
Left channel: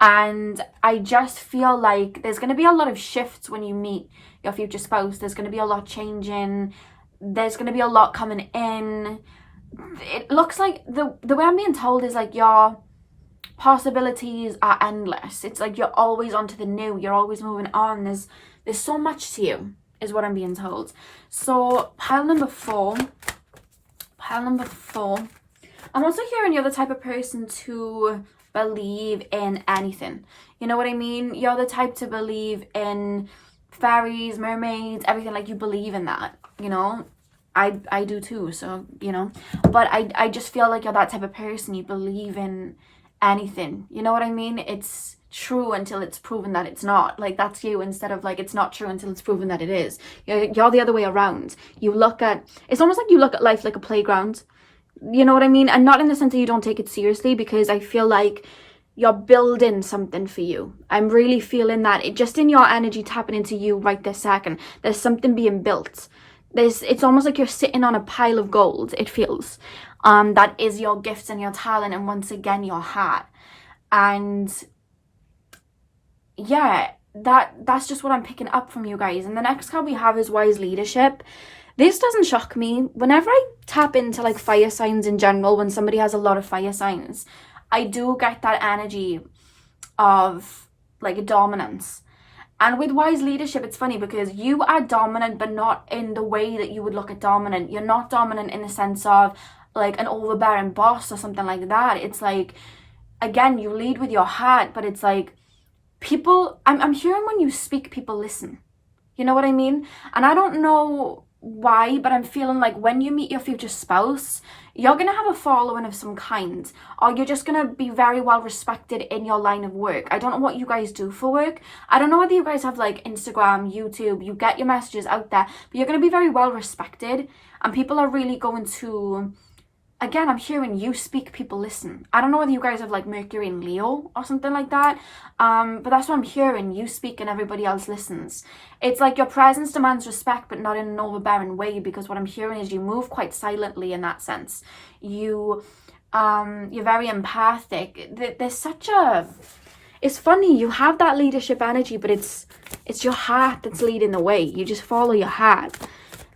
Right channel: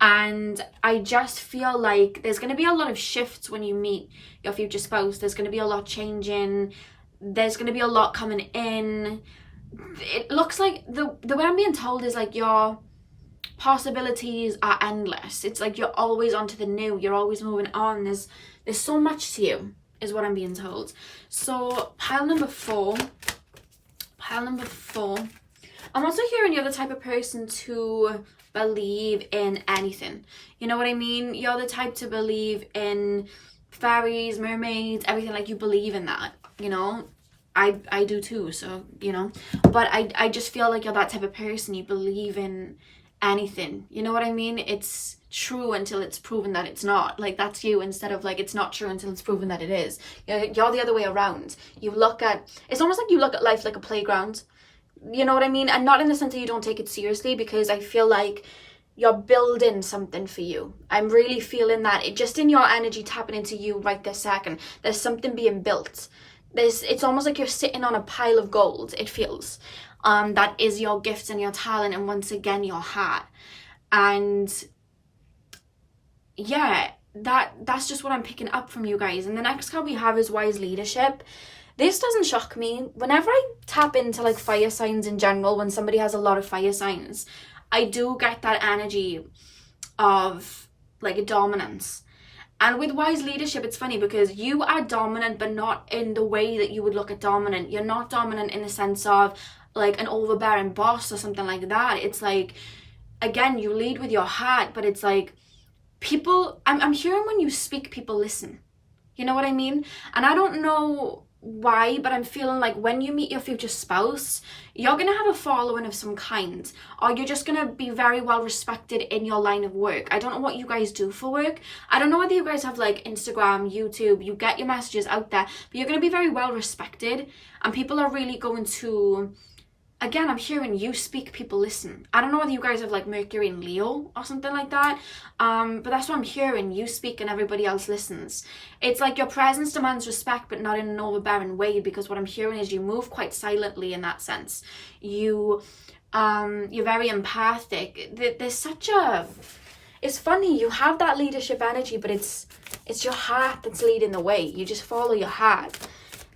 and I just feel like there's going to be a lot of shifts when you meet your future spouse. There's going to be a lot changing. There's going to be a lot coming in. It looks like the way I'm being told is like your possibilities are endless. It's like you're always onto the new. You're always moving on. There's so much to you, is what I'm being told. So pile number 4. I'm also hearing you're the type of person to believe in anything. You know what I mean? You're the type to believe in fairies, mermaids, everything. Like, you believe in that, you know? I do too, so, you know. But I just feel like you're that type of person. You believe in anything. You know what I mean? It's true until it's proven that it's not. Like, that's you, instead of like it's not true until it's proven that it is. You're the other way around. It's almost like you look at life like a playground. You know what I mean? And not in the sense that you don't take it seriously, because I feel like you're building something for you. I'm really feeling that. It just in your energy tapping into you right this second. There's something being built. It's almost like you're sitting on a pile of gold, it feels. That is your gifts and your talent, and once again your heart. And yeah, that's just what I'm picking up from you guys. And the next card we have is Wise Leadership. This doesn't shock me. Whenever I tap into like fire signs in general, when somebody has a lot of fire signs, I do get that energy of like a dominance. And with Wise Leadership, it's funny because you are dominant, but not in the way that you would look at dominant. You're not dominant in the sense of like an overbearing boss or something like that. It's like, again, you lead with your heart, but it's like people, I'm hearing when you speak, people listen. You know what I mean? And I don't know why, but I'm feeling like when you meet your future spouse, you're gonna have a following of some kind, or you're just gonna be very well respected in your line of work. I don't know what you guys do for work. I don't know whether you guys have like Instagram, YouTube, you get your messages out there, but you're gonna be very well respected, and people are really going to, again, I'm hearing you speak, people listen. I don't know whether you guys have like Mercury and Leo or something like that, but that's what I'm hearing. You speak and everybody else listens. It's like your presence demands respect, but not in an overbearing way, because what I'm hearing is you move quite silently in that sense. You're very empathic. There's such a, it's funny, you have that leadership energy, but it's your heart that's leading the way. You just follow your heart.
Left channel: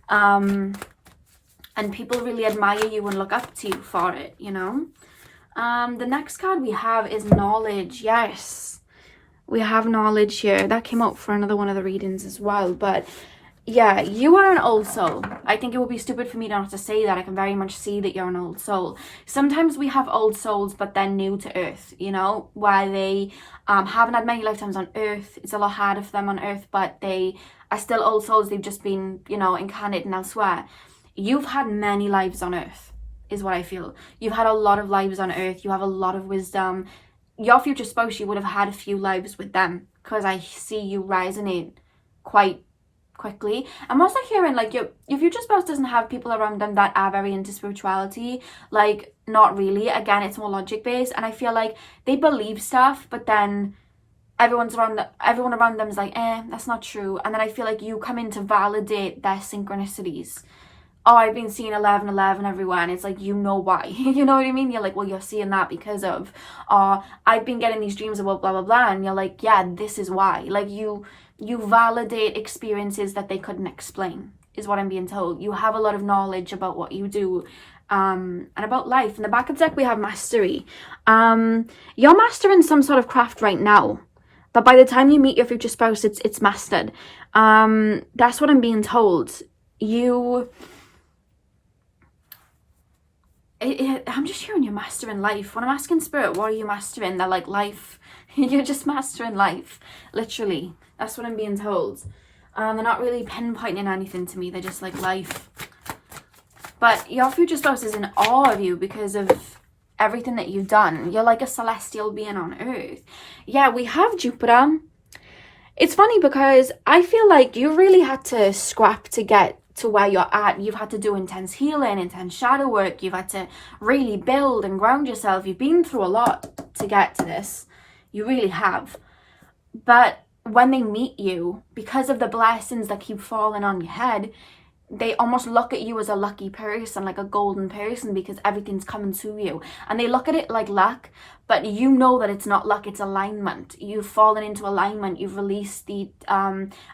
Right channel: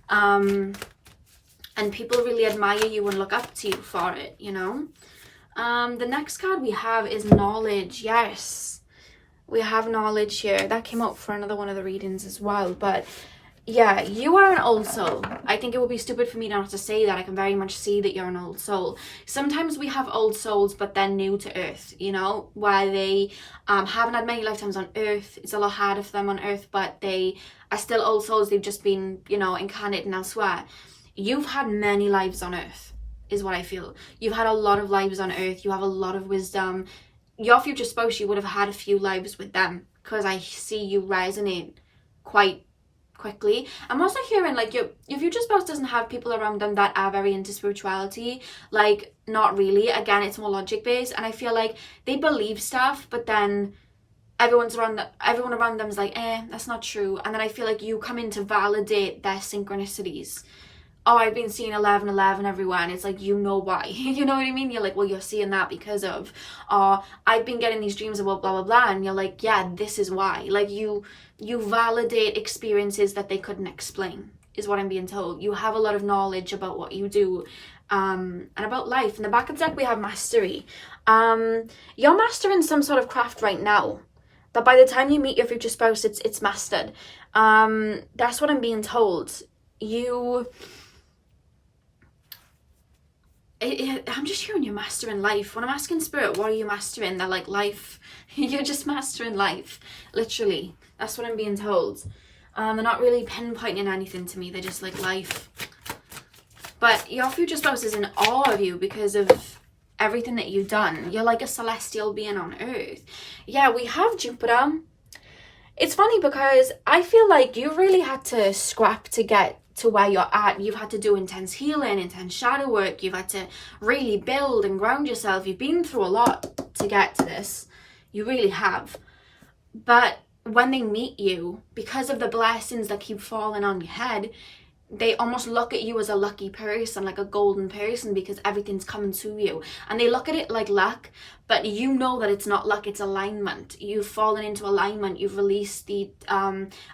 And people really admire you and look up to you for it, you know? The next card we have is Knowledge. Yes, we have Knowledge here. That came out for another one of the readings as well. But yeah, you are an old soul. I think it would be stupid for me not to say that. I can very much see that you're an old soul. Sometimes we have old souls, but they're new to Earth, you know? Where they haven't had many lifetimes on Earth. It's a lot harder for them on Earth, but they are still old souls. They've just been, you know, incarnated elsewhere. You've had many lives on Earth, is what I feel. You've had a lot of lives on Earth. You have a lot of wisdom. Your future spouse, you would have had a few lives with them, because I see you resonate quite quickly. I'm also hearing like your future spouse doesn't have people around them that are very into spirituality. Like, not really. Again, it's more logic based, and I feel like they believe stuff, but then everyone around them is like, that's not true. And then I feel like you come in to validate their synchronicities. Oh, I've been seeing 1111 everywhere, and it's like, you know why. You know what I mean? You're like, well, you're seeing that because of, I've been getting these dreams about blah, blah, blah, and you're like, yeah, this is why. Like, you validate experiences that they couldn't explain, is what I'm being told. You have a lot of knowledge about what you do, and about life. In the back of the deck, we have Mastery. You're mastering some sort of craft right now, but by the time you meet your future spouse, it's mastered. That's what I'm being told. I'm just hearing you're mastering life. When I'm asking Spirit, what are you mastering? They're like, life. You're just mastering life. Literally. That's what I'm being told. They're not really pinpointing anything to me. They're just like, life. But your future spouse is in awe of you because of everything that you've done. You're like a celestial being on Earth. Yeah, we have Jupiter. It's funny because I feel like you really had to scrap to get to where you're at. You've had to do intense healing, intense shadow work. You've had to really build and ground yourself. You've been through a lot to get to this. You really have. But when they meet you, because of the blessings that keep falling on your head, they almost look at you as a lucky person, like a golden person, because everything's coming to you. And they look at it like luck, but you know that it's not luck, it's alignment. You've fallen into alignment. You've released the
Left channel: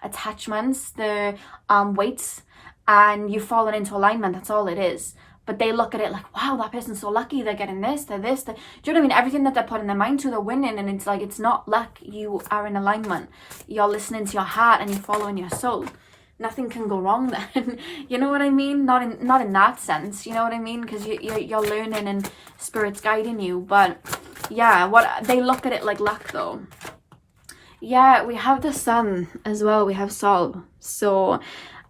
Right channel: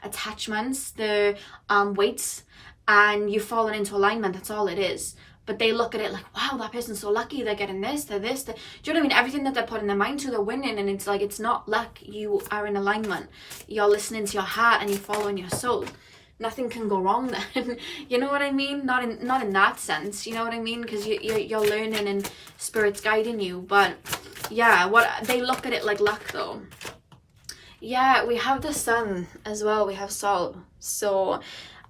attachments, the weights, and you've fallen into alignment. That's all it is. But they look at it like, wow, that person's so lucky. They're getting this, they're this. Do you know what I mean? Everything that they're putting their mind to, they're winning. And it's like, it's not luck. You are in alignment. You're listening to your heart and you're following your soul. Nothing can go wrong then. You know what I mean? Not in that sense. You know what I mean? Because you're learning and spirit's guiding you. But yeah, what they look at it like luck though. Yeah, we have the sun as well. We have Sol. So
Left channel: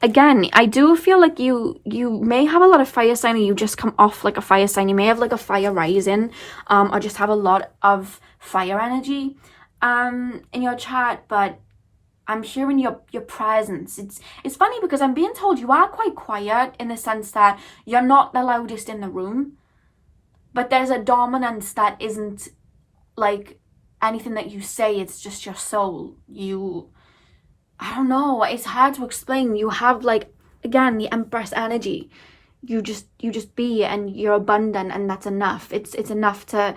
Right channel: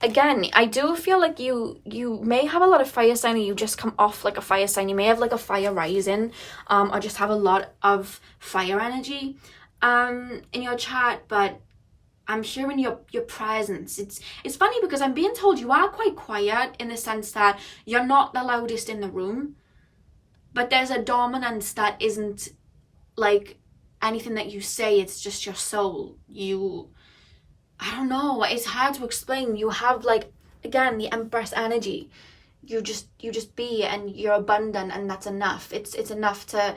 again, I do feel like you may have a lot of fire sign, or you just come off like a fire sign. You may have like a fire rising, or just have a lot of fire energy in your chart. But I'm hearing your presence. It's funny because I'm being told you are quite quiet, in the sense that you're not the loudest in the room, but there's a dominance that isn't like anything that you say. It's just your soul. I don't know, it's hard to explain. You have, like, again, the Empress energy. You just be, and you're abundant, and that's enough. It's enough to,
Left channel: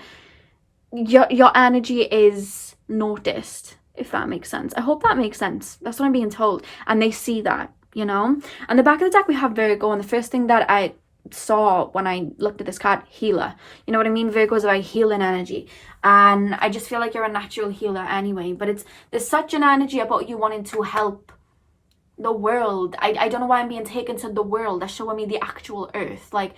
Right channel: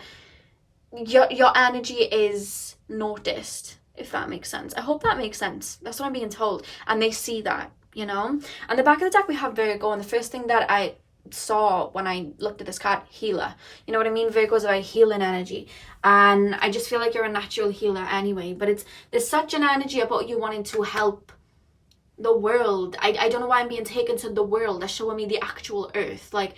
your energy is noticed, if that makes sense. I hope that makes sense. That's what I'm being told. And they see that, you know. And the back of the deck we have Virgo, and the first thing that I saw when I looked at this card, healer. You know what I mean? Virgo is a healing energy, and I just feel like you're a natural healer anyway. But there's such an energy about you wanting to help the world. I don't know why I'm being taken to the world. They're showing me the actual earth, like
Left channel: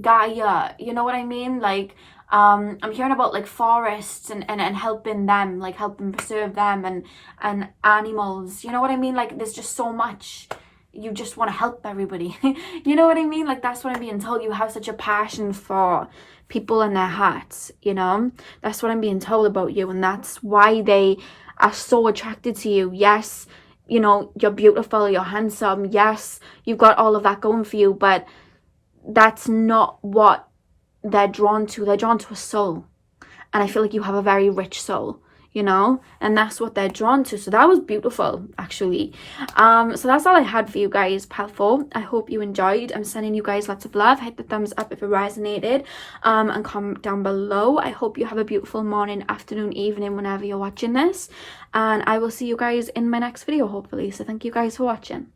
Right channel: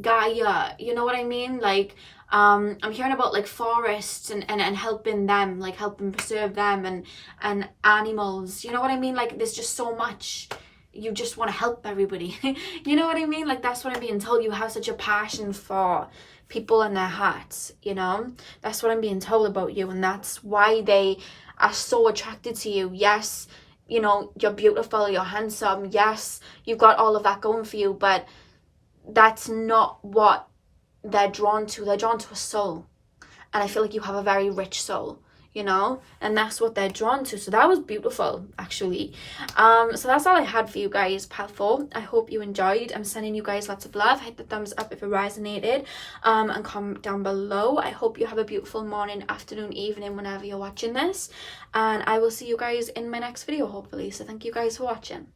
Gaia. You know what I mean? Like I'm hearing about like forests and helping them, like helping preserve them, and animals. You know what I mean? Like there's just so much. You just want to help everybody. You know what I mean? Like that's what I'm being told. You have such a passion for people and their hearts, you know. That's what I'm being told about you, and that's why they are so attracted to you. Yes, you know, you're beautiful, you're handsome. Yes, you've got all of that going for you, but that's not what they're drawn to. They're drawn to a soul, and I feel like you have a very rich soul, you know, and that's what they're drawn to. So that was beautiful, actually. So that's all I had for you guys, Path 4. I hope you enjoyed. I'm sending you guys lots of love. Hit the thumbs up if it resonated, and comment down below. I hope you have a beautiful morning, afternoon, evening, whenever you're watching this, and I will see you guys in my next video, hopefully. So thank you guys for watching.